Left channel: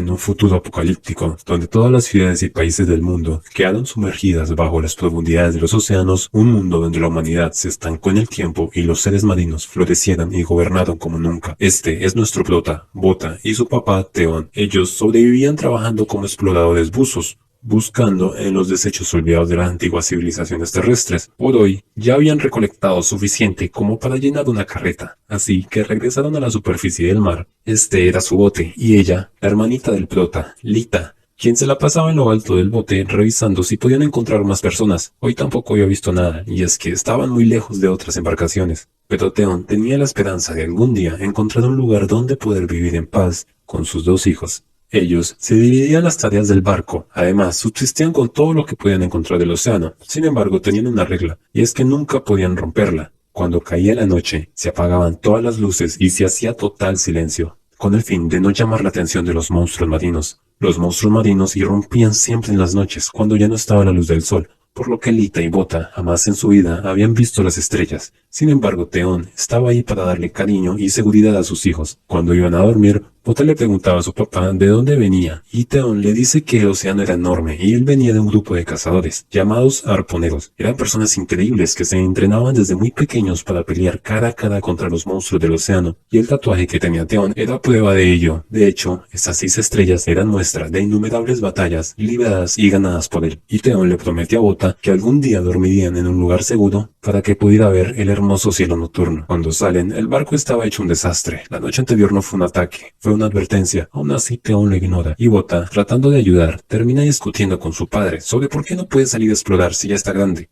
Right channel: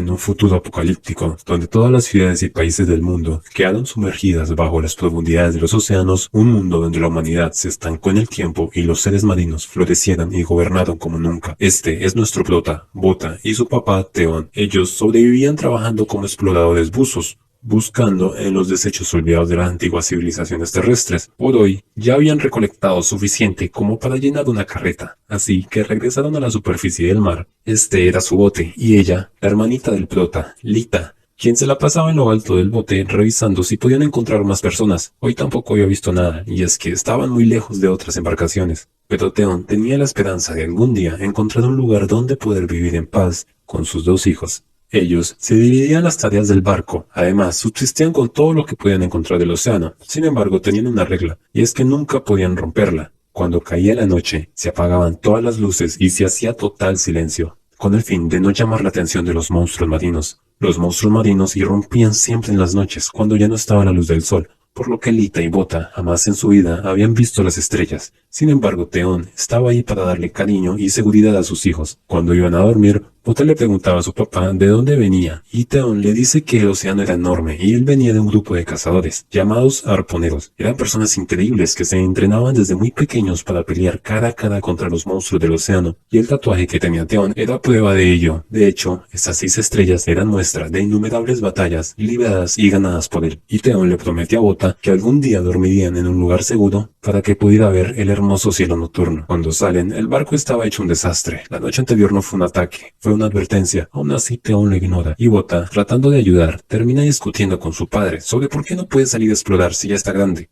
En un futuro apocalíptico, donde todas las ciudades y países del mundo quedaron sumergidas bajo las profundidades de los océanos, un mundo donde la humanidad se estancó en el tiempo y los seres marinos florecieran y gobernaron como nunca. Este es nuestro prota, Bota, y su papá, Theon. Ellos sobrevivían trabajando como exploradores buzos, buscando en los desechos olvidados de las antiguas civilizaciones terrestres. Por hoy, ya habían recolectado suficiente como para llenar una carreta, así que regresaron a la superficie del mar. Este era su bote, y ella, la hermanita del prota, Lita, quien se la pasaba en lo alto del bote revisando si podían encontrar más personas. Hoy tampoco había visto nada, y es que estaban muy lejos de otras embarcaciones. Pero Theon tenía la esperanza de algún día encontrar un lugar donde poder vivir en paz con sus dos hijos. Ellos se dividían las tareas del barco, además subsistían con todo lo que podían encontrar del océano. Sin embargo, tenían una regla, y es que nunca podían romperla. Cuando caía la noche, se apagaban todas las luces y se hacía total silencio, con el fin de no llamar la atención de los monstruos marinos. Los monstruos marinos irrumpían siempre en las noches, cuando ya no estaba la luz del sol, por lo que Lita y Bota jamás en su vida habían visto las estrellas. Sin embargo, Theon estaba ahí para darle cariño y seguridad a sus hijos. Cuando iban a dormir, Bota le preguntaba a su papá de dónde venía, y Theon le dice que el océano era enorme y él venía de un grupo de cazadores, llamados arponeros. Eran personas increíbles que se entrenaban desde muy pequeños para pelear cara a cara contra los monstruos del océano, y el tatuaje que tenía Theon era prueba de ello. De hecho, estas 6 estrellas eran muestra de innumerables batallas libradas y ganadas por él, y Theon le prometió a Bota que algún día dormirían en un lugar seguro para que pudiera ver el hermoso cielo nocturno. Cuando salen, el barco estaba hecho un desastre. La noche anterior no fue un ataque, fue una advertencia. Aún así, Theon lo ignora, y Bota, tratando de ayudar, termina discutiendo con su padre sobre por qué no puede salir a explorar si ya está grande.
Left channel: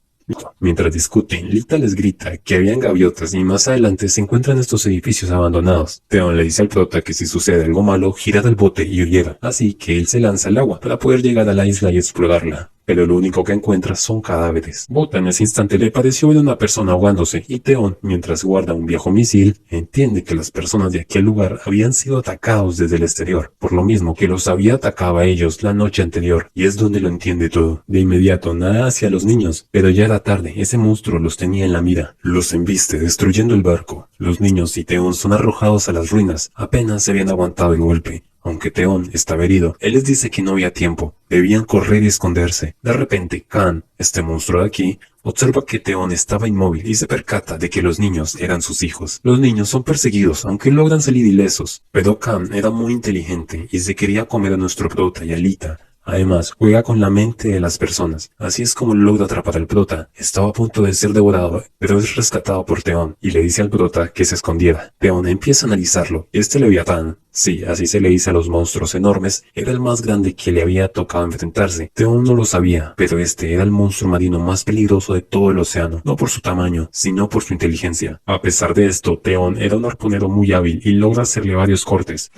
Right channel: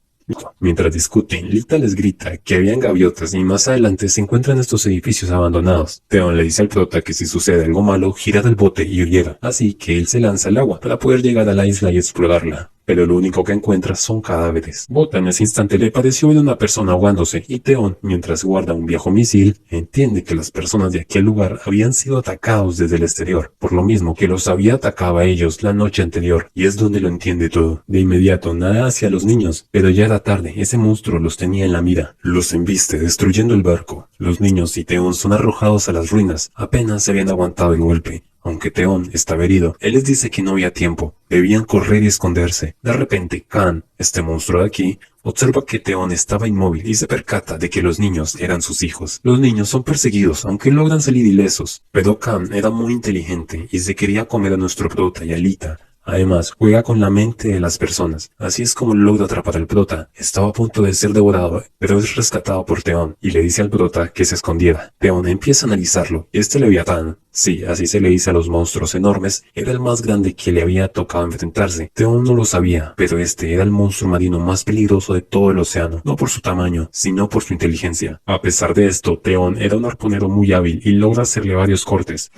Mientras discuten, Lita les grita que habían gaviotas y más adelante se encuentran estos edificios abandonados. Theon le dice al prota que si sucede algo malo, girara el bote y huyera, así que él se lanza al agua para poder llegar a la isla y explorarla. Pero lo único que encuentra son cadáveres. Bota en ese instante le pareció ver una persona ahogándose, y Theon, mientras guarda un viejo misil, entiende que las personas de aquel lugar habían sido atacados desde el exterior, por lo mismo que los había atacado a ellos la noche anterior, y es donde lo entiende todo. De inmediato nada hacia los niños, pero ya era tarde, ese monstruo los tenía en la mira. Los embiste destruyendo el barco. Los niños y Theon son arrojados a las ruinas, apenas se habían aguantado el golpe. Aunque Theon estaba herido, él les dice que no había tiempo, debían correr y esconderse. De repente, Khan, este monstruo de aquí, observa que Theon estaba inmóvil y se percata de que los niños eran sus hijos. Los niños son perseguidos, aunque logran salir ilesos, pero Khan era muy inteligente y se quería comer a nuestro prota y a Lita. Además, juega con la mente de las personas. Así es como logra atrapar al prota. Estaba a punto de ser devorado, pero es rescatado por Theon y le dice al prota que se escondiera. Theon empieza a analizarlo. Este Leviatán, sí, así se le dice a los monstruos enormes, era el más grande que le había tocado enfrentarse. Theon no lo sabía, pero este era el monstruo marino más peligroso de todo el océano, no por su tamaño, sino por su inteligencia. A pesar de esto, Theon era un arponero muy hábil y logra hacerle varios cortes.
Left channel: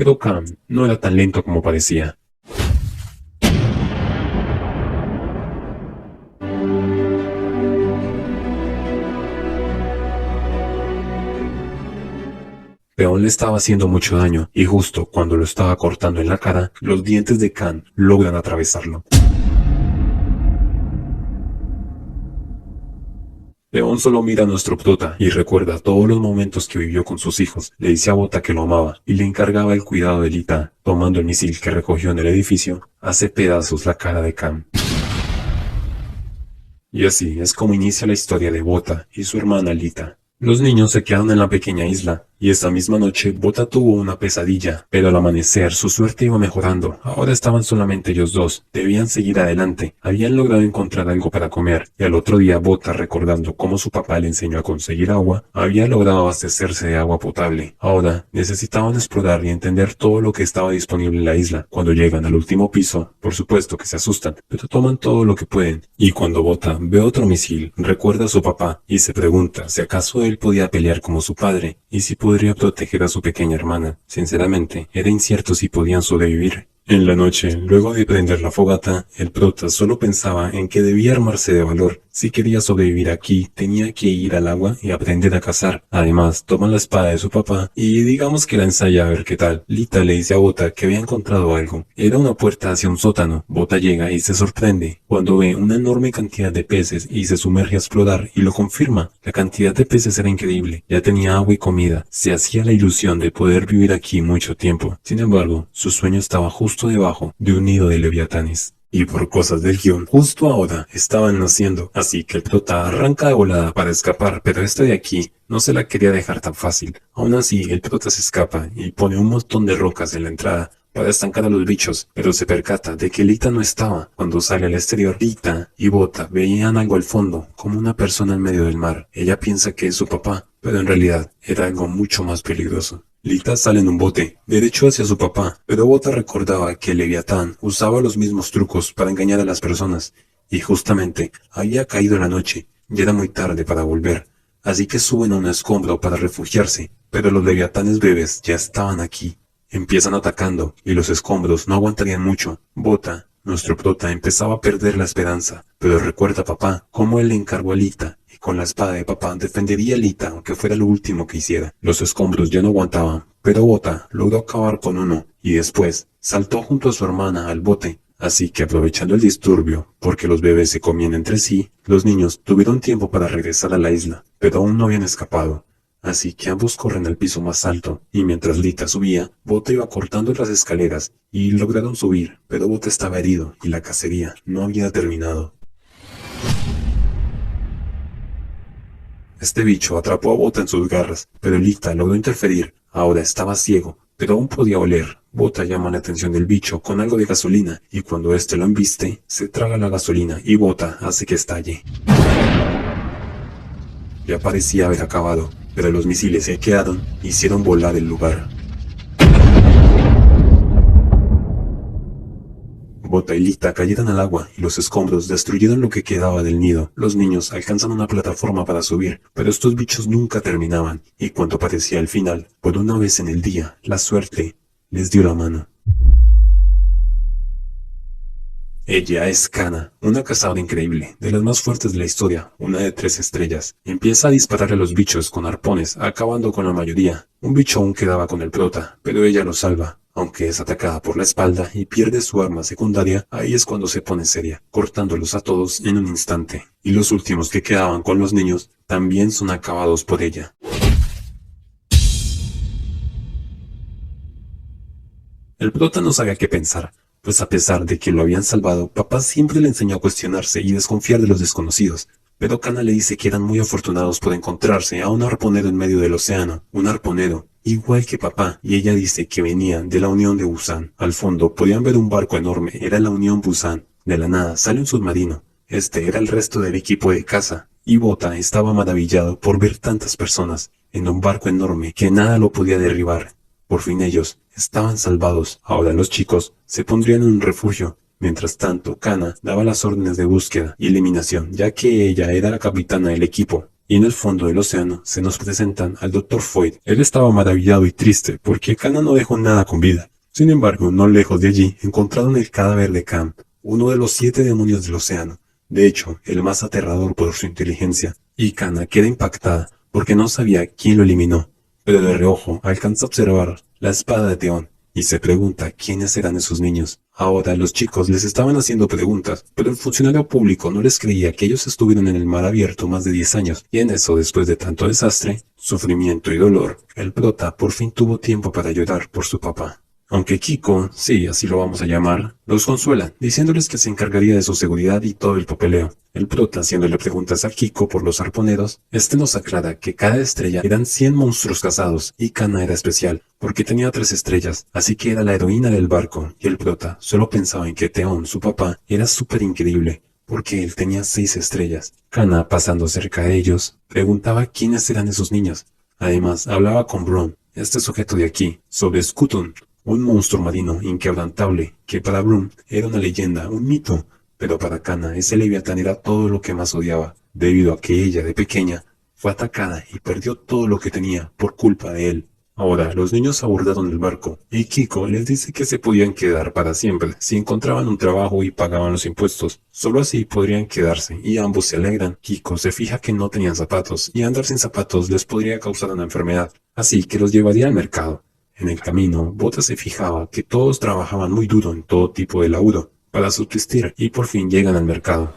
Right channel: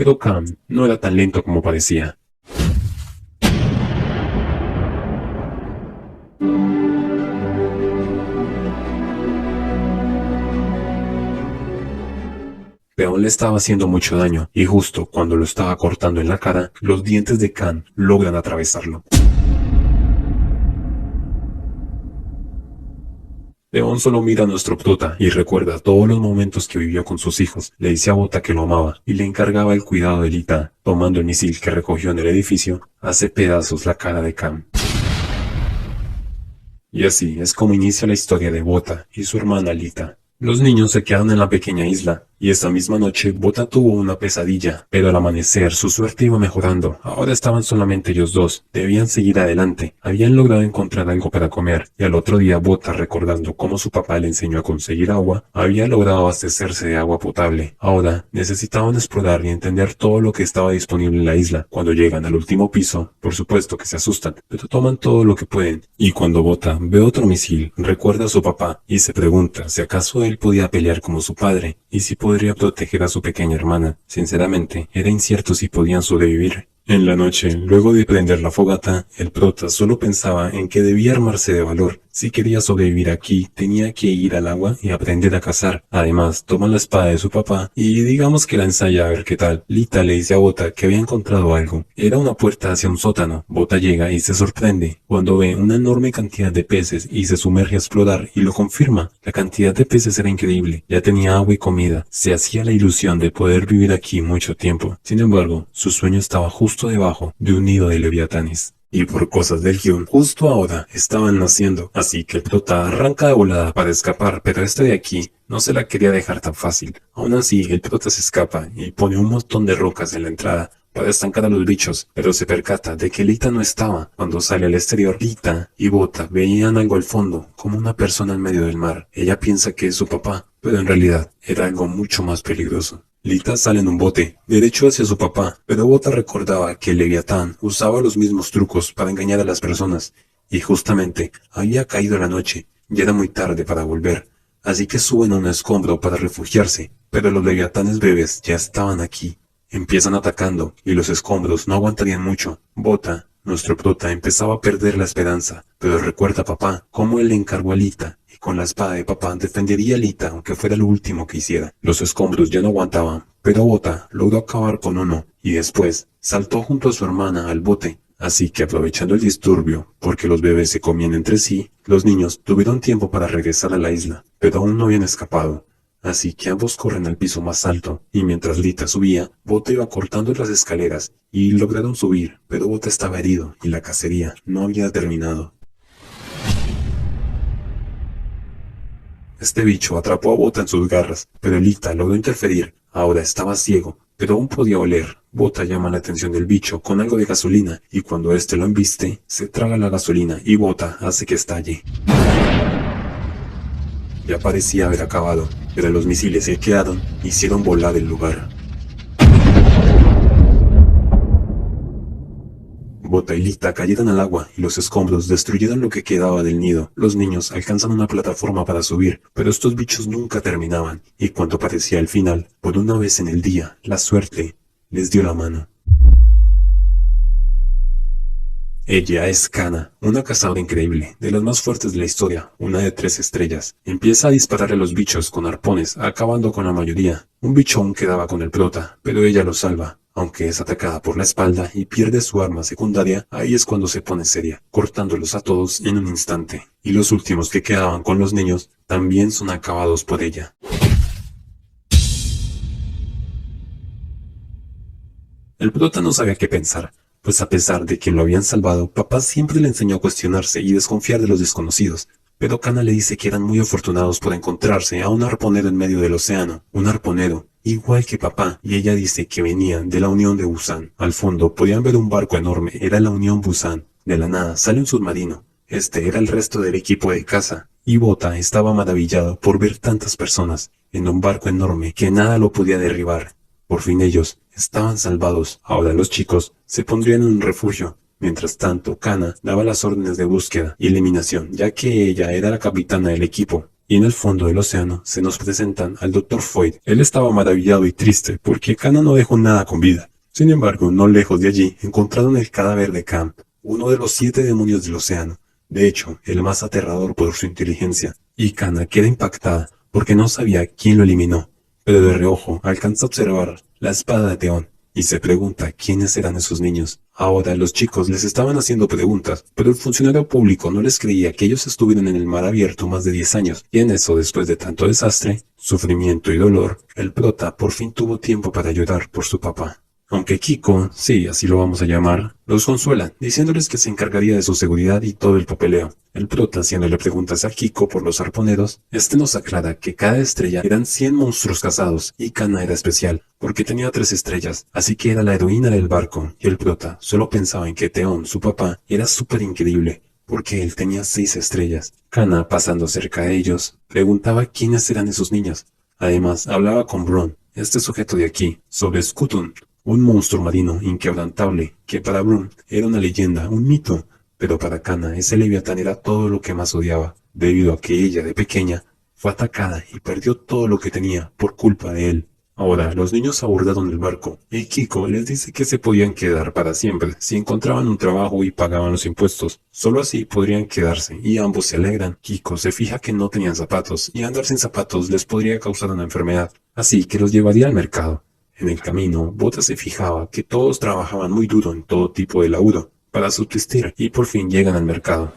Pero Khan no era tan lento como parecía. Theon le estaba haciendo mucho daño, y justo cuando lo estaba cortando en la cara, los dientes de Khan logran atravesarlo. Theon solo mira a nuestro prota y recuerda todos los momentos que vivió con sus hijos. Le dice a Bota que lo amaba y le encargaba el cuidado de Lita. Tomando el misil que recogió en el edificio, hace pedazos la cara de Khan. Y así es como inicia la historia de Bota y su hermana Lita. Los niños se quedaron en la pequeña isla, y esa misma noche Bota tuvo una pesadilla, pero al amanecer su suerte iba mejorando. Ahora estaban solamente ellos dos, debían seguir adelante, habían logrado encontrar algo para comer, y al otro día Bota, recordando cómo su papá le enseñó a conseguir agua, había logrado abastecerse de agua potable. Ahora necesitaban explorar y entender todo lo que estaba disponible en la isla. Cuando llegan al último piso, por supuesto que se asustan, pero toman todo lo que pueden, y cuando Bota ve otro misil, recuerda a su papá, y se pregunta si acaso él podía pelear como su padre, y si podría proteger a su pequeña hermana. Sinceramente, era incierto si podían sobrevivir. En la noche, luego de prender la fogata, el prota solo pensaba en que debía armarse de valor Si quería sobrevivir aquí, tenía que ir al agua y aprender a cazar. Además, toma la espada de su papá y digamos que la ensaya a ver qué tal. Lita le dice a Bota que había encontrado algo. Era una puerta hacia un sótano. Bota llega y se sorprende cuando ve una enorme cantidad de peces y se sumerge a explorar y lo confirma. La cantidad de peces era increíble. Ya tenía agua y comida. Se hacía la ilusión de poder vivir aquí mucho tiempo. Sin embargo, su sueño estaba justo debajo de un nido de leviatanes. Y por cosas del guión, justo ahora estaban naciendo, así que el prota arranca de volada para escapar, pero este de aquí no se la quería dejar tan fácil. Aún así, el prota se escapa y pone un montón de rocas en la entrada para estancar a los bichos, pero se percata de que Lita no estaba. Cuando sale al exterior, Lita y Bota veían algo al fondo, como una persona en medio del mar. Ella piensa que es su papá, pero en realidad era algo mucho más peligroso. Lita sale en un bote, derecho hacia su papá, pero Bota recordaba que Leviatán usaba los mismos trucos para engañar a las personas, y justamente había caído la noche, ya era muy tarde para volver, así que suben a un escombro para refugiarse, pero los Leviatanes bebés ya estaban aquí. Empiezan atacando, y los escombros no aguantarían mucho. Bota, nuestro prota, empezaba a perder la esperanza, pero recuerda a papá cómo él le encargó a Lita, y con la espada de papá defendería a Lita aunque fuera lo último que hiciera. Los escombros ya no aguantaban, pero Bota logró acabar con uno, y después saltó junto a su hermana al bote. Así que aprovechando el disturbio, porque los bebés se comían entre sí, los niños tuvieron tiempo para regresar a la isla, pero aún no habían escapado. Así que ambos corren al piso más alto, y mientras Lita subía, Bota iba cortando las escaleras, y lograron subir, pero Bota estaba herido, y la cacería no había terminado. Este bicho atrapó a Bota en sus garras, pero Lita logró interferir. Ahora estaba ciego, pero aún podía oler. Bota llama la atención del bicho con algo de gasolina, y cuando este lo embiste, se traga la gasolina, y Bota hace que estalle. Ya parecía haber acabado, pero los misiles que quedaron hicieron volar el lugar. Bota y Lita cayeron al agua y los escombros destruyeron lo que quedaba del nido. Los niños alcanzan una plataforma para subir, pero estos bichos nunca terminaban, y cuando parecía el final, por una vez en el día, la suerte les dio la mano. Ella es Kana, una cazadora increíble, de las más fuertes de la historia, una de 3 estrellas. Empieza a dispararle a los bichos con arpones, acabando con la mayoría. Un bicho aún quedaba con el prota, pero ella lo salva. Aunque es atacada por la espalda y pierde su arma secundaria, ahí es cuando se pone seria, cortándolos a todos en un instante. Y los últimos que quedaban con los niños también son acabados por ella. El prota no sabía qué pensar, pues a pesar de que lo habían salvado, papá siempre le enseñó a cuestionarse y desconfiar de los desconocidos. Pero Kana le dice que eran muy afortunados por encontrarse a un arponero en medio del océano, un arponero igual que papá, y ella dice que venían de la Unión de Busan. Al fondo podían ver un barco enorme, era la Unión Busan. De la nada sale un submarino. Este era el resto del equipo de caza, y Bota estaba maravillado por ver tantas personas en un barco enorme que nada lo podía derribar. Por fin ellos estaban salvados. Ahora los chicos se pondrían en un refugio. Mientras tanto, Kana daba las órdenes de búsqueda y eliminación, ya que ella era la capitana del equipo. Y en el fondo del océano se nos presentan al Dr. Foyd. Él estaba maravillado y triste porque Kana no dejó nada con vida. Sin embargo, no lejos de allí encontraron el cadáver de Camp, uno de los 7 demonios del océano. De hecho, el más aterrador por su inteligencia. Y Kana queda impactada porque no sabía quién lo eliminó. Pero de reojo alcanza a observar la espada de Theon y se pregunta quiénes eran esos niños. Ahora los chicos les estaban haciendo preguntas, pero el funcionario público no les creía que ellos estuvieron en el mar abierto más de 10 años, y en eso, después de tanto desastre, sufrimiento y dolor, el prota por fin tuvo tiempo para llorar por su papá. Aunque Kiko, sí, así lo vamos a llamar, los consuela, diciéndoles que se encargaría de su seguridad y todo el papeleo. El prota, haciéndole preguntas a Kiko por los arponeros, nos aclara que cada estrella eran 100 monstruos cazados, y Kana era especial, porque tenía 3 estrellas, así que era la heroína del barco, y el prota solo pensaba en que Theon, su papá, era súper increíble, porque él tenía 6 estrellas. Kana, pasando cerca de ellos, preguntaba quiénes eran esos niños. Además, hablaba con Bronn, este sujeto de aquí, sobre Skutun, un monstruo marino inquebrantable, que para Bronn era una leyenda, un mito, pero para Kana ese leviatán era todo lo que más odiaba, debido a que ella de pequeña fue atacada y perdió todo lo que tenía por culpa de él. Ahora, los niños abordaron el barco, y Kiko les dice que se podían quedar para siempre si encontraban un trabajo y pagaban los impuestos. Solo así podrían quedarse, y ambos se alegran. Kiko se fija que no tenían zapatos, y andar sin zapatos les podría causar una enfermedad, así que los llevaría al mercado. En el camino, Bota se fijaba que todos trabajaban muy duro en todo tipo de laburo para subsistir, y por fin llegan al mercado.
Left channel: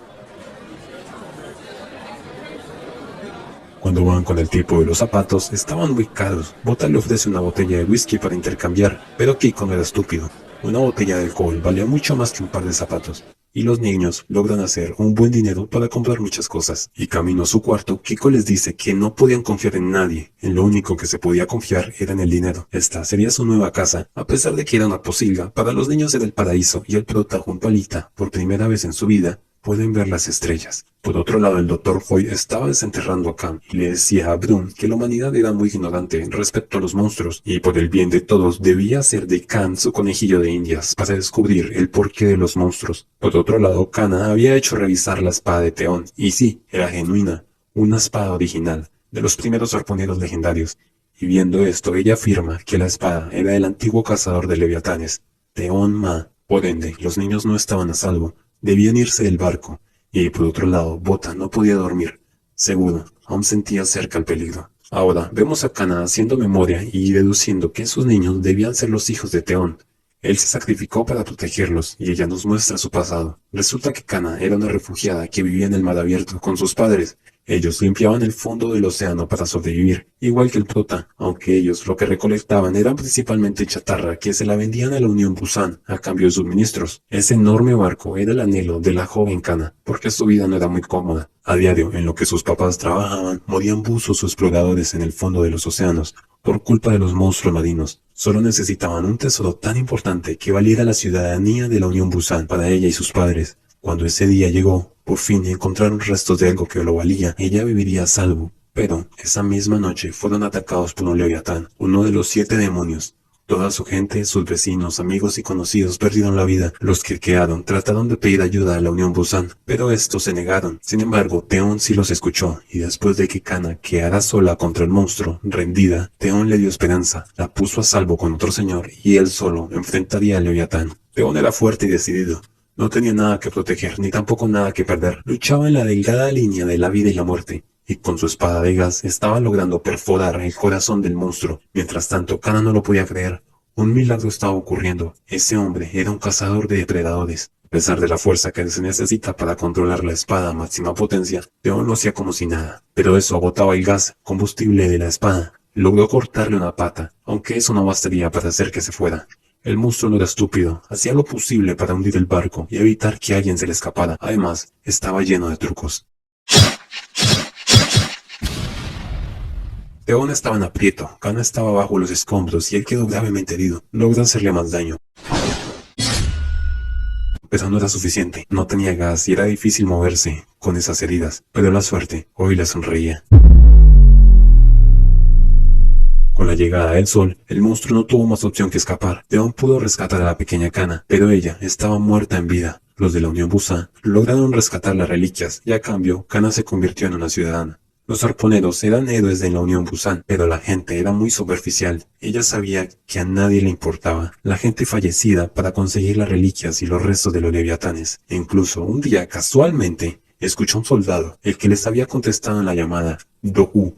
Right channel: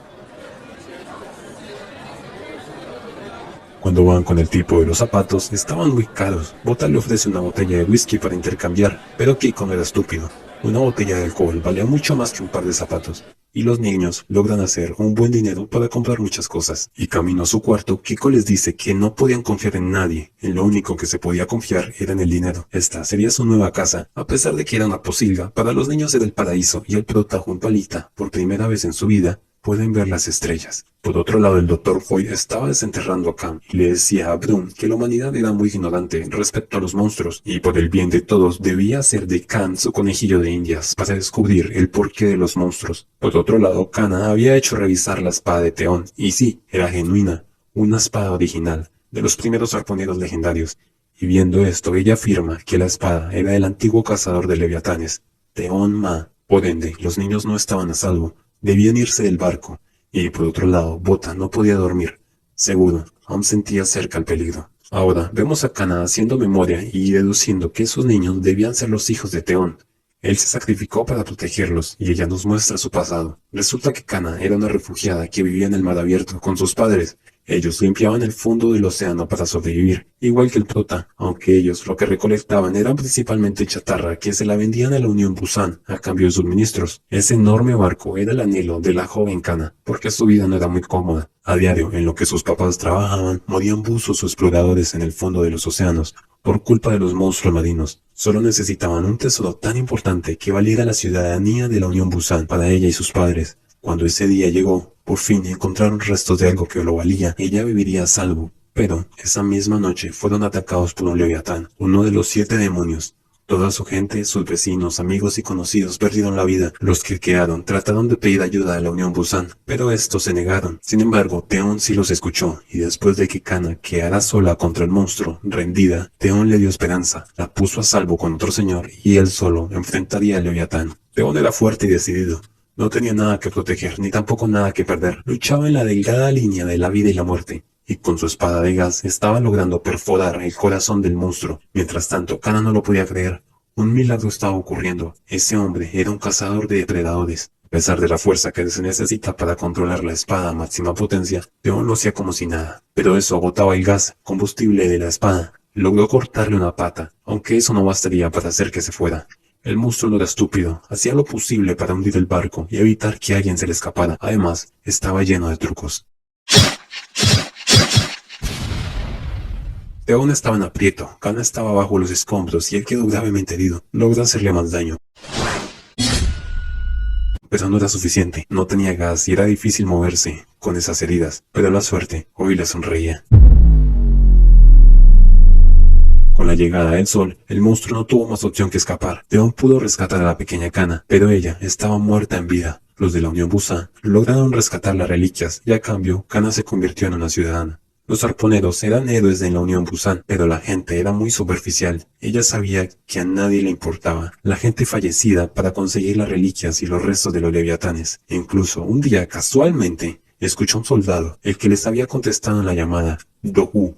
Cuando van con el tipo de los zapatos, estaban muy caros. Bota le ofrece una botella de whisky para intercambiar, pero Kiko no era estúpido. Una botella de alcohol valía mucho más que un par de zapatos. Y los niños logran hacer un buen dinero para comprar muchas cosas. Y camino a su cuarto, Kiko les dice que no podían confiar en nadie. En lo único que se podía confiar era en el dinero. Esta sería su nueva casa, a pesar de que era una posilga. Para los niños era el paraíso, y el prota junto a Lita, por primera vez en su vida, pueden ver las estrellas. Por otro lado, el Dr. Foy estaba desenterrando a Cam y le decía a Brun que la humanidad era muy ignorante respecto a los monstruos y por el bien de todos debía hacer de Cam su conejillo de indias para descubrir el porqué de los monstruos. Por otro lado, Kana había hecho revisar la espada de Theon y sí, era genuina, una espada original, de los primeros arponeros legendarios. Y viendo esto, ella afirma que la espada era del antiguo cazador de leviatanes, Theon Ma. Por ende, los niños no estaban a salvo. Debían irse del barco, y por otro lado, Bota no podía dormir. Seguro, aún sentía cerca el peligro. Ahora, vemos a Kana haciendo memoria y deduciendo que esos niños debían ser los hijos de Theon. Él se sacrificó para protegerlos, y ella nos muestra su pasado. Resulta que Kana era una refugiada que vivía en el mar abierto con sus padres. Ellos limpiaban el fondo del océano para sobrevivir, igual que el prota, aunque ellos lo que recolectaban eran principalmente chatarra que se la vendían a la Unión Busan a cambio de suministros. Ese enorme barco era el anhelo de la joven Kana, porque su vida no era muy cómoda. A diario, en lo que sus papás trabajaban, morían buzos o exploradores en el fondo de los océanos, por culpa de los monstruos marinos. Solo necesitaban un tesoro tan importante que valiera la ciudadanía de la Unión Busan para ella y sus padres. Cuando ese día llegó, por fin encontraron restos de algo que lo valía. Ella viviría a salvo. Pero, esa misma noche fueron atacados por un leviatán, uno de los 7 demonios. Toda su gente, sus vecinos, amigos y conocidos perdieron la vida. Los que quedaron trataron de pedir ayuda a la Unión Busan, pero estos se negaron. Sin embargo, Theon sí los escuchó, y después de que Kana quedara sola contra el monstruo, rendida, Theon le dio esperanza, la puso a salvo con otro señor, y él solo enfrentaría al leviatán. Theon era fuerte y decidido. No tenía nada que proteger, ni tampoco nada que perder. Luchaba en la delgada línea de la vida y la muerte, y con su espada de gas estaba logrando perforar el corazón del monstruo. Mientras tanto, Kana no lo podía creer. Un milagro estaba ocurriendo. Ese hombre era un cazador de depredadores. A pesar de la fuerza que se necesita para controlar la espada a máxima potencia, Theon lo hacía como si nada. Pero eso agotaba el gas, combustible de la espada. Logró cortarle una pata, aunque eso no bastaría para hacer que se fuera. El monstruo no era estúpido, hacía lo posible para hundir el barco y evitar que alguien se le escapara. Además, estaba lleno de trucos. Theon estaba en aprieto, Kana estaba bajo los escombros y él quedó gravemente herido. Logró hacerle más daño. Pero no era suficiente, no tenía gas y era difícil moverse con esas heridas. Pero la suerte hoy le sonreía. Con la llegada del sol, el monstruo no tuvo más opción que escapar. Theon pudo rescatar a la pequeña Kana, pero ella estaba muerta en vida. Los de la Unión Busan lograron rescatar las reliquias y a cambio, Kana se convirtió en una ciudadana. Los arponeros eran héroes de la Unión Busan, pero la gente era muy superficial. Ella sabía que a nadie le importaba la gente fallecida para conseguir las reliquias y los restos de los leviatanes. E incluso un día, casualmente, escuchó a un soldado, el que les había contestado en la llamada, Dohu.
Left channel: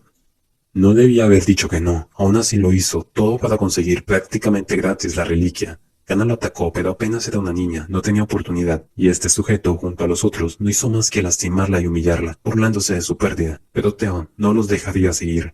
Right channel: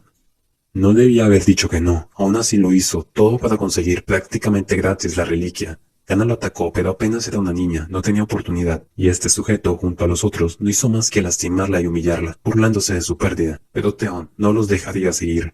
No debía haber dicho que no, aún así lo hizo, todo para conseguir prácticamente gratis la reliquia. Kana lo atacó, pero apenas era una niña, no tenía oportunidad, y este sujeto, junto a los otros, no hizo más que lastimarla y humillarla, burlándose de su pérdida, pero Theon no los dejaría seguir.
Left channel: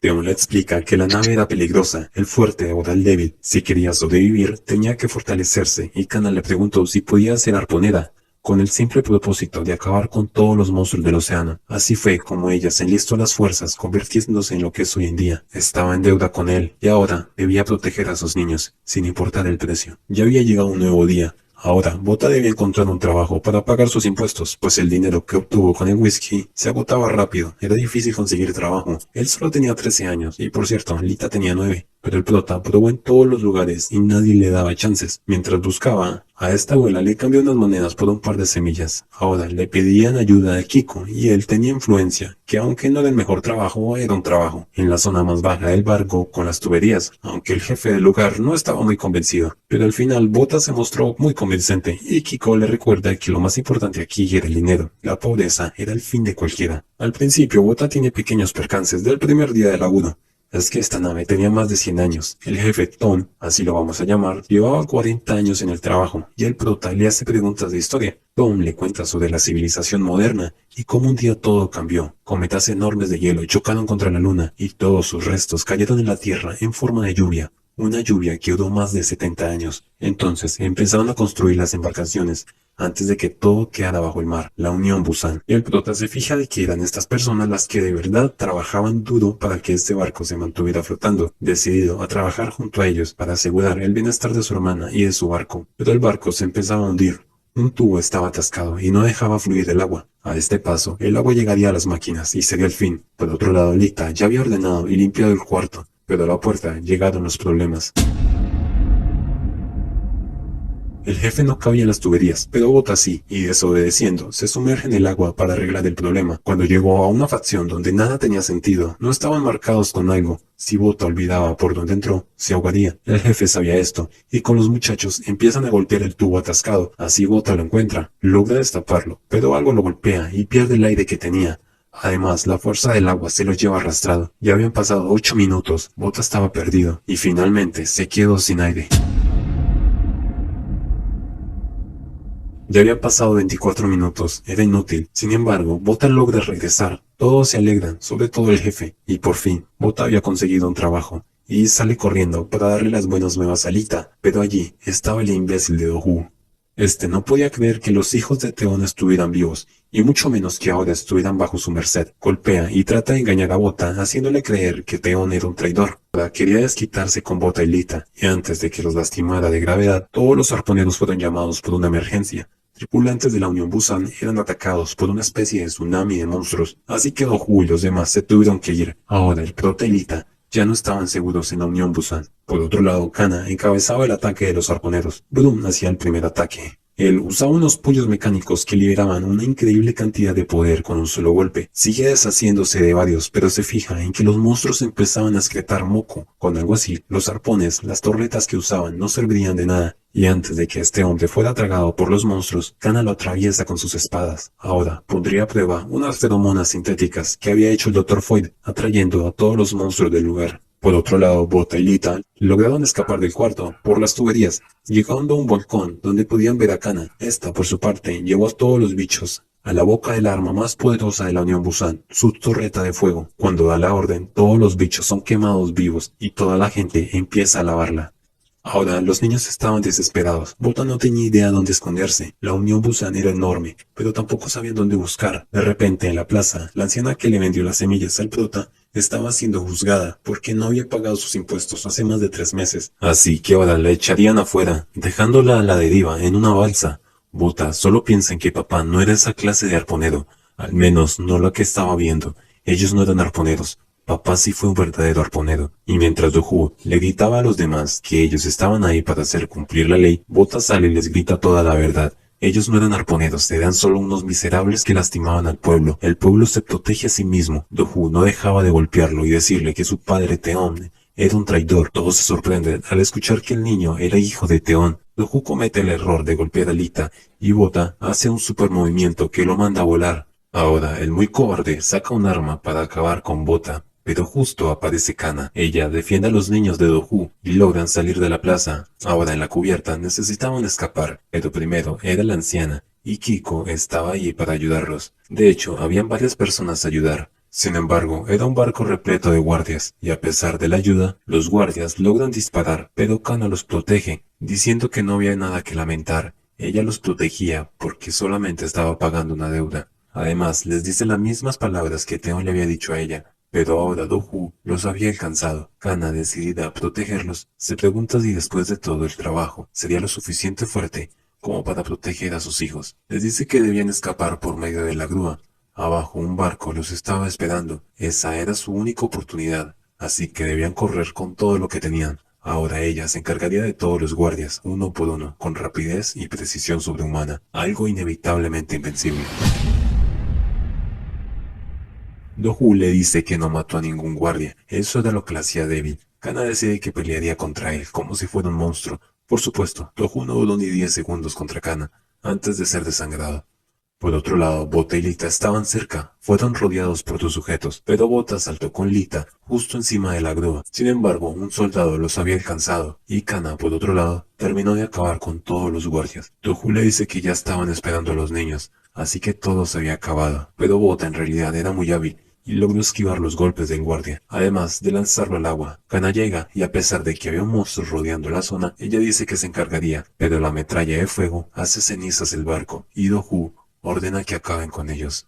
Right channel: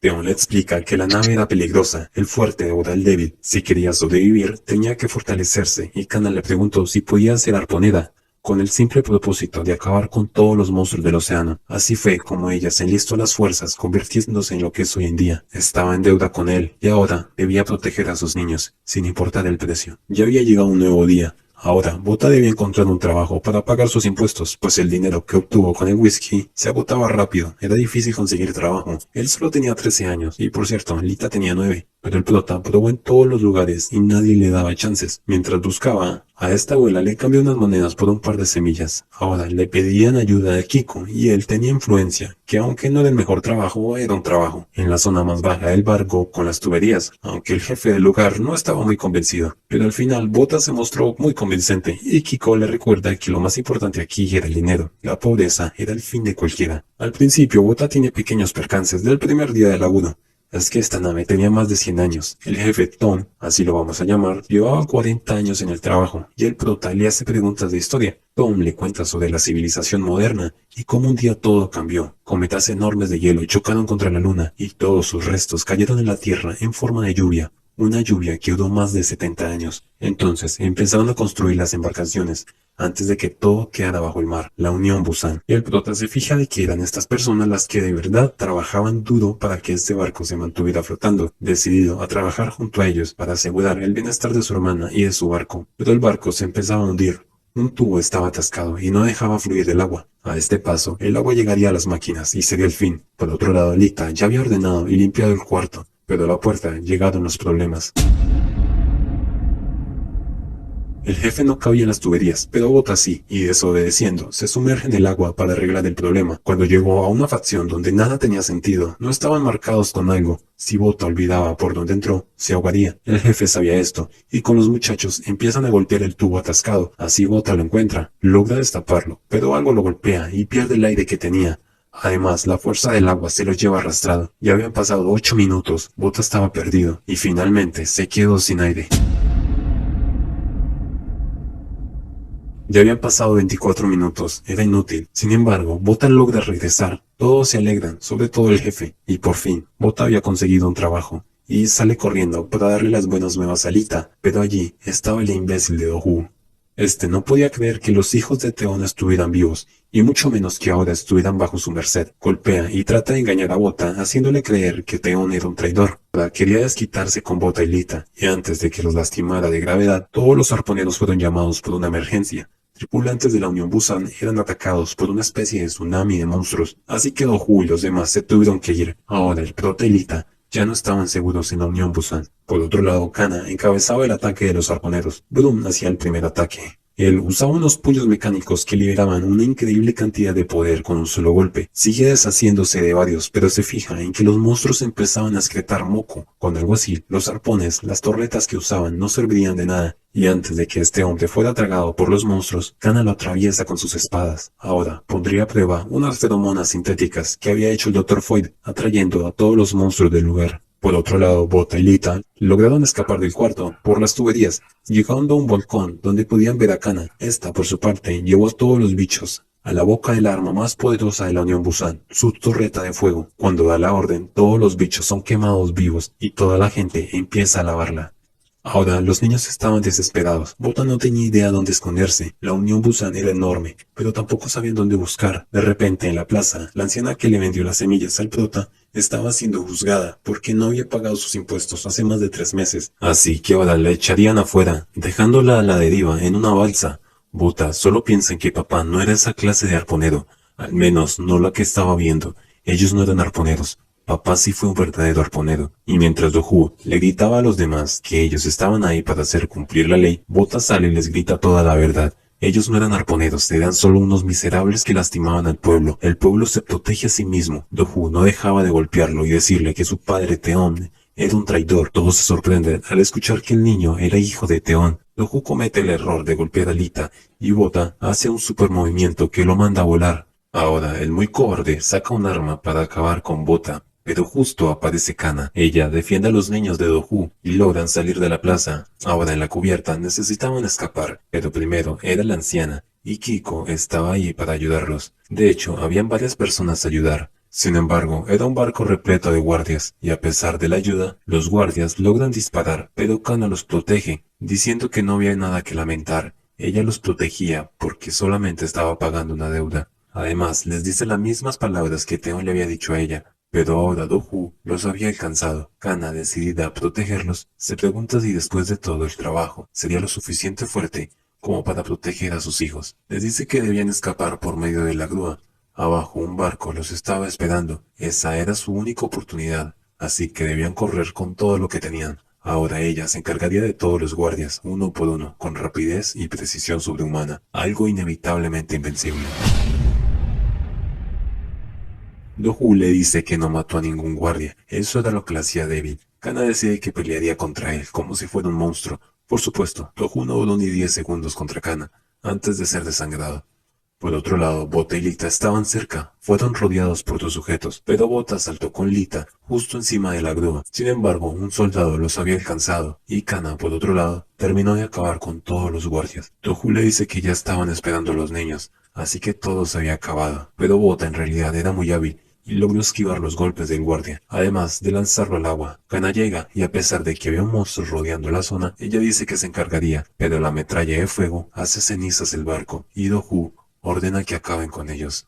Theon le explica que la nave era peligrosa, el fuerte ahora el débil. Si quería sobrevivir, tenía que fortalecerse, y Kana le preguntó si podía ser arponera, con el simple propósito de acabar con todos los monstruos del océano. Así fue como ella se enlistó las fuerzas, convirtiéndose en lo que es hoy en día. Estaba en deuda con él, y ahora debía proteger a sus niños, sin importar el precio. Ya había llegado un nuevo día. Ahora, Bota debía encontrar un trabajo para pagar sus impuestos, pues el dinero que obtuvo con el whisky se agotaba rápido. Era difícil conseguir trabajo. Él solo tenía 13 años, y por cierto, Lita tenía 9. pero el prota probó en todos los lugares y nadie le daba chances. Mientras buscaba, a esta abuela le cambió unas monedas por un par de semillas. Ahora le pedían ayuda a Kiko y él tenía influencia, que aunque no era el mejor trabajo, era un trabajo, en la zona más baja del barco con las tuberías, aunque el jefe del lugar no estaba muy convencido. Pero al final Bota se mostró muy convincente y Kiko le recuerda que lo más importante aquí era el dinero. La pobreza era el fin de cualquiera. Al principio Bota tiene pequeños percances del primer día de laburo. Es que esta nave tenía más de 100 años. El jefe Tom, así lo vamos a llamar, llevaba 40 años en el trabajo y el prota le hace preguntas de historia. Tom le cuenta sobre la civilización moderna y cómo un día todo cambió. Cometas enormes de hielo chocaron contra la luna y todos sus restos cayeron en la Tierra en forma de lluvia. Una lluvia que duró más de 70 años. Entonces empezaron a construir las embarcaciones, antes de que todo quedara bajo el mar, la Unión Busan. El prota se fija de que eran estas personas las que de verdad trabajaban duro para que este barco se mantuviera flotando, decidido a trabajar junto a ellos para asegurar el bienestar de su hermana y de su barco. Pero el barco se empezaba a hundir. Un tubo estaba atascado y no dejaba fluir el agua. A este paso, el agua llegaría a las máquinas y sería el fin. Por otro lado, Lita ya había ordenado y limpiado el cuarto, pero a la puerta llegaron los problemas. El jefe no cabía en las tuberías, pero Bota sí, y desobedeciendo, se sumerge en el agua para arreglar el problema. Cuando llegó a una facción donde nada tenía sentido, no estaban marcados con algo. Si Bota olvidaba por dónde entró, se ahogaría. El jefe sabía esto, y con los muchachos empiezan a golpear el tubo atascado. Así Bota lo encuentra, logra destaparlo, pero algo lo golpea y pierde el aire que tenía. Además, la fuerza del agua se lo lleva arrastrado. Ya habían pasado 8 minutos, Bota estaba perdido, y finalmente se quedó sin aire. Ya había pasado 24 minutos, era inútil. Sin embargo, Bota logra regresar. Todos se alegran, sobre todo el jefe. Y por fin, Bota había conseguido un trabajo. Y sale corriendo para darle las buenas nuevas a Lita. Pero allí estaba el imbécil de Dohu. Este no podía creer que los hijos de Teon estuvieran vivos, y mucho menos que ahora estuvieran bajo su merced. Golpea y trata de engañar a Bota, haciéndole creer que Teon era un traidor. Quería desquitarse con Bota y Lita, y antes de que los lastimara de gravedad, todos los arponeros fueron llamados por una emergencia. Tripulantes de la Unión Busan eran atacados por una especie de tsunami de monstruos, así que Dohu y los demás se tuvieron que ir. Ahora el prota y Lita ya no estaban seguros en la Unión Busan. Por otro lado, Kana encabezaba el ataque de los arponeros. Brum hacía el primer ataque. Él usaba unos puños mecánicos que liberaban una increíble cantidad de poder con un solo golpe. Sigue deshaciéndose de varios, pero se fija en que los monstruos empezaban a excretar moco. Con algo así, los arpones, las torretas que usaban no servirían de nada. Y antes de que este hombre fuera tragado por los monstruos, Kana lo atraviesa con sus espadas. Ahora pondría a prueba unas feromonas sintéticas que había hecho el Dr. Foyd, atrayendo a todos los monstruos del lugar. Por otro lado, Bota y Lita lograron escapar del cuarto por las tuberías, llegando a un balcón donde podían ver a Kana. Esta, por su parte, llevó a todos los bichos a la boca del arma más poderosa de la Unión Busan, su torreta de fuego. Cuando da la orden, todos los bichos son quemados vivos y toda la gente empieza a lavarla. Ahora, los niños estaban desesperados. Bota no tenía idea dónde esconderse. La Unión Busan era enorme, pero tampoco sabían dónde buscar. De repente, en la plaza, la anciana que le vendió las semillas al prota estaba siendo juzgada porque no había pagado sus impuestos hace más de 3 meses. Así que ahora la echarían afuera, dejándola a la deriva en una balsa. Bota solo piensa en que papá no era esa clase de arponero, al menos no la que estaba viendo. Ellos no eran arponeros. Papá sí fue un verdadero arponero, y mientras Dohu le gritaba a los demás que ellos estaban ahí para hacer cumplir la ley, Bota sale y les grita toda la verdad. Ellos no eran arponeros, eran solo unos miserables que lastimaban al pueblo. El pueblo se protege a sí mismo. Dohu no dejaba de golpearlo y decirle que su padre Teon era un traidor. Todos se sorprenden al escuchar que el niño era hijo de Teon. Dohu comete el error de golpear a Lita, y Bota hace un super movimiento que lo manda a volar. Ahora, el muy cobarde saca un arma para acabar con Bota. Pero justo aparece Kana. Ella defiende a los niños de Dohu y logran salir de la plaza. Ahora en la cubierta necesitaban escapar, pero primero era la anciana, y Kiko estaba ahí para ayudarlos. De hecho, habían varias personas a ayudar. Sin embargo, era un barco repleto de guardias, y a pesar de la ayuda, los guardias logran disparar, pero Kana los protege, diciendo que no había nada que lamentar. Ella los protegía porque solamente estaba pagando una deuda. Además, les dice las mismas palabras que Teon le había dicho a ella. Pero ahora Dohu los había alcanzado. Kana, decidida a protegerlos, se pregunta si después de todo el trabajo sería lo suficiente fuerte como para proteger a sus hijos. Les dice que debían escapar por medio de la grúa. Abajo un barco los estaba esperando. Esa era su única oportunidad. así que debían correr con todo lo que tenían. Ahora ella se encargaría de todos los guardias, uno por uno, con rapidez y precisión sobrehumana, algo inevitablemente invencible. Dohu le dice que no mató a ningún guardia, eso era lo que le hacía débil. Kana decide que pelearía contra él, como si fuera un monstruo. Por supuesto, Dohu no duró ni 10 segundos contra Kana, antes de ser desangrado. Por otro lado, Bota y Lita estaban cerca, fueron rodeados por sus sujetos, pero Bota saltó con Lita justo encima de la grúa. Sin embargo, un soldado los había alcanzado, y Kana, por otro lado, terminó de acabar con todos los guardias. Tohu le dice que ya estaban esperando a los niños, así que todo se había acabado, pero Bota en realidad era muy hábil y logró esquivar los golpes del guardia, además de lanzarlo al agua. Kana llega, y a pesar de que había un monstruo rodeando la zona, ella dice que se encargaría, pero la metralla de fuego hace cenizas el barco, y Dohu ordena que acaben con ellos.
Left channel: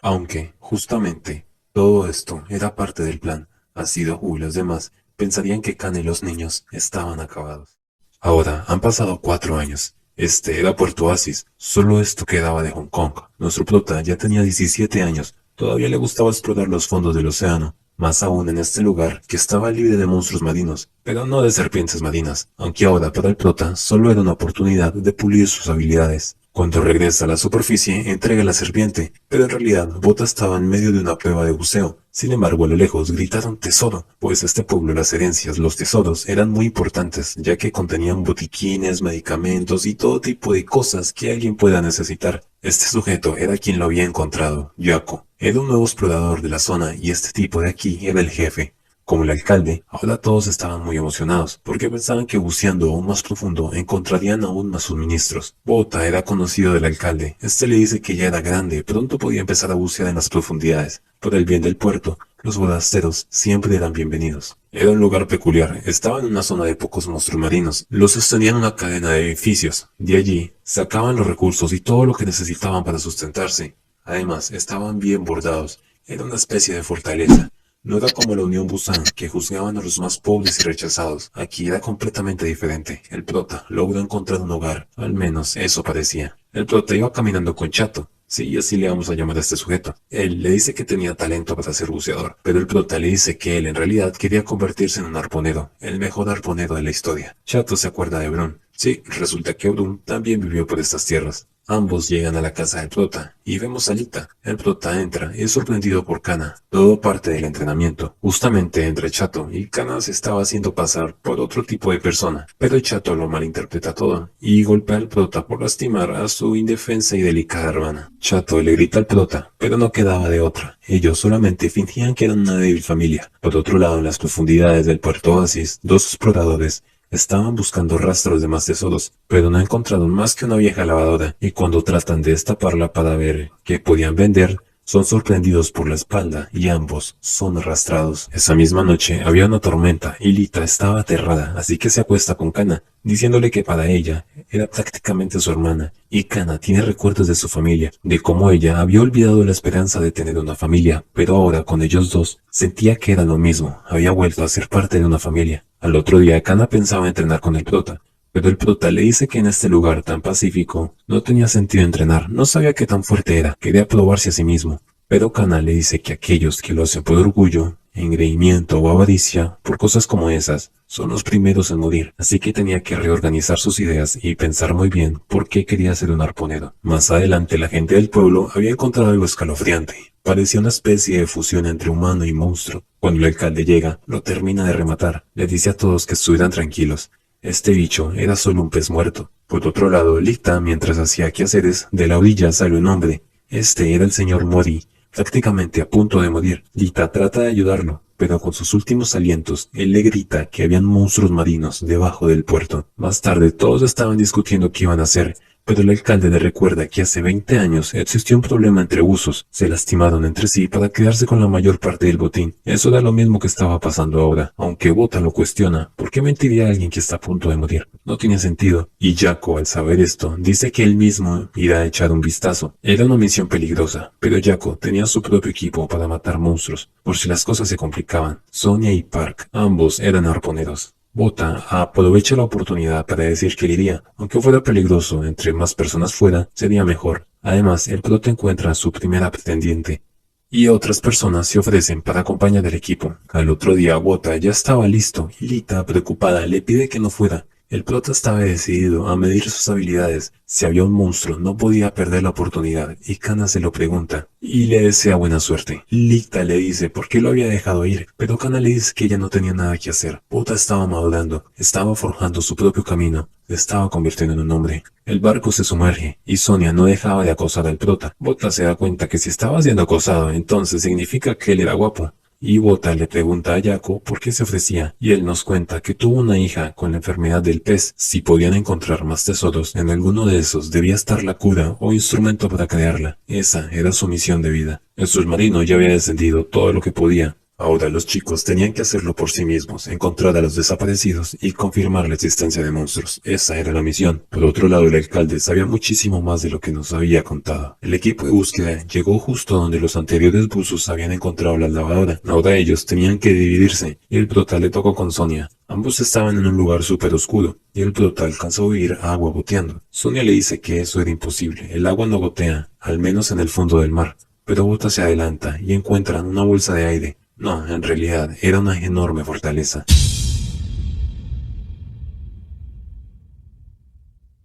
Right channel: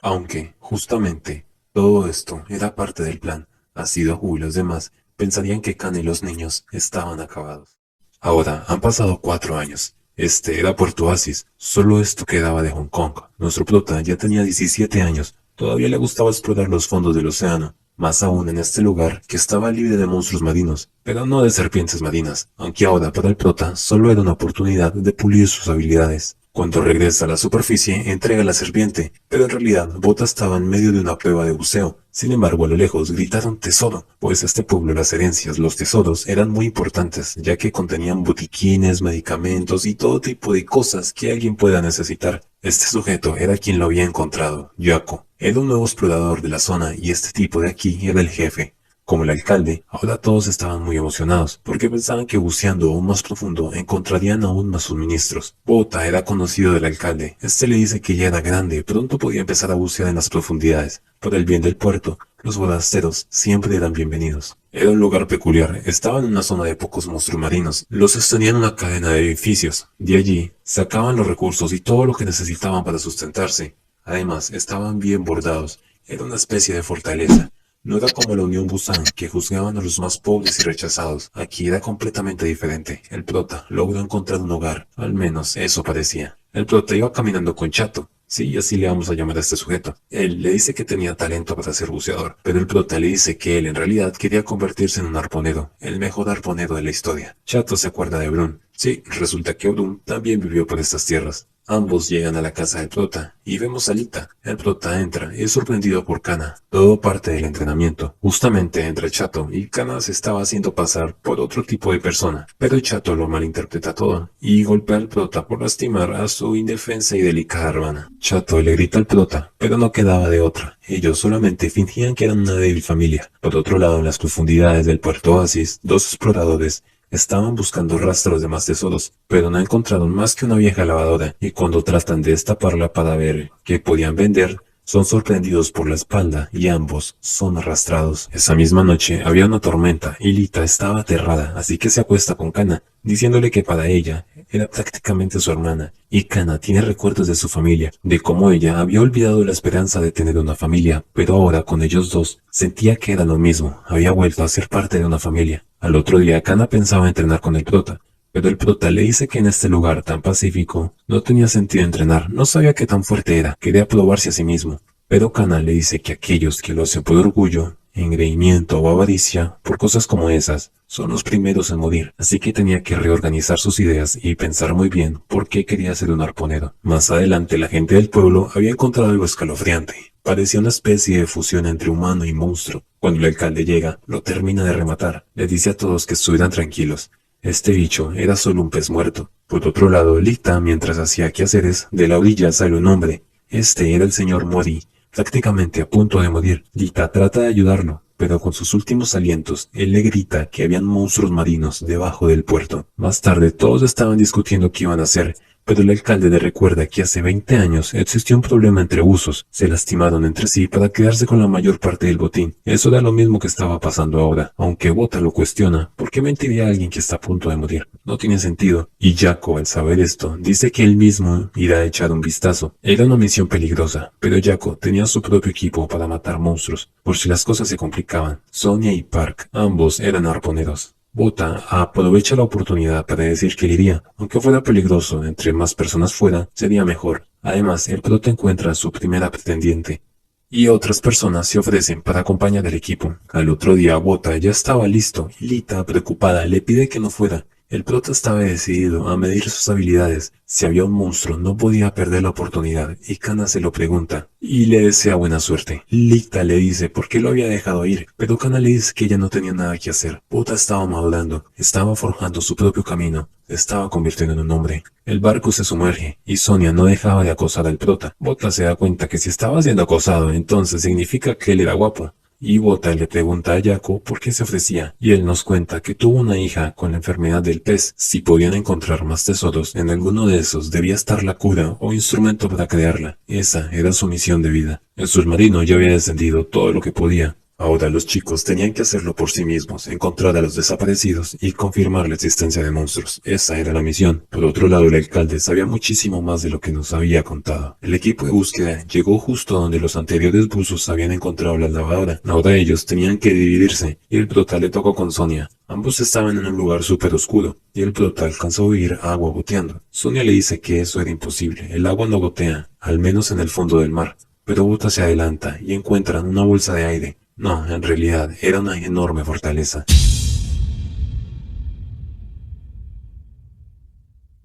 Aunque, justamente, todo esto era parte del plan, así Dohu y los demás pensarían que Kana y los niños estaban acabados. Ahora, han pasado 4 años. Este era Puerto Oasis, solo esto quedaba de Hong Kong. Nuestro prota ya tenía 17 años, todavía le gustaba explorar los fondos del océano, más aún en este lugar que estaba libre de monstruos marinos, pero no de serpientes marinas, aunque ahora para el prota solo era una oportunidad de pulir sus habilidades. Cuando regresa a la superficie, entrega la serpiente, pero en realidad Bota estaba en medio de una prueba de buceo. Sin embargo, a lo lejos gritaron tesoro, pues este pueblo las herencias, los tesoros, eran muy importantes, ya que contenían botiquines, medicamentos y todo tipo de cosas que alguien pueda necesitar. Este sujeto era quien lo había encontrado, Yako. Era un nuevo explorador de la zona y este tipo de aquí era el jefe. Como el alcalde, ahora todos estaban muy emocionados, porque pensaban que buceando aún más profundo encontrarían aún más suministros. Bota era conocido del alcalde. Este le dice que ya era grande, pronto podía empezar a bucear en las profundidades. Por el bien del puerto, los forasteros siempre eran bienvenidos. Era un lugar peculiar, estaba en una zona de pocos monstruos marinos. Los sostenían una cadena de edificios. De allí, sacaban los recursos y todo lo que necesitaban para sustentarse. Además, estaban bien bordados. Era una especie de fortaleza. No era como la Unión Busan, que juzgaban a los más pobres y rechazados. Aquí era completamente diferente. El prota logró encontrar un hogar, al menos eso parecía. El prota iba caminando con Chato. Sí, así le vamos a llamar a este sujeto. Él le dice que tenía talento para ser buceador, pero el prota le dice que él en realidad quería convertirse en un arponero, el mejor arponero de la historia. Chato se acuerda de Brun. Sí, resulta que Brun también vivió por estas tierras. Ambos llegan a la casa del prota y vemos a Lita. El prota entra, es sorprendido por Kana. Todo parte del entrenamiento. Justamente entre Chato y Kana se estaba haciendo pasar por otro tipo de persona, pero Chato lo malinterpreta todo y golpea al prota por lastimar a su indefensa y delicada hermana. Chato le grita al prota, pero no quedaba de otra. Ellos solamente fingían que eran una débil familia. Por otro lado, en las profundidades del Puerto Oasis, dos exploradores estaban buscando rastros de más tesoros, pero no encontraron más que una vieja lavadora, y cuando tratan de destaparla para ver qué podían vender, son sorprendidos por la espalda y ambos son arrastrados. Esa misma noche había una tormenta y Lita estaba aterrada, así que se acuesta con Kana, diciéndole que para ella era prácticamente su hermana, y Kana tiene recuerdos de su familia, de cómo ella había olvidado la esperanza de tener una familia, pero ahora con ellos dos sentía que era lo mismo, había vuelto a ser parte de una familia. Al otro día Kana pensaba entrenar con el prota, pero el prota le dice que en este lugar tan pacífico no tenía sentido entrenar, no sabía qué tan fuerte era, quería probarse a sí mismo. Pero Kana le dice que aquellos que lo hacen por orgullo, engreimiento o avaricia, por cosas como esas, son los primeros en morir, así que tenía que reorganizar sus ideas y pensar muy bien por qué quería ser un arponero. Más adelante la gente del pueblo había encontrado algo escalofriante. Parecía una especie de fusión entre humano y monstruo. Cuando el alcalde llega, lo termina de rematar. Le dice a todos que estuvieran tranquilos. Este bicho era solo un pez muerto. Por otro lado, Lita, mientras hacía quehaceres, de la orilla sale un hombre. Este era el señor Mori, prácticamente a punto de morir. Lita trata de ayudarlo, pero con sus últimos alientos, él le grita que habían monstruos marinos debajo del puerto. Más tarde, todos estaban discutiendo qué iban a hacer, pero el alcalde le recuerda que hace 20 años existió un problema entre buzos. Se lastimaron entre sí para quedarse con la mayor parte del botín. Eso era lo mismo que estaba pasando ahora, aunque Bota lo cuestiona. ¿Por qué mentiría a alguien que está a punto de morir? No tiene sentido. Y Yako, al saber esto, dice que él mismo irá a echar un vistazo. Era una misión peligrosa, pero Yako tenía su propio equipo para matar monstruos, por si las cosas se complicaban. Sonia y Park, ambos eran arponeros. Bota aprovecha la oportunidad para decir que iría, aunque fuera peligroso, entre más personas fuera, sería mejor. Además, el prota encuentra a su primera pretendiente, y otras personas se ofrecen para acompañar al equipo. Al otro día, Bota ya estaba listo, y Lita, preocupada, le pide que no fuera. El prota estaba decidido a medir sus habilidades. Si había un monstruo, no podía perder la oportunidad, y Kana se lo pregunta, y le desea buena suerte. Lita le dice por qué lo había dejado ir, pero Kana le dice que ya no tenía nada que hacer. Bota estaba madurando, estaba forjando su propio camino, se estaba convirtiendo en un hombre. El barco se sumerge, y Sonia no dejaba de acosar al prota. Bota se da cuenta que si estaba siendo acosado, entonces significa que él era guapo. Y Bota le pregunta a Jaco por qué se ofrecía, y él nos cuenta que tuvo una hija con la enfermedad del pez. Si podían encontrar más tesoros, en alguno de esos debía estar la cura o instrumento para crearla. Esa era su misión de vida. El submarino ya había descendido todo lo que podía. Ahora los chicos tenían que hacerlo por sí mismos, encontrar a los desaparecidos y confirmar la existencia de monstruos. Esa era la misión. Por otro lado, el alcalde sabía muchísimo más de lo que nos había contado. El equipo de búsqueda llegó justo donde los anteriores buzos habían encontrado la lavadora. Ahora ellos tenían que dividirse, y el prota le tocó con Sonia. Ambos estaban en un lugar súper oscuro, y el prota alcanzó a oír agua goteando. Sonia le dice que eso era imposible, el agua no gotea, al menos en el fondo del mar. Pero Bota se adelanta y encuentran una bolsa de aire. No, en realidad, era una enorme fortaleza.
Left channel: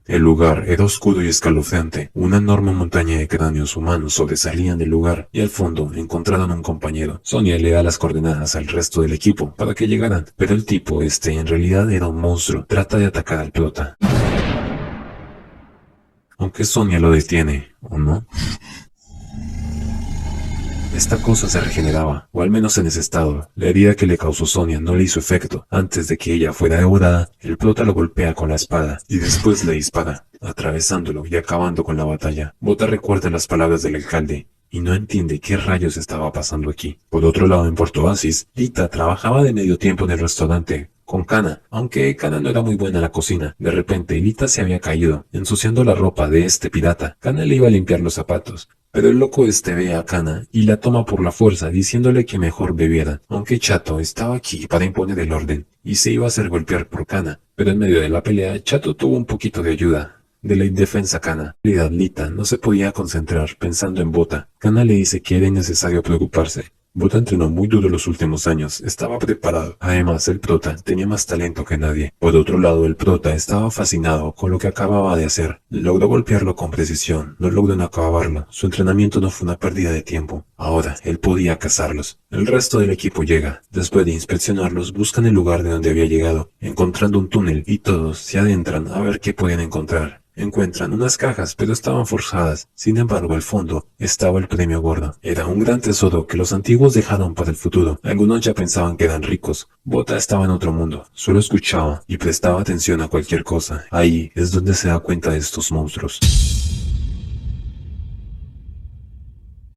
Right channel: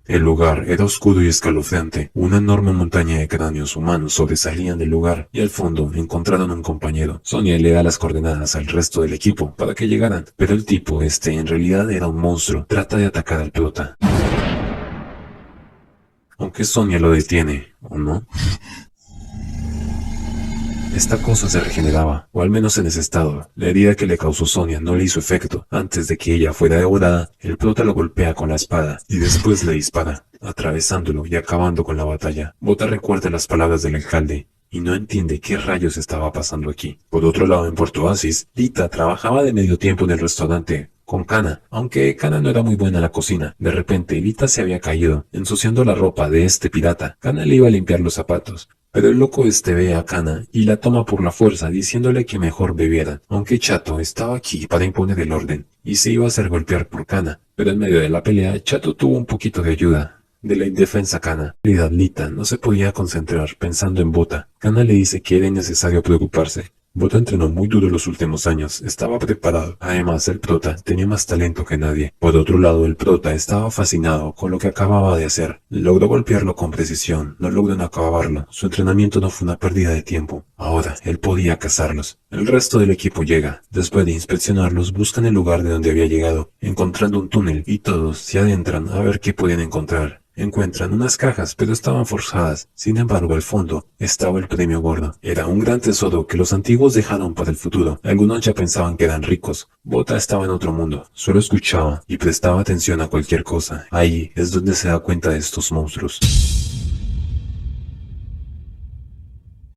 El lugar era oscuro y escalofriante. Una enorme montaña de cráneos humanos sobresalían del lugar, y al fondo encontraron un compañero. Sonia le da las coordenadas al resto del equipo para que llegaran, pero el tipo en realidad era un monstruo. Trata de atacar al prota. Aunque Sonia lo detiene, ¿o no? Esta cosa se regeneraba, o al menos en ese estado. La herida que le causó Sonia no le hizo efecto. Antes de que ella fuera devorada, el prota lo golpea con la espada, y después le dispara, atravesándolo y acabando con la batalla. Bota recuerda las palabras del alcalde, y no entiende qué rayos estaba pasando aquí. Por otro lado, en Puerto Oasis, Lita trabajaba de medio tiempo en el restaurante con Kana, aunque Kana no era muy buena en la cocina. De repente, Lita se había caído, ensuciando la ropa de este pirata. Kana le iba a limpiar los zapatos, pero el loco ve a Kana y la toma por la fuerza, diciéndole que mejor bebiera, aunque Chato estaba aquí para imponer el orden, y se iba a hacer golpear por Kana. Pero en medio de la pelea, Chato tuvo un poquito de ayuda de la indefensa Kana. En realidad, Lita no se podía concentrar pensando en Bota. Kana le dice que era innecesario preocuparse. Bota entrenó muy duro los últimos años, estaba preparado. Además, el prota tenía más talento que nadie. Por otro lado, el prota estaba fascinado con lo que acababa de hacer. Logró golpearlo con precisión, no logró acabarlo. Su entrenamiento no fue una pérdida de tiempo. Ahora, él podía cazarlos. El resto del equipo llega. Después de inspeccionarlos, buscan el lugar de donde había llegado, encontrando un túnel, y todos se adentran a ver qué podían encontrar. Encuentran unas cajas, pero estaban forjadas. Sin embargo, al fondo estaba el premio gordo. Era un gran tesoro que los antiguos dejaron para el futuro. Algunos ya pensaban que eran ricos. Bota estaba en otro mundo. Solo escuchaba y prestaba atención a cualquier cosa. Ahí es donde se da cuenta de estos monstruos.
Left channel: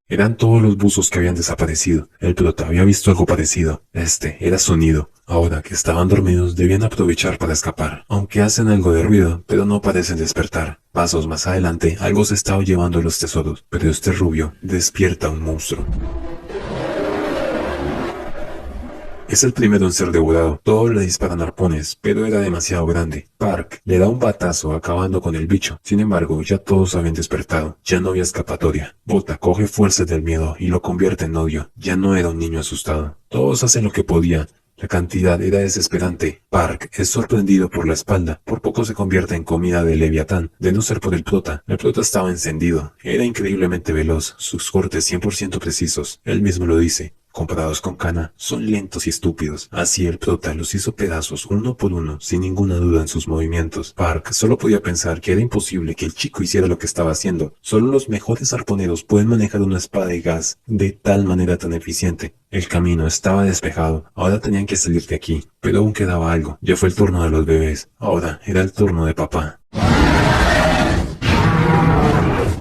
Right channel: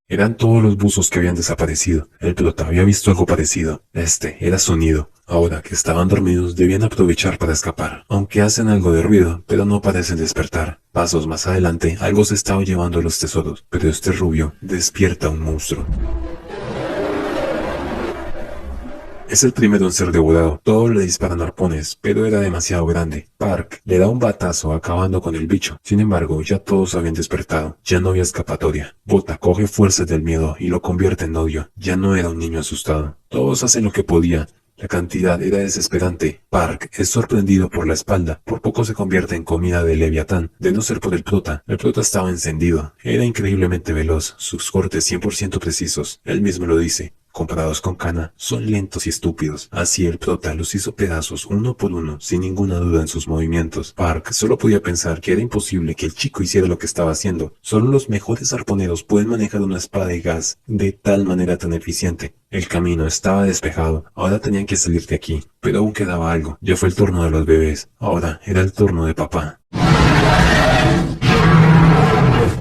Eran todos los buzos que habían desaparecido. El prota había visto algo parecido. Era sonido. Ahora que estaban dormidos, debían aprovechar para escapar. Aunque hacen algo de ruido, pero no parecen despertar. Pasos más adelante, algo se estaba llevando los tesoros, pero este rubio despierta un monstruo. Es el primero en ser devorado. Todos le disparan arpones, pero era demasiado grande. Park le da un batazo acabando con el bicho. Sin embargo, ya todos habían despertado. Ya no había escapatoria. Bota coge fuerzas del miedo y lo convierte en odio. Ya no era un niño asustado. Todos hacen lo que podían. La cantidad era desesperante. Park es sorprendido por la espalda. Por poco se convierte en comida de Leviatán. De no ser por el prota. El prota estaba encendido. Era increíblemente veloz. Sus cortes 100% precisos. Él mismo lo dice. Comparados con Kana, son lentos y estúpidos. Así el prota los hizo pedazos uno por uno, sin ninguna duda en sus movimientos. Park solo podía pensar que era imposible que el chico hiciera lo que estaba haciendo. Solo los mejores arponeros pueden manejar una espada de gas de tal manera tan eficiente. El camino estaba despejado. Ahora tenían que salir de aquí. Pero aún quedaba algo. Ya fue el turno de los bebés. Ahora era el turno de papá.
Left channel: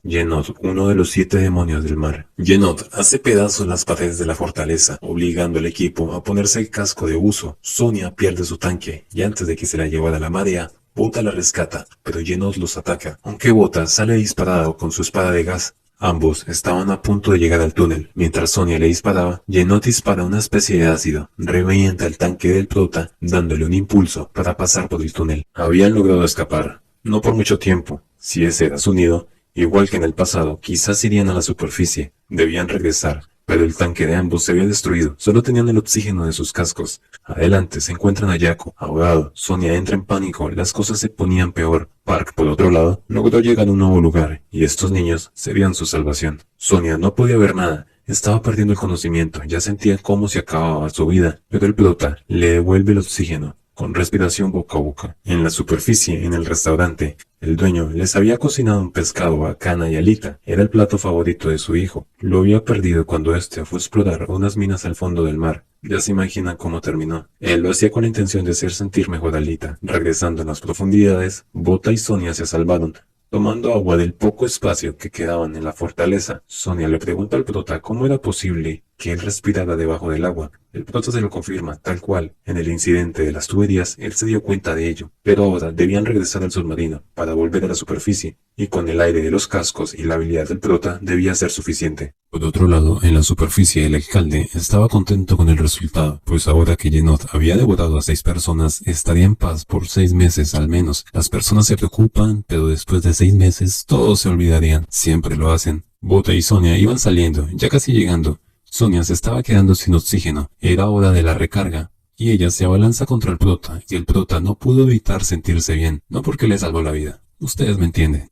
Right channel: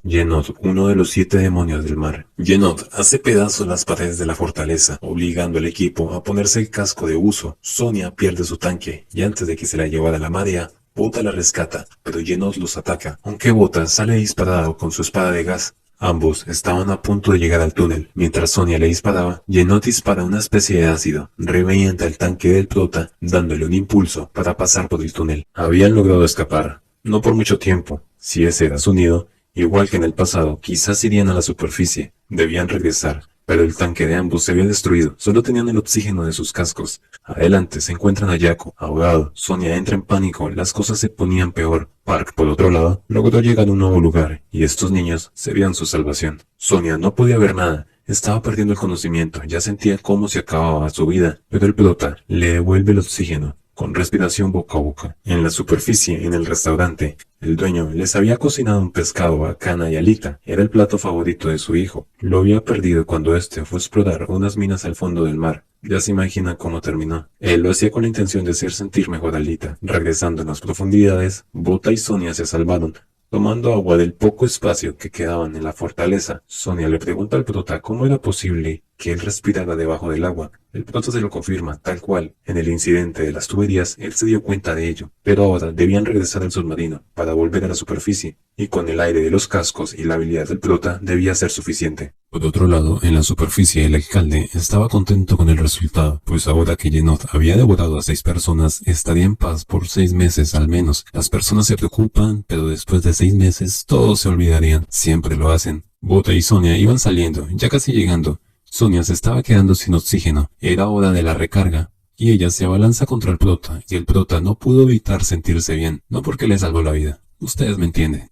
Yenod, uno de los 7 demonios del mar. Yenod hace pedazos las paredes de la fortaleza, obligando al equipo a ponerse el casco de uso. Sonia pierde su tanque, y antes de que se la llevara la marea, Bota la rescata, pero Yenod los ataca. Aunque Bota sale disparado con su espada de gas, Ambos estaban a punto de llegar al túnel. Mientras Sonia le disparaba, Yenot dispara una especie de ácido, revienta el tanque del prota, dándole un impulso para pasar por el túnel. Habían logrado escapar, no por mucho tiempo. Si ese era su nido, igual que en el pasado, quizás irían a la superficie. Debían regresar, pero el tanque de ambos se había destruido. Solo tenían el oxígeno de sus cascos. Adelante se encuentran a Jaco, ahogado. Sonia entra en pánico, las cosas se ponían peor. Park, por otro lado, logró llegar a un nuevo lugar, y estos niños serían su salvación. Sonia no podía ver nada. Estaba perdiendo el conocimiento, ya sentía cómo se acababa su vida, pero el prota le devuelve el oxígeno, con respiración boca a boca. En la superficie, en el restaurante, el dueño les había cocinado un pescado a Kana y Alita. Era el plato favorito de su hijo. Lo había perdido cuando este fue a explorar unas minas al fondo del mar. Ya se imaginan cómo terminó. Él lo hacía con la intención de hacer sentir mejor a Alita. Regresando en las profundidades, Bota y Sonia se salvaron, tomando agua del poco espacio que quedaban en la fortaleza. Sonia le pregunta al prota cómo era posible que él respirara debajo del agua. El prota se lo confirma, tal cual. En el incidente de las tuberías, él se dio cuenta de ello. Pero ahora debían regresar al submarino para volver a la superficie, y con el aire de los cascos y la habilidad del prota debía ser suficiente. Por otro lado, en la superficie el alcalde estaba contento con el resultado, pues ahora que Yenot había devorado a 6 personas, estaría en paz por 6 meses al menos. Las personas se preocupan, pero después de 6 meses todos se olvidarían. Siempre lo hacen. Bota y Sonia iban saliendo, ya casi llegando. Sonia se estaba quedando sin oxígeno. Era hora de la recarga. Y ella se abalanza contra el prota, y el prota no pudo evitar sentirse bien, no porque le salvó la vida. Ustedes me entienden.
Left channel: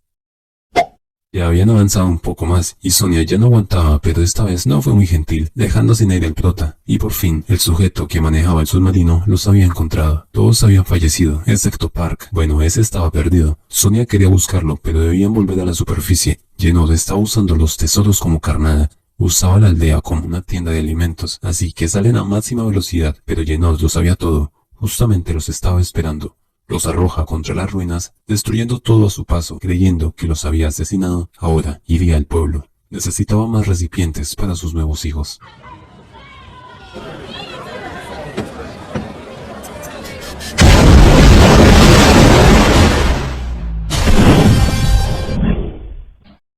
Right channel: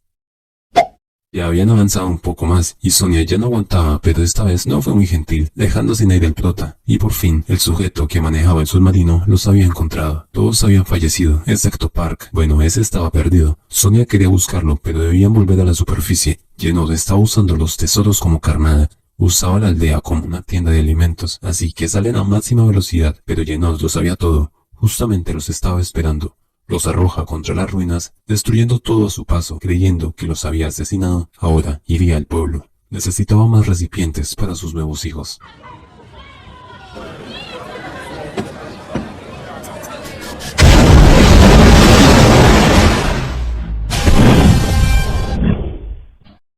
Ya habían avanzado un poco más, y Sonia ya no aguantaba, pero esta vez no fue muy gentil, dejando sin aire al prota. Y por fin, el sujeto que manejaba el submarino los había encontrado. Todos habían fallecido, excepto Park. Bueno, ese estaba perdido. Sonia quería buscarlo, pero debían volver a la superficie. Yenot estaba usando los tesoros como carnada. Usaba la aldea como una tienda de alimentos, así que salen a máxima velocidad, pero Yenot lo sabía todo. Justamente los estaba esperando. Los arroja contra las ruinas, destruyendo todo a su paso, creyendo que los había asesinado. Ahora iría al pueblo. Necesitaba más recipientes para sus nuevos hijos.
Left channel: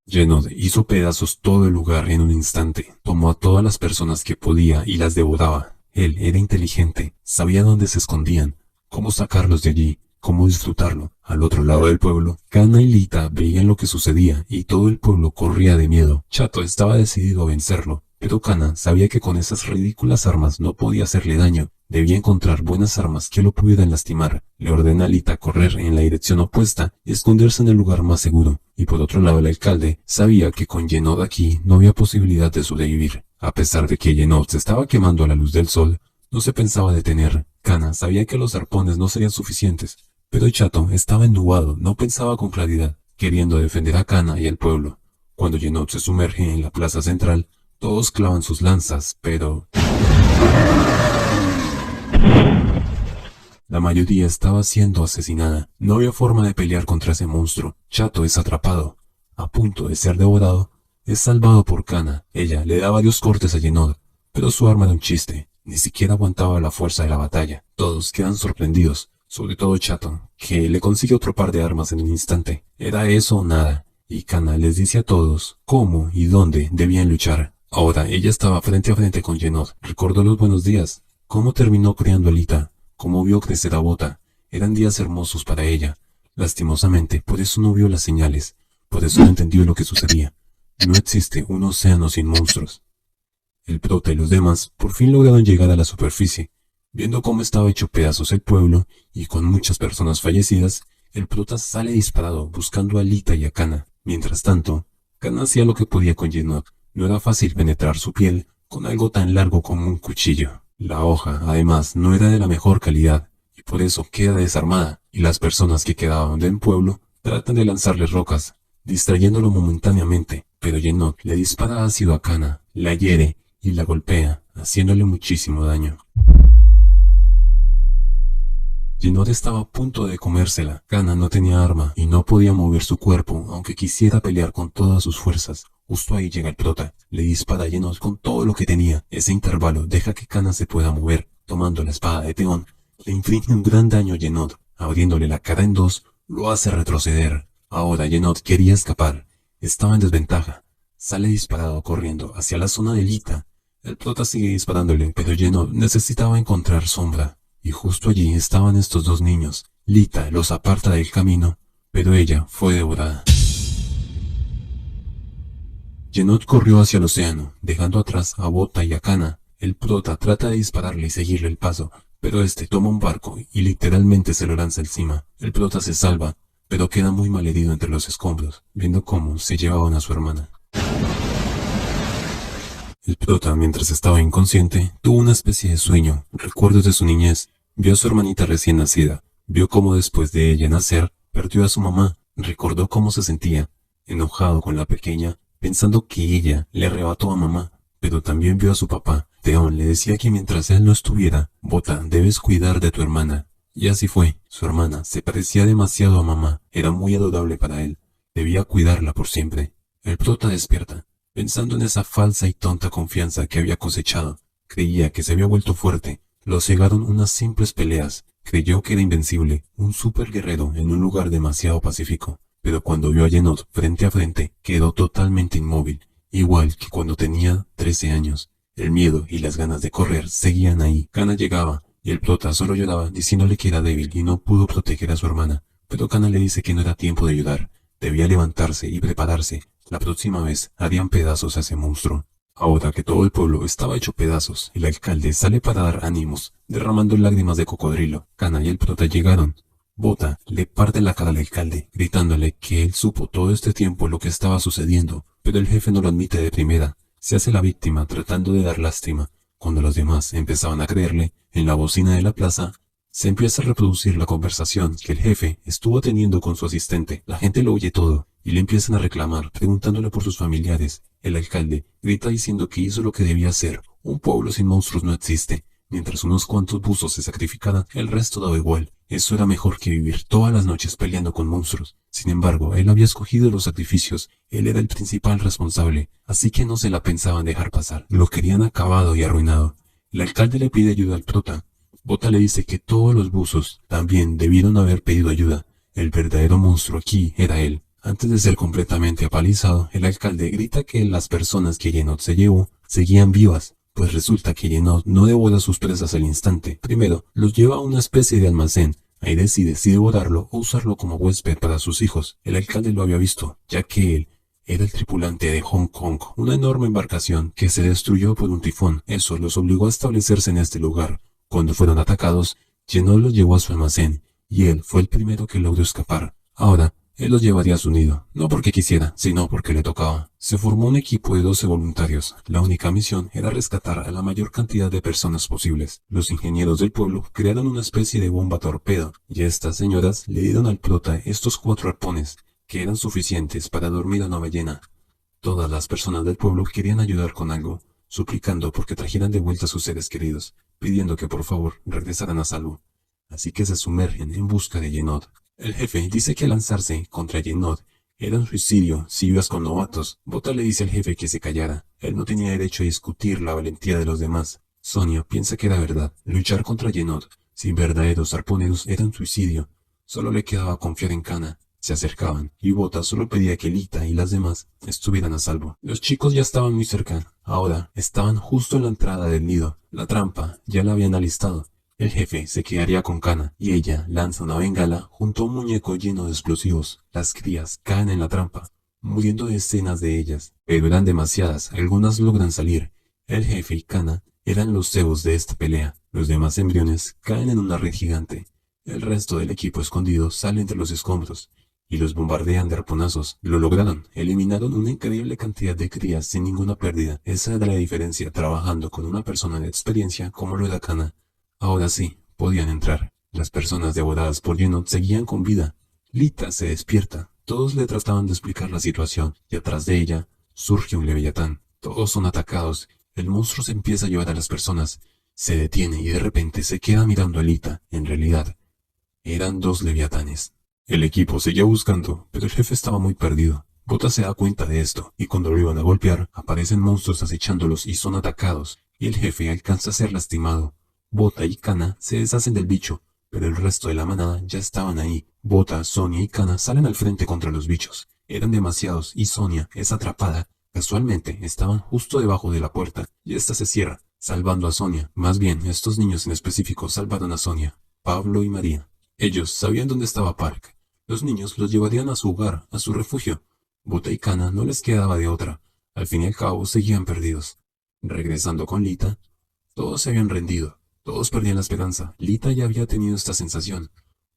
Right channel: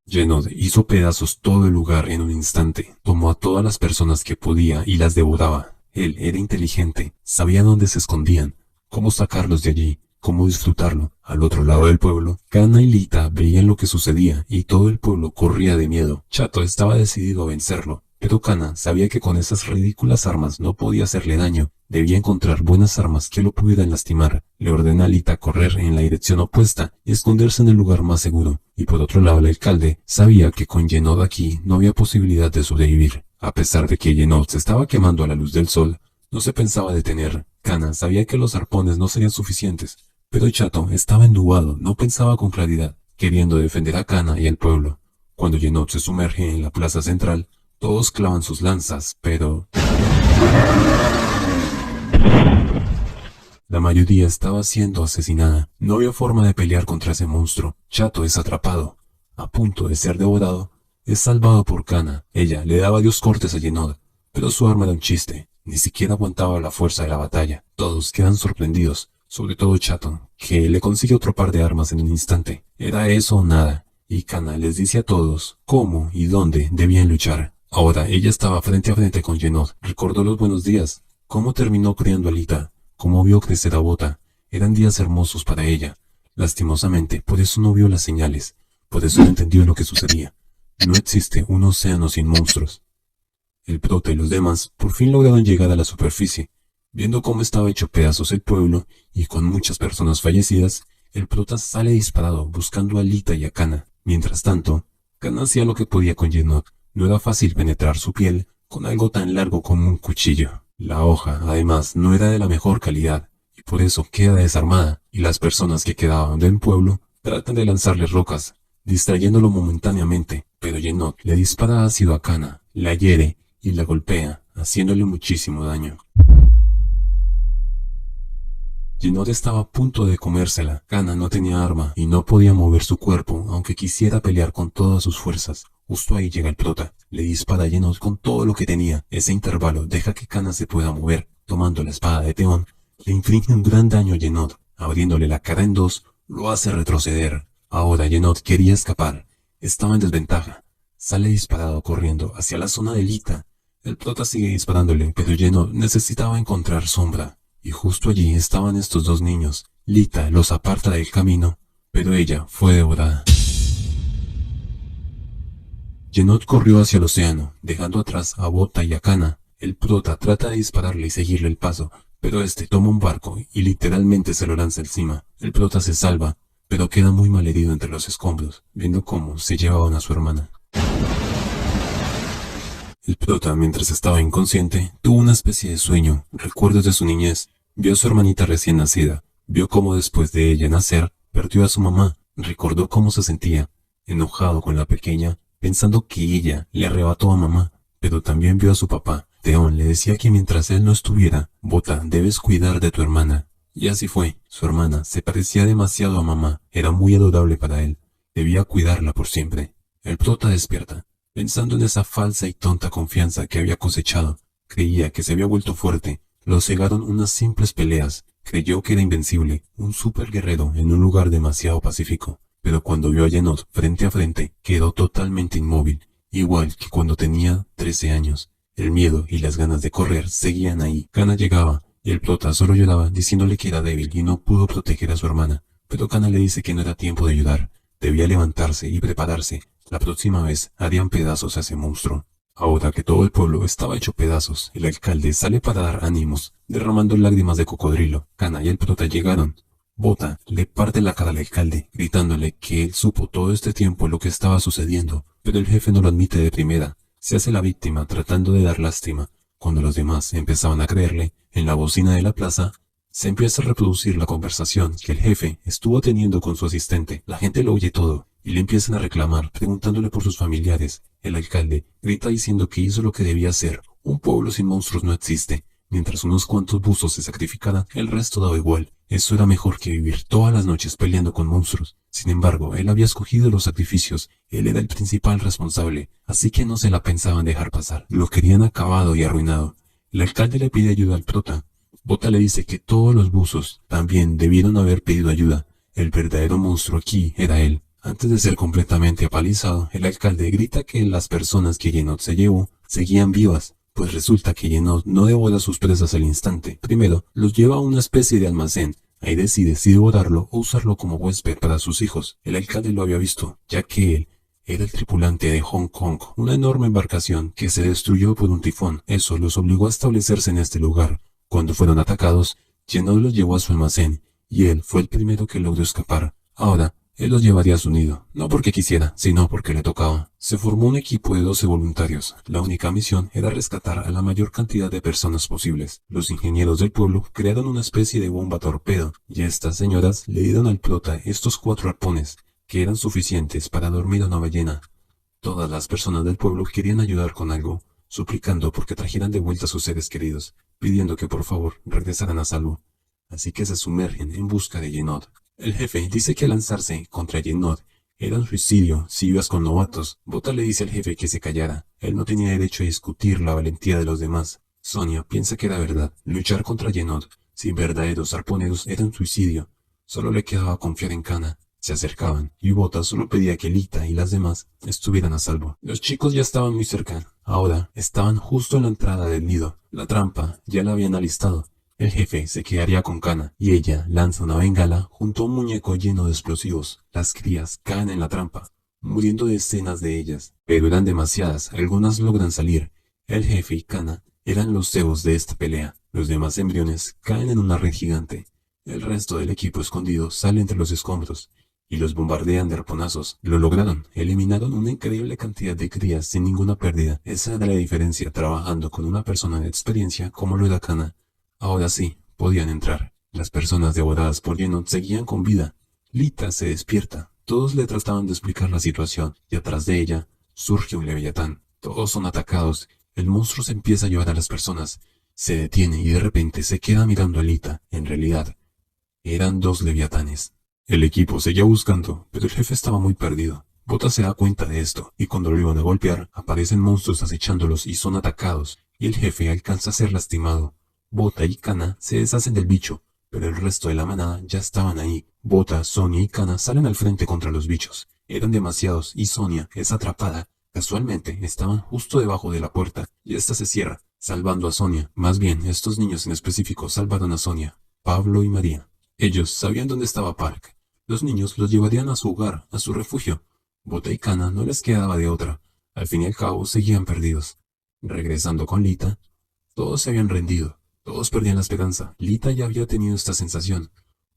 Yenot hizo pedazos todo el lugar en un instante. Tomó a todas las personas que podía y las devoraba. Él era inteligente, sabía dónde se escondían, cómo sacarlos de allí, cómo disfrutarlo. Al otro lado del pueblo, Kana y Lita veían lo que sucedía y todo el pueblo corría de miedo. Chato estaba decidido a vencerlo, pero Kana sabía que con esas ridículas armas no podía hacerle daño. Debía encontrar buenas armas que lo pudieran lastimar. Le ordena a Lita correr en la dirección opuesta y esconderse en el lugar más seguro. Y por otro lado el alcalde sabía que con Yenot aquí no había posibilidad de sobrevivir. A pesar de que Yenot se estaba quemando a la luz del sol, no se pensaba detener. Kana sabía que los arpones no serían suficientes, pero Chato estaba ennubado, no pensaba con claridad, queriendo defender a Kana y al pueblo. Cuando Yenot se sumerge en la plaza central, todos clavan sus lanzas, pero la mayoría estaba siendo asesinada. No había forma de pelear contra ese monstruo. Chato es atrapado, a punto de ser devorado. Es salvado por Kana. Ella le da varios cortes a Yenot, pero su arma era un chiste. Ni siquiera aguantaba la fuerza de la batalla. Todos quedan sorprendidos, sobre todo Chato, que le consigue otro par de armas en un instante. Era eso o nada, y Kana les dice a todos cómo y dónde debían luchar. Ahora ella estaba frente a frente con Yenot. Recordó los buenos días, cómo terminó criando a Lita, cómo vio crecer a Bota. Eran días hermosos para ella. Lastimosamente, por eso no vio las señales, por eso no entendió lo que sucedía. No existe un océano sin monstruos. El prota y los demás por fin lograron llegar a la superficie. Viendo cómo estaba hecho pedazos el pueblo y con muchas personas fallecidas, el prota sale disparado buscando a Lita y a Kana. Mientras tanto, Kana hacía lo que podía con Yenot. No era fácil penetrar su piel con algo tan largo como un cuchillo. La hoja, además, no era de la mejor calidad, y por eso queda desarmada, y las personas que quedaban del pueblo tratan de lanzarle rocas, distrayéndolo momentáneamente, pero Yenot le dispara ácido a Kana, la hiere y la golpea, haciéndole muchísimo daño. Yenot estaba a punto de comérsela. Kana no tenía arma y no podía mover su cuerpo, aunque quisiera pelear con todas sus fuerzas. Justo ahí llega el prota. Le dispara a Yenot con todo lo que tenía. Ese intervalo deja que Kana se pueda mover. Tomando la espada de Teón, le inflige un gran daño a Yenot. Abriéndole la cara en dos, lo hace retroceder. Ahora Yenot quería escapar. Estaba en desventaja. sale disparado corriendo hacia la zona de Lita. El prota sigue disparándole, pero Yenod necesitaba encontrar sombra. Y justo allí estaban estos dos niños. Lita los aparta del camino, pero ella fue devorada. Yenod corrió hacia el océano, dejando atrás a Bota y a Kana. El prota trata de dispararle y seguirle el paso, pero este toma un barco y literalmente se lo lanza encima. El prota se salva, pero queda muy mal herido entre los escombros, viendo cómo se llevaban a su hermana. El prota, mientras estaba inconsciente, tuvo una especie de sueño, recuerdos de su niñez. Vio a su hermanita recién nacida, vio cómo después de ella nacer, perdió a su mamá, recordó cómo se sentía, enojado con la pequeña, pensando que ella le arrebató a mamá, pero también vio a su papá. Theon le decía que mientras él no estuviera, Bota, debes cuidar de tu hermana. Y así fue. Su hermana se parecía demasiado a mamá, era muy adorable para él, debía cuidarla por siempre. El prota despierta, pensando en esa falsa y tonta confianza que había cosechado. Creía que se había vuelto fuerte, lo cegaron unas simples peleas, creyó que era invencible, un superguerrero en un lugar demasiado pacífico. Pero cuando vio a Yenod frente a frente, quedó totalmente inmóvil, igual que cuando tenía 13 años. El miedo y las ganas de correr seguían ahí. Kana llegaba, y el prota solo lloraba diciéndole que era débil y no pudo proteger a su hermana. Pero Kana le dice que no era tiempo de ayudar, debía levantarse y prepararse. La próxima vez harían pedazos a ese monstruo. Ahora que todo el pueblo estaba hecho pedazos, el alcalde sale para dar ánimos, derramando lágrimas de cocodrilo. Kana y el prota llegaron. Bota le parte la cara al alcalde, gritándole que él supo todo este tiempo lo que estaba sucediendo, pero el jefe no lo admite de primera. Se hace la víctima tratando de dar lástima. Cuando los demás empezaban a creerle, en la bocina de la plaza, se empieza a reproducir la conversación que el jefe estuvo teniendo con su asistente. La gente lo oye todo, y le empiezan a reclamar, preguntándole por sus familiares. El alcalde grita diciendo que hizo lo que debía hacer. Un pueblo sin monstruos no existe. Mientras unos cuantos buzos se sacrificaran, el resto daba igual. Eso era mejor que vivir todas las noches peleando con monstruos. Sin embargo, él había escogido los sacrificios. Él era el principal responsable, así que no se la pensaban dejar pasar. Lo querían acabado y arruinado. El alcalde le pide ayuda al prota. Bota le dice que todos los buzos también debieron haber pedido ayuda. El verdadero monstruo aquí era él. Antes de ser completamente apalizado, el alcalde grita que las personas que Yenod se llevó seguían vivas. Pues resulta que Yenod no devora sus presas al instante. Primero, los lleva a una especie de almacén. Ahí decide si devorarlo o usarlo como huésped para sus hijos. El alcalde lo había visto, ya que él era el tripulante de Hong Kong, una enorme embarcación que se destruyó por un tifón. Eso los obligó a establecerse en este lugar. Cuando fueron atacados, Yenod los llevó a su almacén, y él fue el primero que logró escapar. Ahora, él los llevaría a su nido, no porque quisiera, sino porque le tocaba. Se formó un equipo de 12 voluntarios. La única misión era rescatar a la mayor cantidad de personas posibles. Los ingenieros del pueblo crearon una especie de bomba torpedo, y estas señoras le dieron al prota estos 4 arpones, que eran suficientes para dormir a una ballena. Todas las personas del pueblo querían ayudar con algo, suplicando porque trajeran de vuelta a sus seres queridos, pidiendo que por favor regresaran a salvo. Así que se sumergen en busca de Yenod. El jefe dice que lanzarse contra Yenod era un suicidio si ibas con novatos. Bota le dice al jefe que se callara. Él no tenía derecho a discutir la valentía de los demás. Sonia piensa que era verdad. Luchar contra Yenod sin verdaderos arponeros era un suicidio. Solo le quedaba confiar en Kana. Se acercaban, y Bota solo pedía que Lita y las demás estuvieran a salvo. Los chicos ya estaban muy cerca. Ahora estaban justo en la entrada del nido. La trampa ya la habían alistado. El jefe se quedaría con Kana, y ella lanza una bengala junto a un muñeco lleno de explosivos. Las crías caen en la trampa, muriendo decenas de ellas, pero eran demasiadas, algunas logran salir. El jefe y Kana eran los cebos de esta pelea. Los demás embriones caen en una red gigante. El resto del equipo escondido sale entre los escombros, y los bombardean de arponazos. Lo lograron, eliminaron una increíble cantidad de crías sin ninguna pérdida. Esa era la diferencia trabajando con una persona de experiencia como lo era Kana. Ahora sí, podían entrar. Las personas devoradas por Yenod seguían con vida. Lita se despierta. Todos le trataban de explicar la situación, y atrás de ella surge un leviatán. Todos son atacados. El monstruo se empieza a llevar a las personas. Se detiene y de repente se queda mirando a Lita. En realidad, eran 2 leviatanes. El equipo seguía buscando, pero el jefe estaba muy perdido. Bota se da cuenta de esto, y cuando lo iban a golpear, aparecen monstruos acechándolos y son atacados, y el jefe alcanza a ser lastimado. Bota y Kana se deshacen del bicho, pero el resto de la manada ya estaban ahí. Bota, Sonia y Kana salen al frente contra los bichos. Eran demasiados y Sonia es atrapada Casualmente, estaban justo debajo de la puerta, y ésta se cierra, salvando a Sonia. Más bien, estos niños en específico salvaron a Sonia, Pablo y María. Ellos sabían dónde estaba Park. Los niños los llevarían a su hogar, a su refugio. Bota y Cana no les quedaba de otra. Al fin y al cabo, seguían perdidos. Regresando con Lita, todos se habían rendido. Todos perdían la esperanza. Lita ya había tenido esta sensación.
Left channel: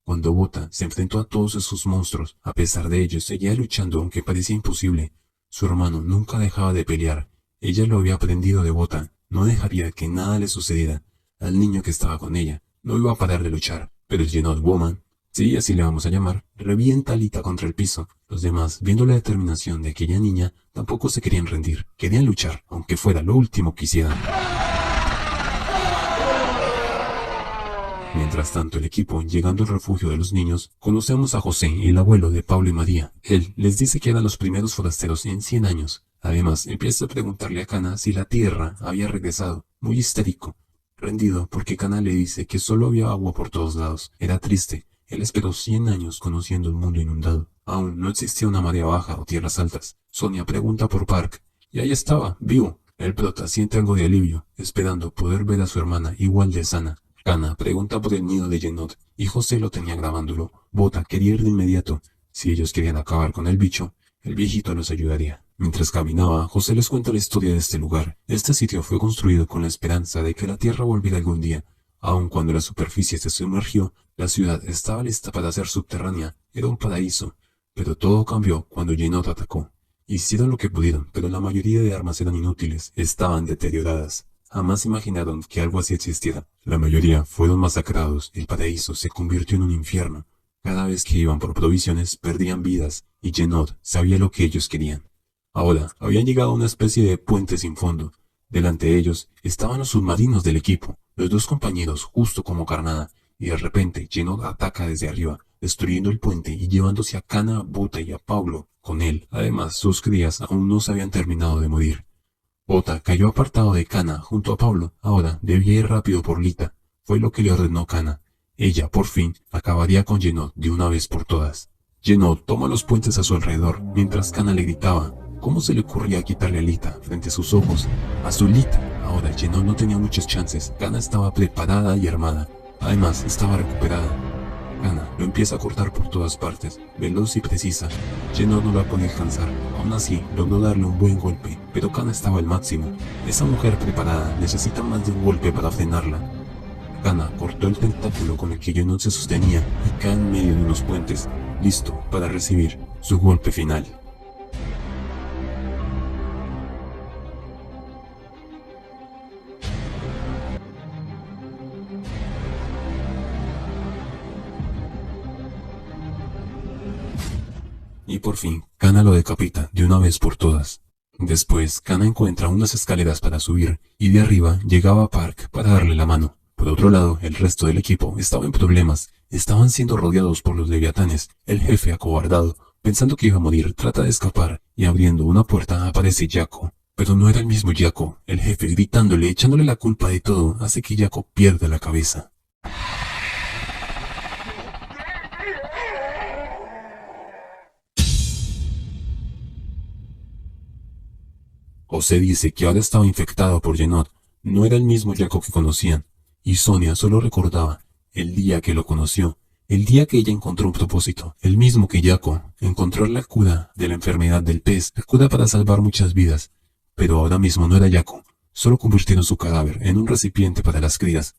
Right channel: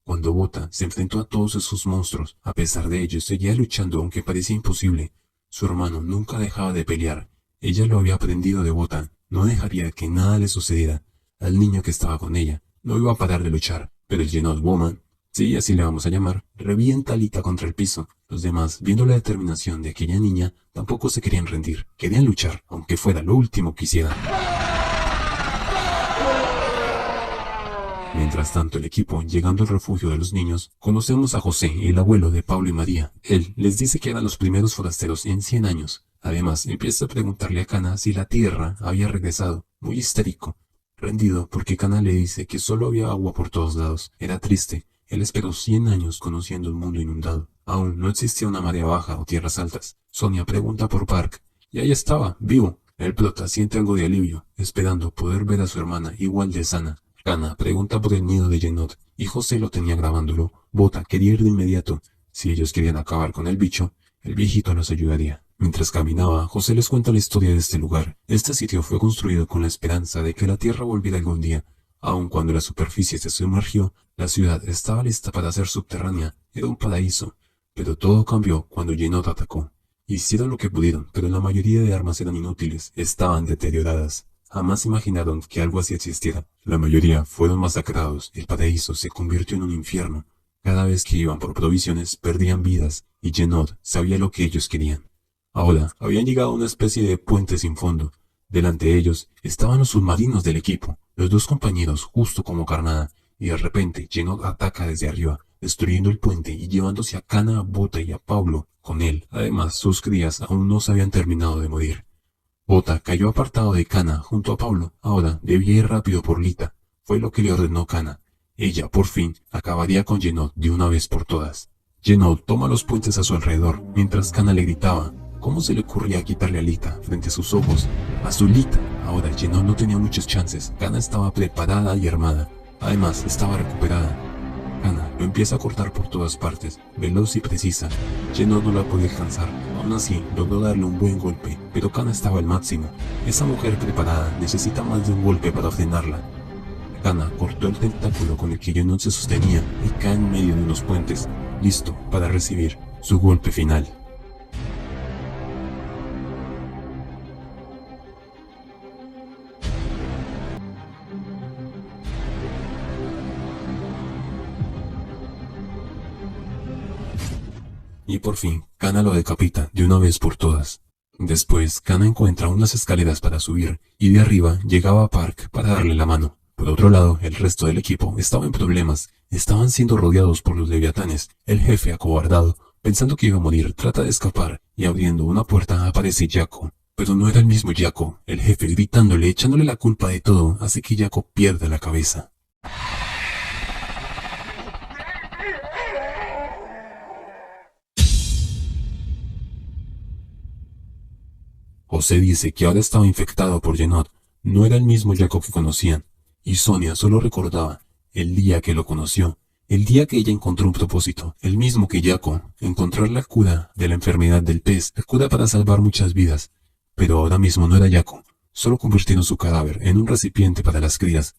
Cuando Bota se enfrentó a todos esos monstruos, a pesar de ello, seguía luchando aunque parecía imposible. Su hermano nunca dejaba de pelear. Ella lo había aprendido de Bota. No dejaría que nada le sucediera. Al niño que estaba con ella, no iba a parar de luchar. Pero el Genod Woman, sí, así le vamos a llamar, revienta a Lita contra el piso. Los demás, viendo la determinación de aquella niña, tampoco se querían rendir. Querían luchar, aunque fuera lo último que hicieran. Mientras tanto, el equipo, llegando al refugio de los niños, conocemos a José, el abuelo de Pablo y María. Él les dice que eran los primeros forasteros en 100 años. Además, empieza a preguntarle a Cana si la tierra había regresado, muy histérico, rendido porque Cana le dice que solo había agua por todos lados. Era triste. Él esperó 100 años conociendo el mundo inundado. Aún no existía una marea baja o tierras altas. Sonia pregunta por Park, y ahí estaba, vivo. El prota siente algo de alivio, esperando poder ver a su hermana igual de sana. Cana pregunta por el nido de Genod, y José lo tenía grabándolo. Bota quería ir de inmediato. Si ellos querían acabar con el bicho, el viejito los ayudaría. Mientras caminaba, José les cuenta la historia de este lugar. Este sitio fue construido con la esperanza de que la tierra volviera algún día. Aun cuando la superficie se sumergió, la ciudad estaba lista para ser subterránea. Era un paraíso. Pero todo cambió cuando Genod atacó. Hicieron lo que pudieron, pero la mayoría de armas eran inútiles. Estaban deterioradas. Jamás imaginaron que algo así existiera. La mayoría fueron masacrados. El paraíso se convirtió en un infierno. Cada vez que iban por provisiones, perdían vidas, y Genod sabía lo que ellos querían. Ahora, habían llegado a una especie de puente sin fondo. Delante de ellos estaban los submarinos del equipo, los dos compañeros justo como carnada, y de repente Genod ataca desde arriba, destruyendo el puente y llevándose a Cana, a Bota y a Pablo con él. Además, sus crías aún no se habían terminado de morir. Bota cayó apartado de Cana junto a Pablo. Ahora debía ir rápido por Lita. Fue lo que le ordenó Cana. Ella, por fin, acabaría con Genod de una vez por todas. Genod toma los puentes a su alrededor, mientras Cana le gritaba. ¿Cómo se le ocurría quitarle a Lita frente a sus ojos? A su Lita. Ahora Genod no tenía muchas chances. Cana estaba preparada y armada. Además, estaba recuperada. Cana lo empieza a cortar por todas partes, veloz y precisa. Genod no la podía alcanzar. Aún así, logró darle un buen golpe, pero Cana estaba al máximo. Esa mujer preparada necesita más de un golpe para frenarla. Cana cortó el tentáculo con el que Genod se sostenía y cae en medio de unos puentes, listo para recibir su golpe final. Y por fin, Cana lo decapita de una vez por todas. Después, Cana encuentra unas escaleras para subir, y de arriba llegaba a Park para darle la mano. Por otro lado, el resto del equipo estaba en problemas. Estaban siendo rodeados por los leviatanes. El jefe, acobardado, pensando que iba a morir, trata de escapar, y abriendo una puerta aparece Jaco. Pero no era el mismo Jaco. El jefe, gritándole, echándole la culpa de todo, hace que Jaco pierda la cabeza. José dice que ahora estaba infectado por Genod. No era el mismo Jaco que conocían. Y Sonia solo recordaba el día que lo conoció, el día que ella encontró un propósito, el mismo que Jaco, encontrar la cura de la enfermedad del pez, la cura para salvar muchas vidas. Pero ahora mismo no era Jaco, solo convirtieron su cadáver en un recipiente para las crías.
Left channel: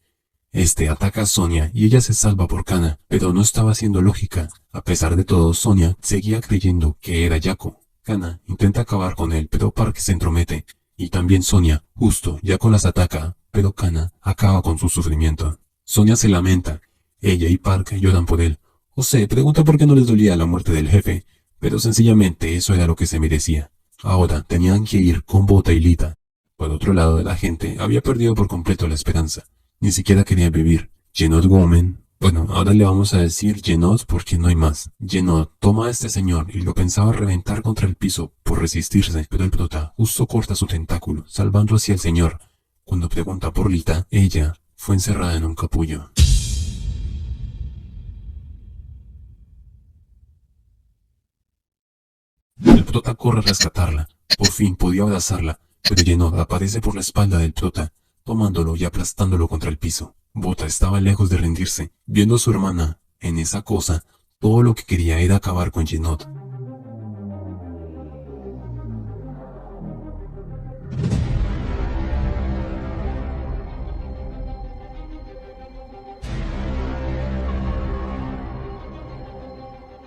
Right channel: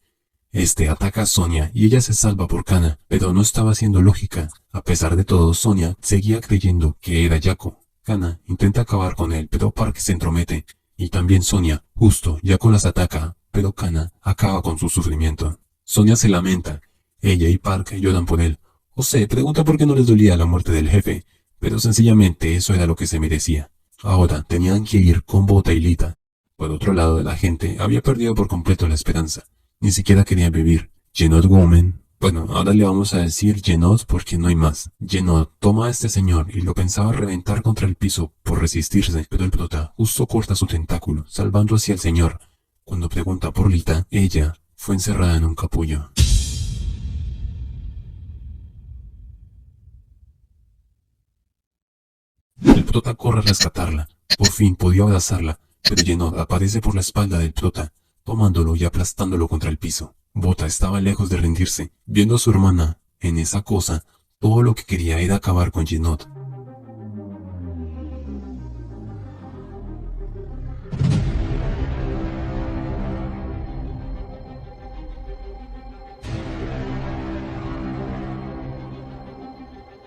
Este ataca a Sonia y ella se salva por Cana, pero no estaba siendo lógica. A pesar de todo, Sonia seguía creyendo que era Jaco. Cana intenta acabar con él, pero Park se entromete. Y también Sonia, justo, Jaco las ataca, pero Cana acaba con su sufrimiento. Sonia se lamenta. Ella y Park lloran por él. José pregunta por qué no les dolía la muerte del jefe, pero sencillamente eso era lo que se merecía. Ahora tenían que ir con Bota y Lita. Por otro lado, la gente había perdido por completo la esperanza. Ni siquiera quería vivir. Genod Woman. Bueno, ahora le vamos a decir Genod porque no hay más. Genod toma a este señor y lo pensaba reventar contra el piso por resistirse, pero el prota justo corta su tentáculo, salvando así al señor. Cuando pregunta por Lita, ella fue encerrada en un capullo. El prota corre a rescatarla, Por fin podía abrazarla, pero Yenod aparece por la espalda del prota, tomándolo y aplastándolo contra el piso. Bota estaba lejos de rendirse, viendo a su hermana en esa cosa. Todo lo que quería era acabar con Yenod.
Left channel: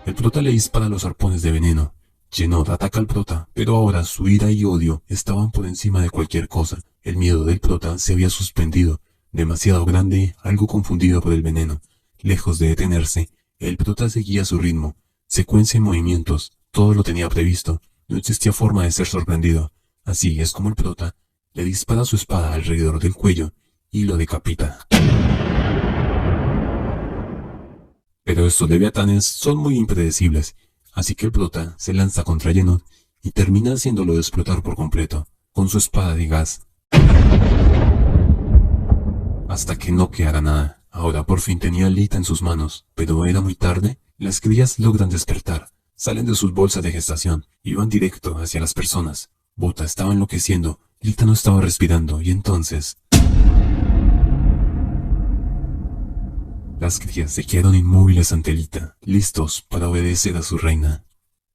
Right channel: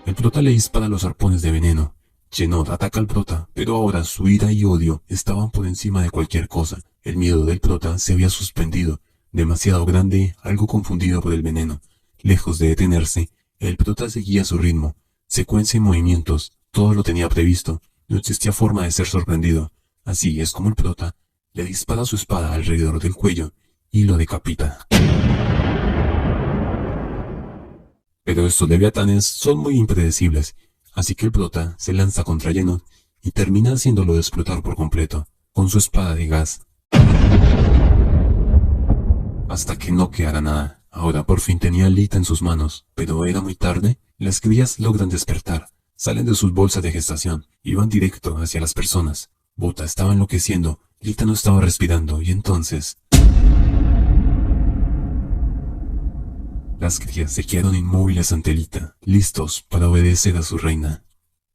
El prota le dispara los arpones de veneno. Yenod ataca al prota, pero ahora su ira y odio estaban por encima de cualquier cosa. El miedo del prota se había suspendido, demasiado grande, algo confundido por el veneno. Lejos de detenerse, el prota seguía su ritmo, secuencia y movimientos, todo lo tenía previsto, no existía forma de ser sorprendido. Así es como el prota le dispara su espada alrededor del cuello y lo decapita. Pero estos leviatanes son muy impredecibles, así que el prota se lanza contra Yenod y termina haciéndolo explotar por completo, con su espada de gas. Hasta que no quedara nada. Ahora por fin tenía a Lita en sus manos, pero era muy tarde. Las crías logran despertar, salen de sus bolsas de gestación y van directo hacia las personas. Bota estaba enloqueciendo, Lita no estaba respirando y entonces... Las crías se quedaron inmóviles ante Lita, listos para obedecer a su reina.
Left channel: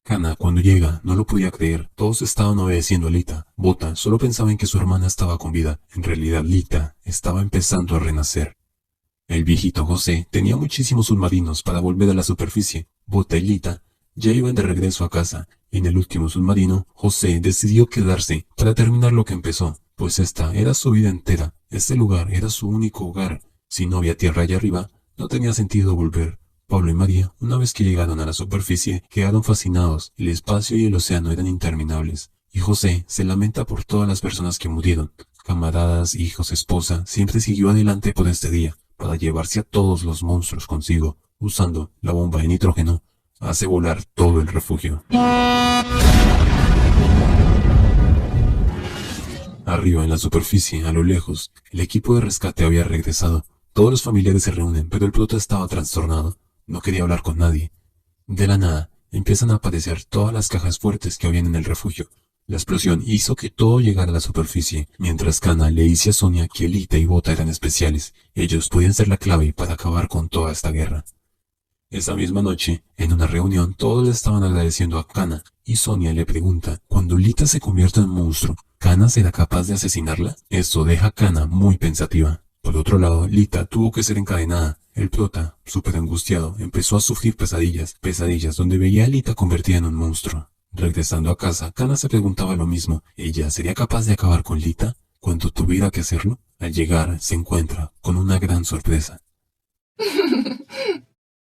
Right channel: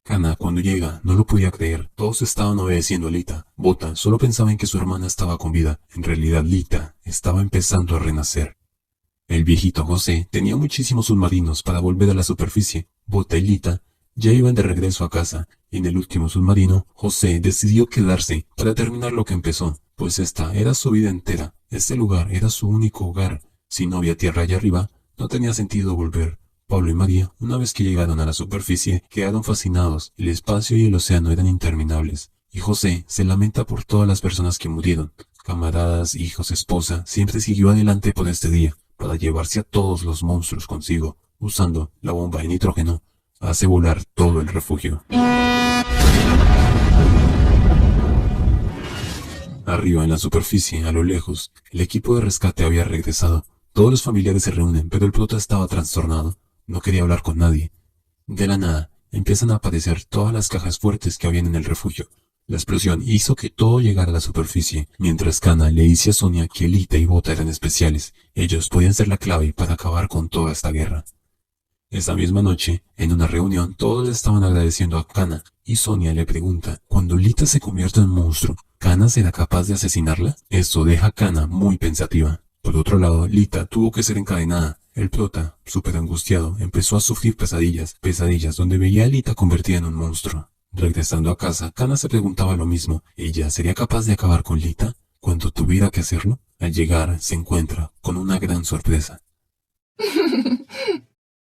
Kana, cuando llega, no lo podía creer. Todos estaban obedeciendo a Lita. Bota solo pensaba en que su hermana estaba con vida. En realidad, Lita estaba empezando a renacer. El viejito José tenía muchísimos submarinos para volver a la superficie. Bota y Lita ya iban de regreso a casa. En el último submarino, José decidió quedarse para terminar lo que empezó, pues esta era su vida entera. Este lugar era su único hogar. Si no había tierra allá arriba, no tenía sentido volver. Pablo y María, una vez que llegaron a la superficie, quedaron fascinados. El espacio y el océano eran interminables. Y José se lamenta por todas las personas que murieron. Camaradas, hijos, esposa, siempre siguió adelante por este día, para llevarse a todos los monstruos consigo. Usando la bomba de nitrógeno, hace volar todo el refugio. Arriba en la superficie, a lo lejos, el equipo de rescate había regresado. Todos los familiares se reúnen, pero el prota estaba trastornado. No quería hablar con nadie. De la nada, empiezan a aparecer todas las cajas fuertes que habían en el refugio. La explosión hizo que todo llegara a la superficie, mientras Kana le dice a Sonia que Lita y Bota eran especiales. Ellos podían ser la clave para acabar con toda esta guerra. Esa misma noche, en una reunión, todos le estaban agradeciendo a Kana, y Sonia le pregunta, ¿cuando Lita se convierta en monstruo, Kana será capaz de asesinarla? Esto deja a Kana muy pensativa. Por otro lado, Lita tuvo que ser encadenada. El prota, súper angustiado, empezó a sufrir pesadillas donde veía a Lita convertida en un monstruo. Regresando a casa, Kana se preguntaba lo mismo. ¿Ella sería capaz de acabar con Lita cuando tuviera que hacerlo? Al llegar, se encuentra con una gran sorpresa.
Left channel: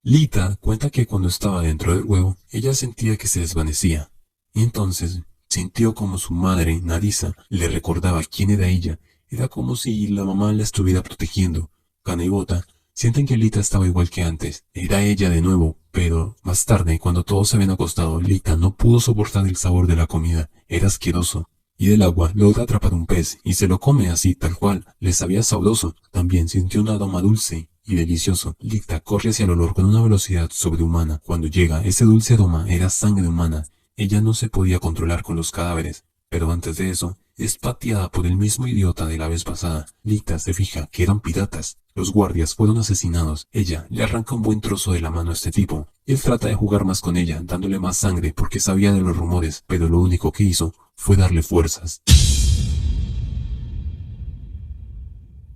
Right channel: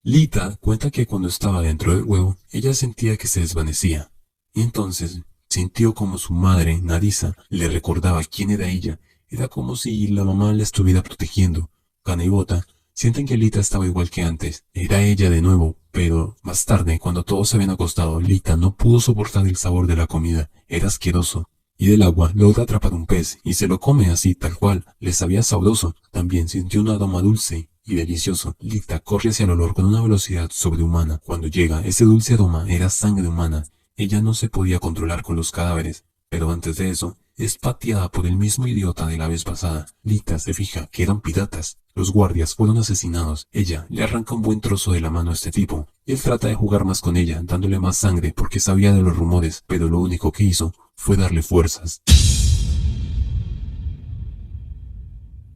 Lita cuenta que cuando estaba dentro del huevo, ella sentía que se desvanecía. Y entonces sintió como su madre, Narisa, le recordaba quién era ella. Era como si la mamá la estuviera protegiendo. Kana y Bota sienten que Lita estaba igual que antes. Era ella de nuevo, pero más tarde, cuando todos se habían acostado, Lita no pudo soportar el sabor de la comida. Era asqueroso. Y del agua logra atrapar un pez y se lo come así, tal cual. Le sabía sabroso. También sintió un aroma dulce y delicioso. Lita corre hacia el olor con una velocidad sobrehumana. Cuando llega, ese dulce aroma era sangre humana. Ella no se podía controlar con los cadáveres. Pero antes de eso, es pateada por el mismo idiota de la vez pasada. Lita se fija que eran piratas. Los guardias fueron asesinados. Ella le arranca un buen trozo de la mano a este tipo. Él trata de jugar más con ella, dándole más sangre porque sabía de los rumores, pero lo único que hizo fue darle fuerzas.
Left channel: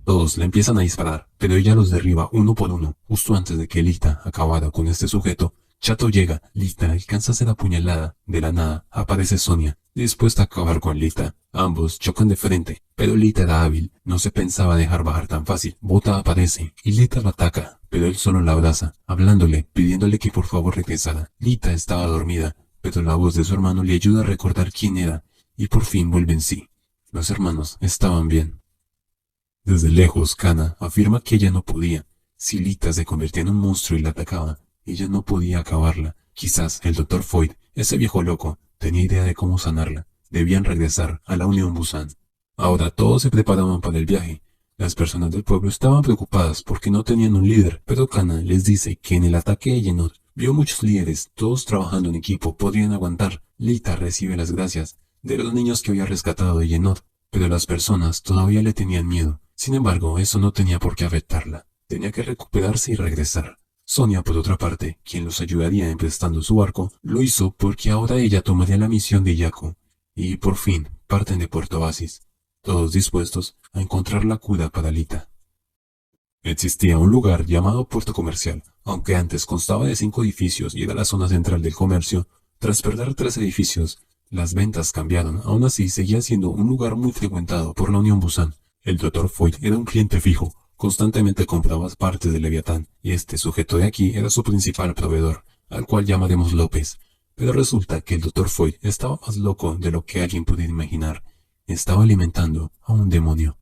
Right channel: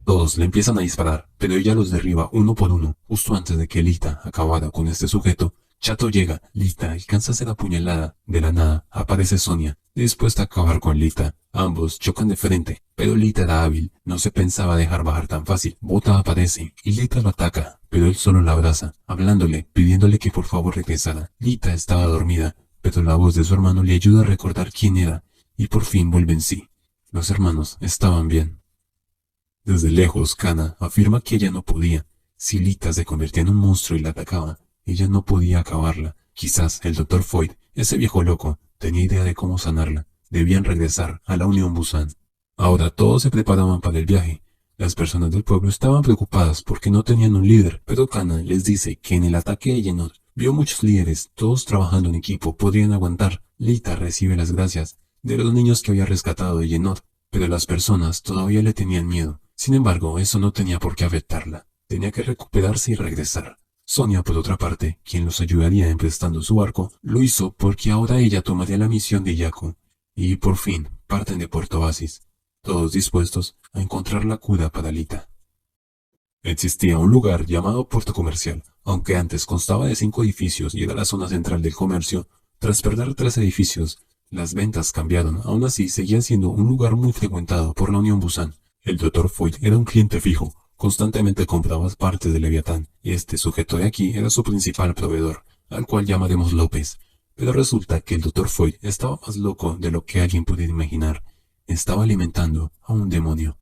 Todos le empiezan a disparar, pero ella los derriba uno por uno. Justo antes de que Lita acabara con este sujeto, Chato llega. Lita alcanza a ser apuñalada. De la nada, aparece Sonia, dispuesta a acabar con Lita. Ambos chocan de frente, pero Lita era hábil. No se pensaba dejar bajar tan fácil. Bota aparece, y Lita lo ataca, pero él solo la abraza, hablándole, pidiéndole que por favor regresara. Lita estaba dormida, pero la voz de su hermano le ayuda a recordar quién era, y por fin vuelve en sí. Los hermanos estaban bien. Desde lejos, Kana afirma que ella no podía. Si Lita se convertía en un monstruo y la atacaba, ella no podía acabarla. Quizás el Dr. Foyt, ese viejo loco, tenía idea de cómo sanarla. Debían regresar a la Unión Busan. Ahora todos se preparaban para el viaje. Las personas del pueblo estaban preocupadas porque no tenían un líder, pero Kana les dice que en el ataque de Yenod vio muchos líderes, todos trabajando en equipo, podrían aguantar. Lita recibe las gracias. de los niños que había rescatado de Yenod, pero las personas todavía le tenían miedo. Sin embargo, eso no tenía por qué afectarla. Tenía que recuperarse y regresar. Sonia, por otra parte, quien los ayudaría emprestando su barco, lo hizo porque ahora ella tomaría la misión de Yaku. Y por fin, parten de Puerto Oasis, todos dispuestos a encontrar la cura para Lita. Existía un lugar llamado Puerto Comercial, aunque antes constaba de 5 edificios y era la zona central del comercio. Tras perder 3 edificios, las ventas cambiaron. Aún así, seguía siendo un lugar muy frecuentado por la Unión Busan. El Dr. Foyt era un cliente fijo. Constantemente compraba partes de Leviatán, y este sujeto de aquí era su principal proveedor, al cual llamaremos López. Pero resulta que el Dr. Foyt estaba más loco de lo que alguien pudiera imaginar. Estaba alimentando a un demonio.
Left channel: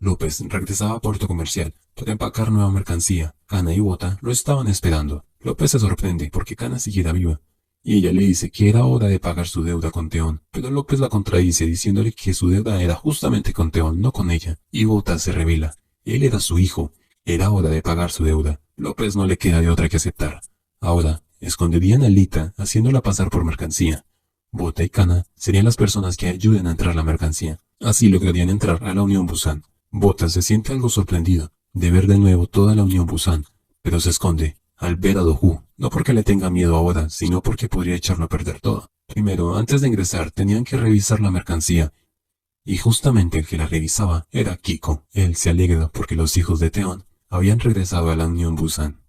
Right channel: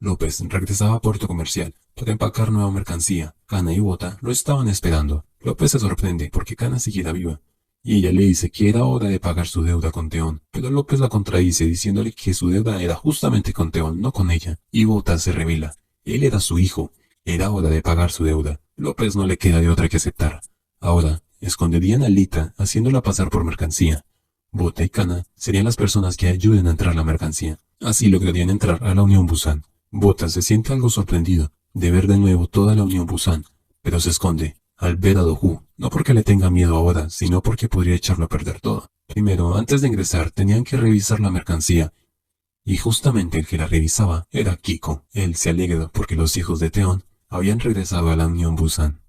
López regresaba a Puerto Comercial para empacar nueva mercancía. Kana y Bota lo estaban esperando. López se sorprende porque Kana siguiera viva, y ella le dice que era hora de pagar su deuda con Teón, pero López la contradice diciéndole que su deuda era justamente con Teón, no con ella, y Bota se revela. Él era su hijo, era hora de pagar su deuda. López no le queda de otra que aceptar. Ahora, esconderían a Lita haciéndola pasar por mercancía. Bota y Kana serían las personas que ayuden a entrar la mercancía. Así lograrían entrar a la Unión Busan. Bota se siente algo sorprendido de ver de nuevo toda la Unión Busan, pero se esconde al ver a Dohu, no porque le tenga miedo ahora, sino porque podría echarlo a perder todo. Primero, antes de ingresar, tenían que revisar la mercancía, y justamente el que la revisaba era Kiko. Él se alegra porque los hijos de Teón habían regresado a la Unión Busan.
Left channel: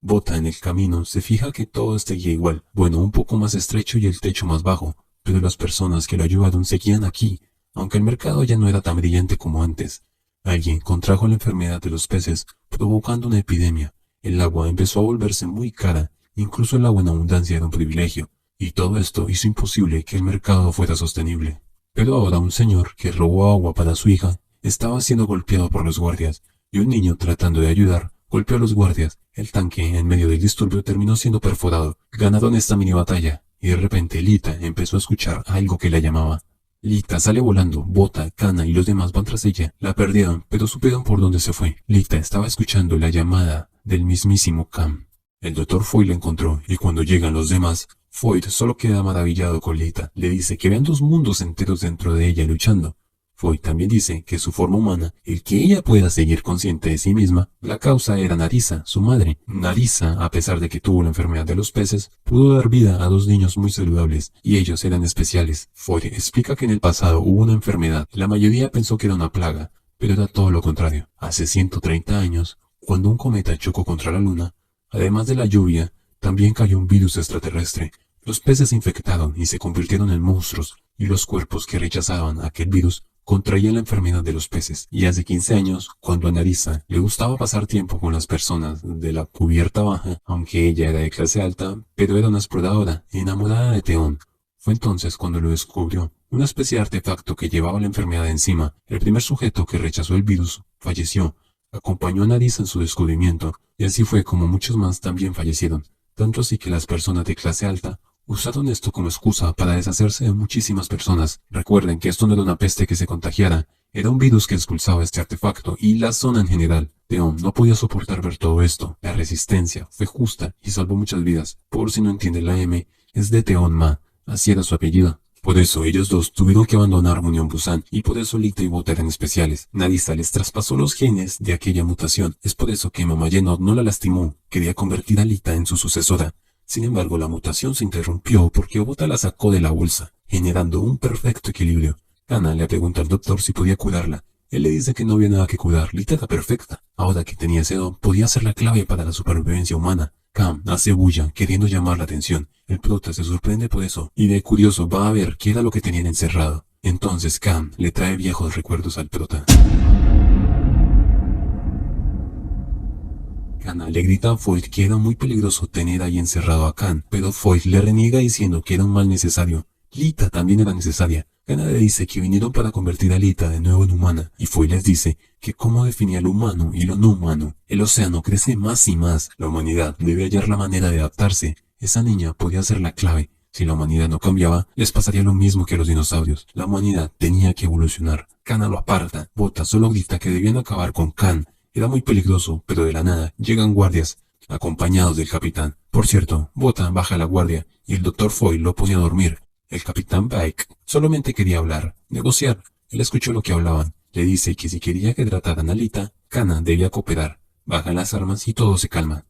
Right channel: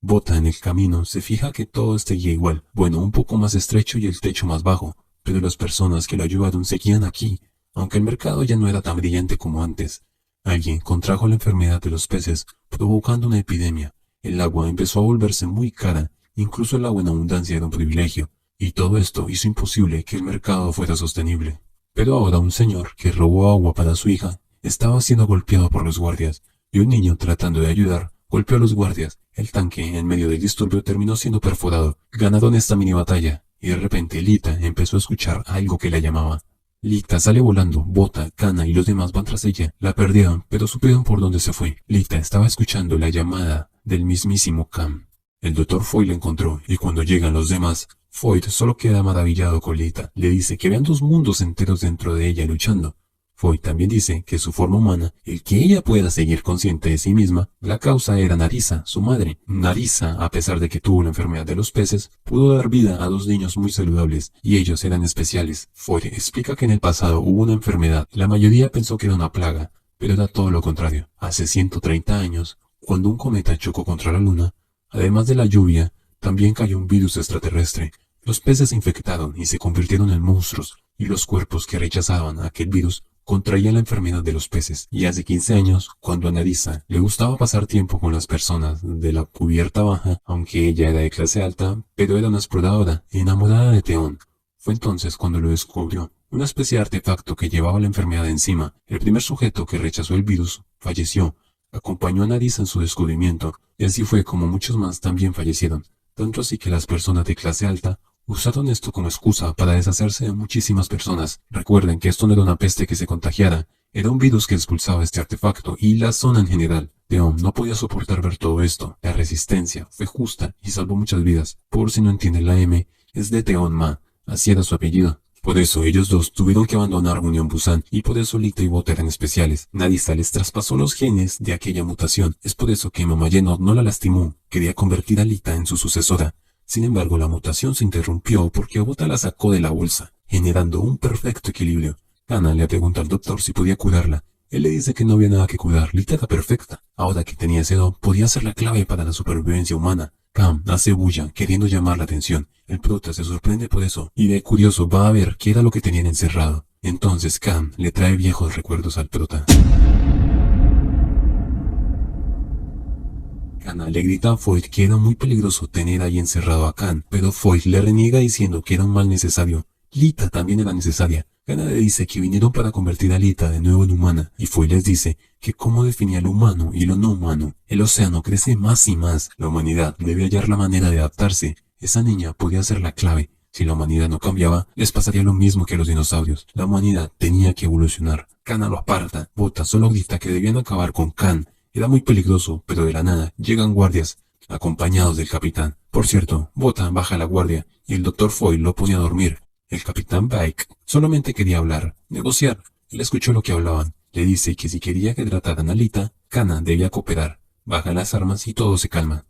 Bota en el camino se fija que todo seguía igual, bueno, un poco más estrecho y el techo más bajo, pero las personas que lo ayudaron seguían aquí, aunque el mercado ya no era tan brillante como antes. Alguien contrajo la enfermedad de los peces, provocando una epidemia. El agua empezó a volverse muy cara, incluso el agua en abundancia era un privilegio, y todo esto hizo imposible que el mercado fuera sostenible. Pero ahora un señor que robó agua para su hija estaba siendo golpeado por los guardias, y un niño tratando de ayudar golpeó a los guardias. El tanque, en medio del disturbio, terminó siendo perforado. Ganaron esta mini batalla, y de repente Lita empezó a escuchar algo que la llamaba. Lita sale volando, Bota, Kana y los demás van tras ella. La perdieron, pero supieron por dónde se fue. Lita estaba escuchando la llamada del mismísimo Cam. El Dr. Foyt la encontró, y cuando llegan los demás, Foyt solo queda maravillado con Lita. Le dice que vean 2 mundos enteros dentro de ella luchando. Foyt también dice que su forma humana, el que ella pueda seguir consciente de sí misma, la causa era Narisa, su madre. Narisa, a pesar de que tuvo la enfermedad de los peces, pudo dar vida a 2 niños muy saludables, y ellos eran especiales. Foyt explica que en el pasado hubo una enfermedad, la mayoría pensó que era una plaga, pero era todo lo contrario. Hace 130 años, cuando un cometa chocó contra la luna, además de la lluvia, también cayó un virus extraterrestre. Los peces se infectaron y se convirtieron en monstruos, y los cuerpos que rechazaban aquel virus contraían la enfermedad de los peces. Y hace 15 años, cuando a Narisa le gustaba pasar tiempo con las personas de la cubierta baja, aunque ella era de clase alta, pero era una exploradora, enamorada de Teón, fue entonces cuando lo descubrió, una especie de artefacto que llevaba la enfermedad encima. El primer sujeto que rechazó el virus falleció. Acompañó a Narisa en su descubrimiento, y así fue como muchos más también fallecieron, tanto así que las personas de clase alta usaron esto como excusa para deshacerse de muchísimas personas. Recuerden que esto no era una peste que se contagiara, era un virus que expulsaba este artefacto y la zona en general. Teón no podía soportar ver todo esto. La resistencia fue justa y salvó muchas vidas. Por si no entienden, la M es de Teón Ma, así era su apellido. Por eso ellos dos tuvieron que abandonar Unión Busan, y por eso Lita y Bota eran especiales. Narisa les traspasó los genes de aquella mutación. Es por eso que Mamá Yenod no la lastimó, quería convertir a Lita en su sucesora. Sin embargo, la mutación se interrumpió porque Bota la sacó de la bolsa, generando un perfecto equilibrio. Kana le pregunta al doctor si podía curarla. Él le dice que no había nada que curar, Lita era perfecta. Ahora que tenía ese don, podía ser la clave para la supervivencia humana. Cam hace bulla, queriendo llamar la atención. El prota se sorprende por eso, y de curioso va a ver qué era lo que tenían encerrado. Entonces Cam le trae viejos recuerdos al prota. Kana le grita a Foyt que era muy peligroso tener ahí encerrado a Khan, pero Foyt le reniega diciendo que era un mal necesario. Lita también era necesaria. Kana le dice que vinieron para convertir a Lita de nuevo en humana, y Foyt les dice que cómo definía lo humano y lo no humano. El océano crece más y más. La humanidad debe hallar la manera de adaptarse. Esa niña podía ser la clave. Si la humanidad no cambiaba, les pasaría lo mismo que a los dinosaurios. La humanidad tenía que evolucionar. Kana lo aparta. Bota solo grita que debían acabar con Khan. Era muy peligroso, pero de la nada llegan guardias, acompañados del capitán. Por cierto, Bota baja la guardia, y el Dr. Foyt lo pone a dormir. El capitán Bike solamente quería hablar, negociar. Él escuchó lo que hablaban. Le dice que si quería que trataran a Lita, Kana debía cooperar. Baja las armas y todo se calma.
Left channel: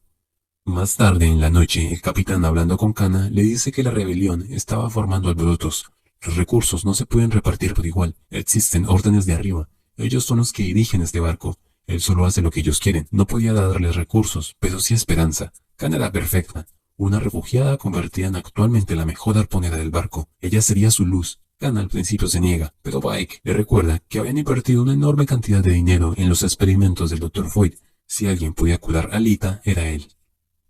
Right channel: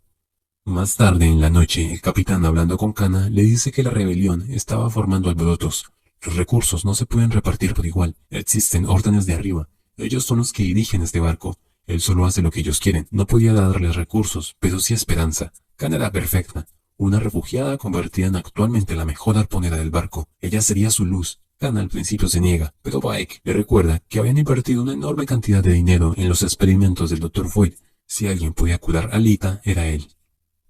Más tarde en la noche, el capitán hablando con Kana le dice que la rebelión estaba formando alborotos. Los recursos no se pueden repartir por igual. Existen órdenes de arriba. Ellos son los que dirigen este barco. Él solo hace lo que ellos quieren. No podía darles recursos, pero sí esperanza. Kana era perfecta. Una refugiada convertida en actualmente la mejor arponera del barco. Ella sería su luz. Kana al principio se niega, pero Bike le recuerda que habían invertido una enorme cantidad de dinero en los experimentos del Dr. Void. Si alguien podía curar a Lita, era él.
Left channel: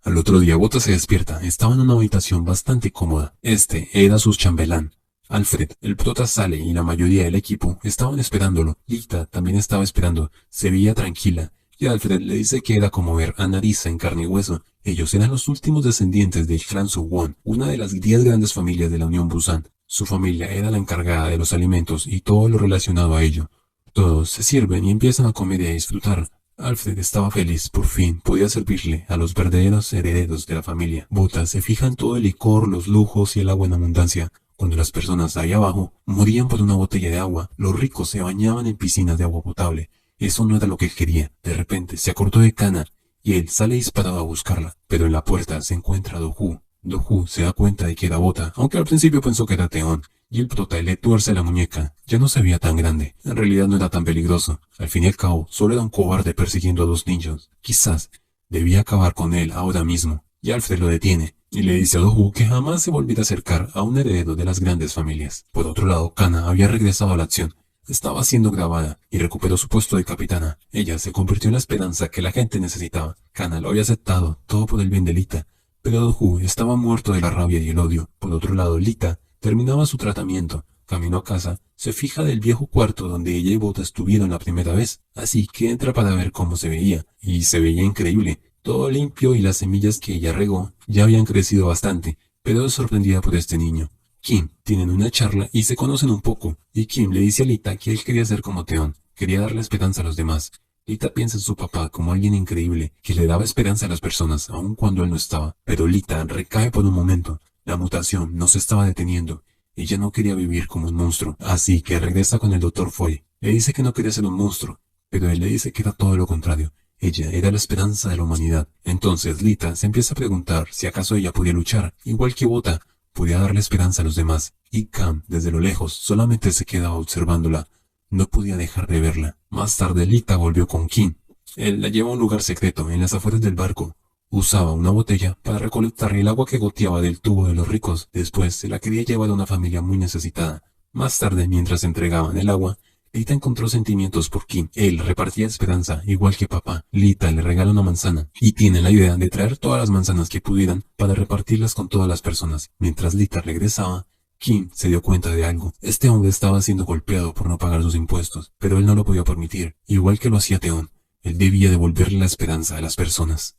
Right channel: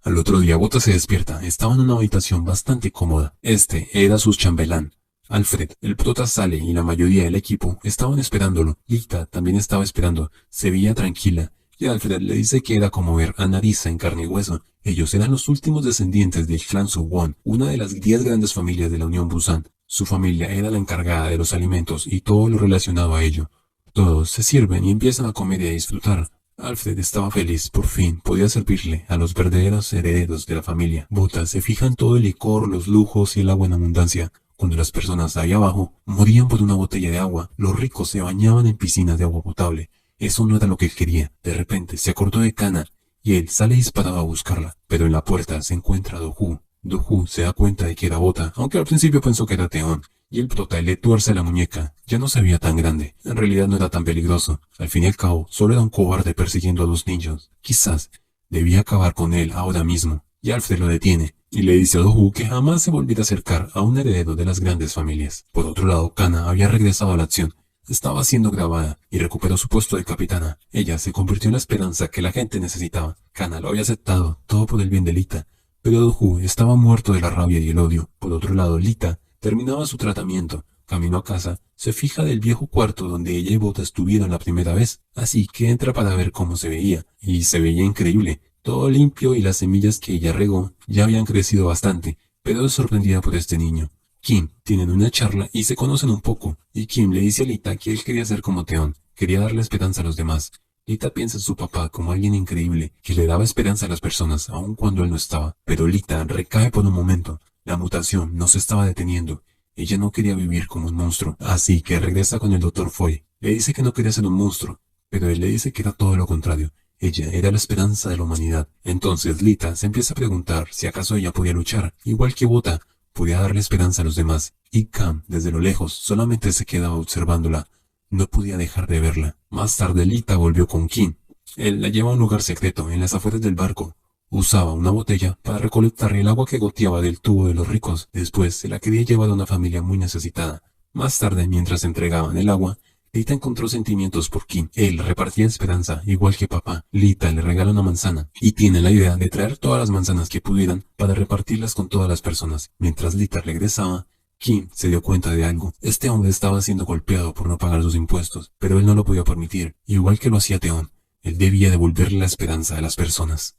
Al otro día Bota se despierta. Estaba en una habitación bastante cómoda. Este era su chambelán. Alfred, el prota, sale y la mayoría del equipo estaban esperándolo. Lita también estaba esperando. Se veía tranquila. Y Alfred le dice que era como ver a Narissa en carne y hueso. Ellos eran los últimos descendientes del clan Suwon, una de las 10 grandes familias de la Unión Busan. Su familia era la encargada de los alimentos y todo lo relacionado a ello. Todos se sirven y empiezan a comer y a disfrutar. Alfred estaba feliz, por fin podía servirle a los verdaderos herederos de la familia. Bota se fija en todo el licor, los lujos y el agua en abundancia. Cuando las personas ahí abajo morían por una botella de agua, los ricos se bañaban en piscinas de agua potable. Eso no era lo que él quería. De repente se acordó de Kana y él sale disparado a buscarla, pero en la puerta se encuentra Do-Hoo. Do-Hoo se da cuenta de que era Bota, aunque al principio pensó que era Teon. Y el prota le tuerce la muñeca. Ya no se veía tan grande. En realidad no era tan peligroso. Al fin y al cabo, solo era un cobarde persiguiendo a 2 niños. Quizás debía acabar con él ahora mismo. Y Alfred lo detiene y le dice a Do-Hoo que jamás se volviera a acercar a un heredero de las grandes familias. Por otro lado, Kana había regresado a la acción. Estaba siendo grabada y recuperó su puesto de capitana. Ella se convirtió en la esperanza que la gente necesitaba. Kana lo había aceptado, todo por el bien de Lita. Pero Do-Hoo estaba muerto de la rabia y el odio. Por otro lado, Lita terminaba su tratamiento. Camino a casa, se fija del viejo cuarto donde ella y Bota estuvieron la primera vez. Así que entra para ver cómo se veía. Y se veía increíble. Todo limpio y las semillas que ella regó ya habían crecido bastante. Pero es sorprendida por este niño. Kim tienen una charla y se conocen un poco. Y Kim le dice a Lita que él quería ser como Teon. Quería darle esperanza a los demás. Lita piensa en su papá como alguien increíble que le daba esperanza a las personas aun cuando él no estaba. Pero Lita recae por un momento. La mutación no se estaba deteniendo. Ella no quería vivir como un monstruo, así que regresa con el Dr. Foy. Le dice que no quería ser un monstruo, pero él le dice que era todo lo contrario. Ella era la esperanza de la humanidad. Entonces Lita se empieza a preguntar si acaso ella podía luchar, igual que Bota, podía darle esperanza a los demás. Y Cam, desde lo lejos, solamente se quedaba observándola. No podía dejar de verla. Más tarde Lita volvió con Kim. Él la lleva a un lugar secreto, en las afueras del barco. Usaba una botella para recolectar el agua que goteaba del tubo de los ricos. Después se la quería llevar a una familia muy necesitada. Más tarde, mientras entregaban el agua, Lita encontró sentimientos por Kim. Él repartía esperanza, igual que papá. Lita le regala una manzana y tiene la idea de traer todas las manzanas que pudieran para repartirlas con todas las personas. Mientras Lita regresaba, Kim se dio cuenta de algo. Este hombre estaba siendo golpeado por no pagar sus impuestos, pero él no lo podía permitir, igual que lo hacía Teon. Él debía devolverle la esperanza a las personas.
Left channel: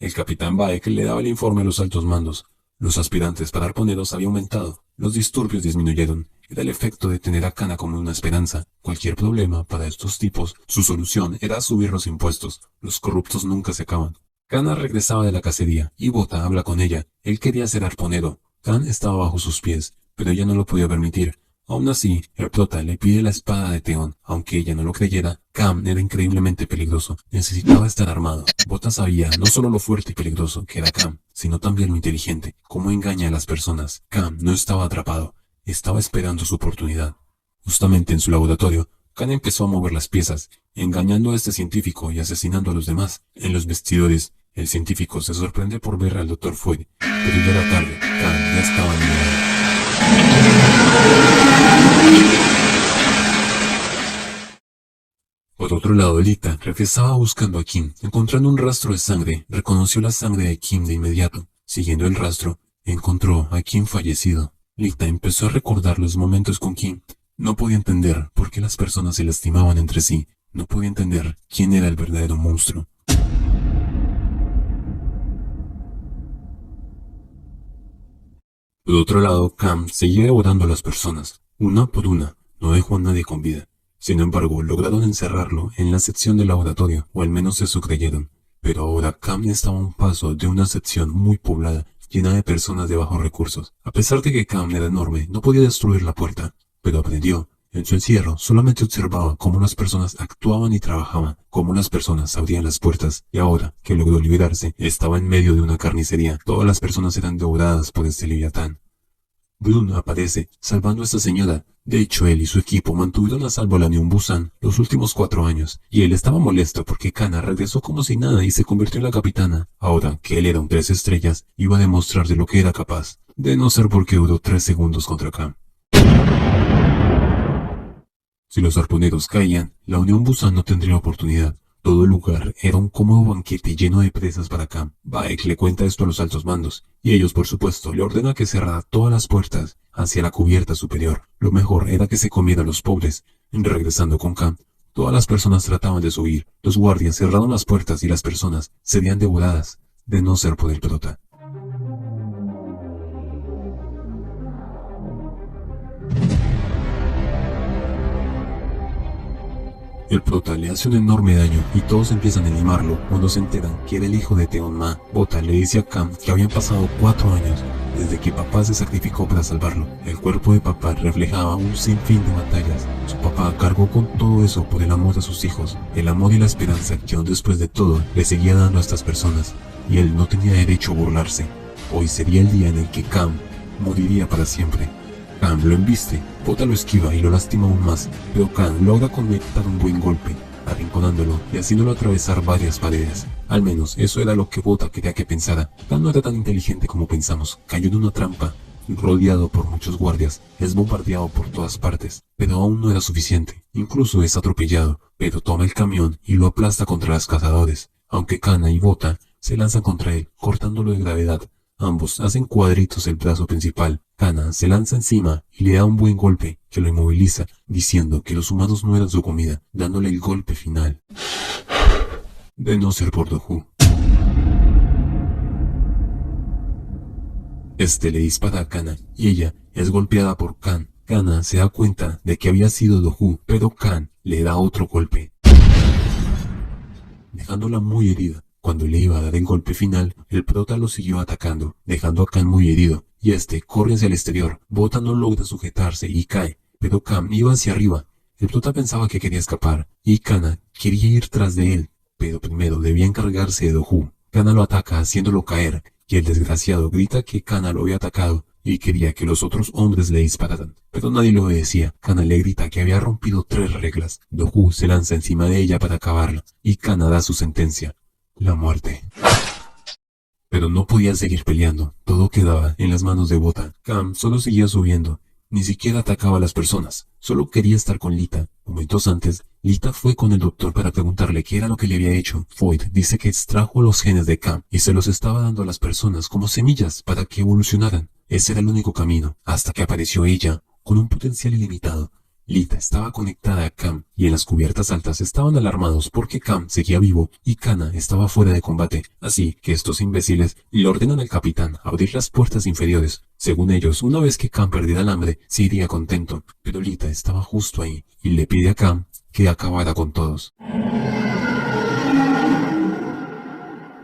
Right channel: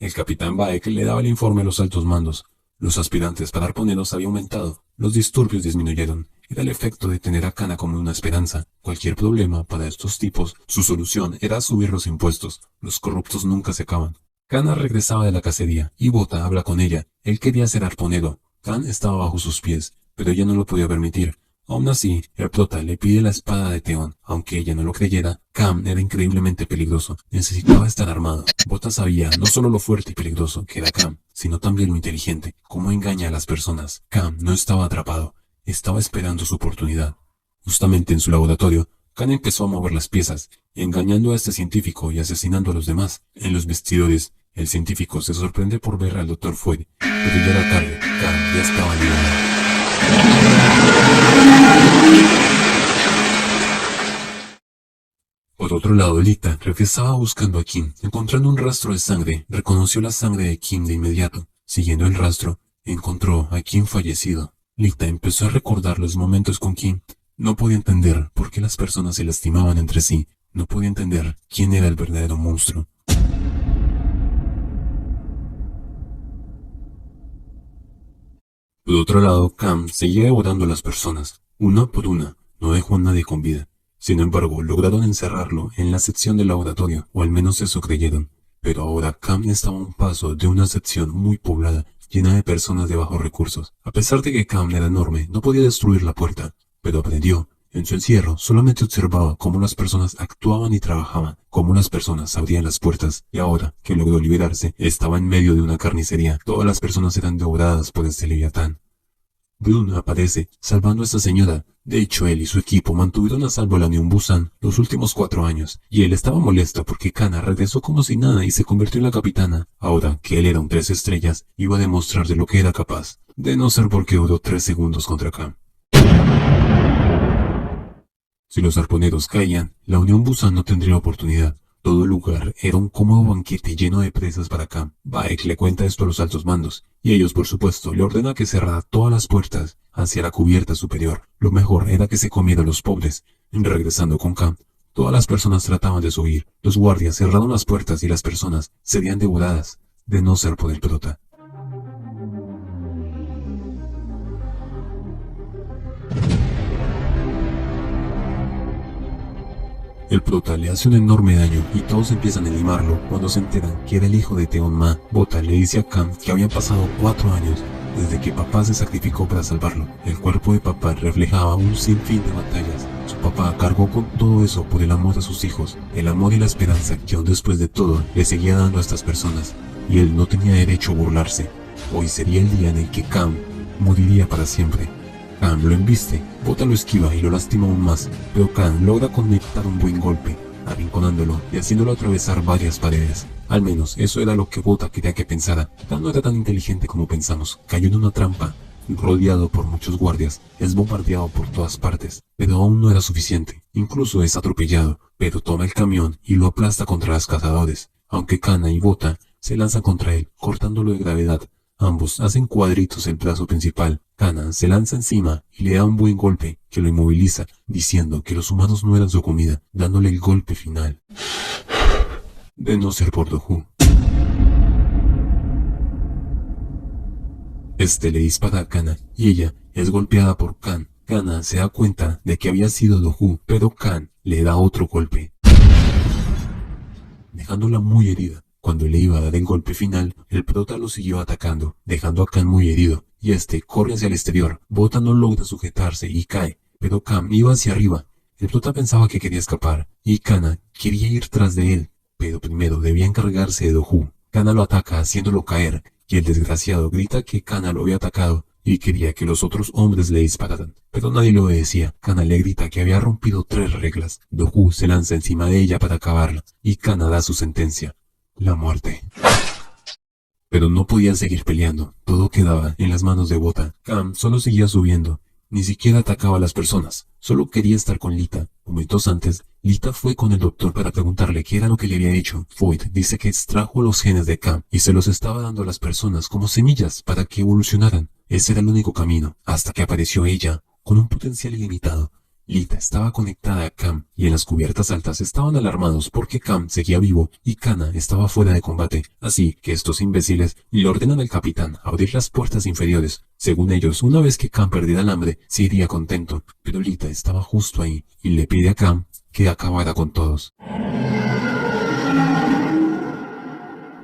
El capitán Baek le daba el informe a los altos mandos. Los aspirantes para arponeros había aumentado. Los disturbios disminuyeron. Era el efecto de tener a Kana como una esperanza. Cualquier problema para estos tipos, su solución era subir los impuestos. Los corruptos nunca se acaban. Kana regresaba de la cacería y Bota habla con ella. Él quería ser arponero. Kan estaba bajo sus pies, pero ella no lo podía permitir. Aún así, el prota le pide la espada de Teon. Aunque ella no lo creyera, Cam era increíblemente peligroso. Necesitaba estar armado. Bota sabía no solo lo fuerte y peligroso que era Cam, sino también lo inteligente. Cómo engaña a las personas. Cam no estaba atrapado. Estaba esperando su oportunidad. Justamente en su laboratorio, Khan empezó a mover las piezas, engañando a este científico y asesinando a los demás. En los vestidores, el científico se sorprende por ver al Dr. Fury, pero ya era tarde. Khan ya estaba liado. Por otro lado, Lita regresaba buscando a Kim. Encontrando un rastro de sangre, reconoció la sangre de Kim de inmediato. Siguiendo el rastro, encontró a Kim fallecido. Lita empezó a recordar los momentos con Kim. No podía entender por qué las personas se lastimaban entre sí. No podía entender quién era el verdadero monstruo. Por otro lado, Cam seguía devorando a las personas, una por una. No dejó a nadie con vida. Sin embargo, lograron encerrarlo en la sección del laboratorio, o al menos eso creyeron. Pero ahora Cam estaba a un paso de una sección muy poblada, llena de personas de bajos recursos. A pesar de que Cam era enorme, no podía destruir la puerta, pero aprendió. En su encierro, solamente observaba cómo las personas actuaban y trabajaban, cómo las personas abrían las puertas, y ahora que logró liberarse, estaba en medio de una carnicería. Todas las personas eran devoradas por este leviatán. Brun aparece, salvando a esta señora. De hecho, él y su equipo mantuvieron a salvo a la Unión Busan los últimos 4 años, y él estaba molesto porque Kana regresó como si nada y se convirtió en la capitana. Ahora que él era un 3 estrellas, iba a demostrar de lo que era capaz, de no ser porque duró 3 segundos contra Cam. Si los arponeros caían, la Unión Busan no tendría oportunidad. Todo el lugar era un cómodo banquete lleno de presas para Cam. Baek le cuenta esto a los altos mandos, y ellos por supuesto le ordenan que cerrara todas las puertas hacia la cubierta superior. Lo mejor era que se comieran los pobres. Regresando con Cam, todas las personas trataban de subir. Los guardias cerraron las puertas y las personas serían devoradas, de no ser por el prota. El prota le hace un enorme daño y todos empiezan a animarlo cuando se enteran que era el hijo de Teon Ma. Bota le dice a Cam que habían pasado 4 años desde que papá se sacrificó para salvarlo. El cuerpo de papá reflejaba un sinfín de batallas. Su papá cargó con todo eso por el amor a sus hijos, el amor y la esperanza que aún después de todo le seguía dando a estas personas, y él no tenía derecho a burlarse. Hoy sería el día en el que Cam moriría para siempre. Cam lo embiste, Bota lo esquiva y lo lastima aún más, pero Cam logra conectar un buen golpe, arrinconándolo y haciéndolo atravesar varias paredes. Al menos eso era lo que Bota quería que pensara. Cam no era tan inteligente como pensamos, cayó en una trampa, rodeado por muchos guardias, es bombardeado por todas partes, pero aún no era suficiente. Incluso es atropellado, pero toma el camión y lo aplasta contra los cazadores, aunque Kana y Bota se lanzan contra él, cortándolo de gravedad. Ambos hacen cuadritos el brazo principal. Kana se lanza encima y le da un buen golpe que lo inmoviliza, diciendo que los humanos no eran su comida, dándole el golpe final. De no ser por Dohu. Este le dispara a Kana y ella es golpeada por Kan. Kana se da cuenta de que había sido Dohu, pero Kan le da otro golpe, dejándola muy herida. Cuando le iba a dar el golpe final, el prota lo siguió atacando, dejando a Cam muy herido, y este corre hacia el exterior. Bota no logra sujetarse y cae, pero Cam iba hacia arriba. El prota pensaba que quería escapar, y Kana quería ir tras de él, pero primero debía encargarse de Dohu. Kana lo ataca haciéndolo caer, y el desgraciado grita que Kana lo había atacado, y quería que los otros hombres le dispararan, pero nadie lo obedecía. Kana le grita que había rompido 3 reglas. Dohu se lanza encima de ella para acabarla, y Kana da su sentencia. La muerte. Pero no podían seguir peleando, todo quedaba en las manos de Bota. Cam solo seguía subiendo, ni siquiera atacaba a las personas, solo quería estar con Lita. Momentos antes, Lita fue con el doctor para preguntarle qué era lo que le había hecho. Foyt dice que extrajo los genes de Cam y se los estaba dando a las personas como semillas para que evolucionaran. Ese era el único camino, hasta que apareció ella, con un potencial ilimitado. Lita estaba conectada a Cam y en las cubiertas altas estaban alarmados porque Cam seguía vivo y Kana estaba fuera de combate, así que estos imbéciles le ordenan al capitán abrir las puertas inferiores. Según ellos, una vez que Cam perdiera el hambre, se iría contento, pero Lita estaba justo ahí y le pide a Cam que acabara con todos.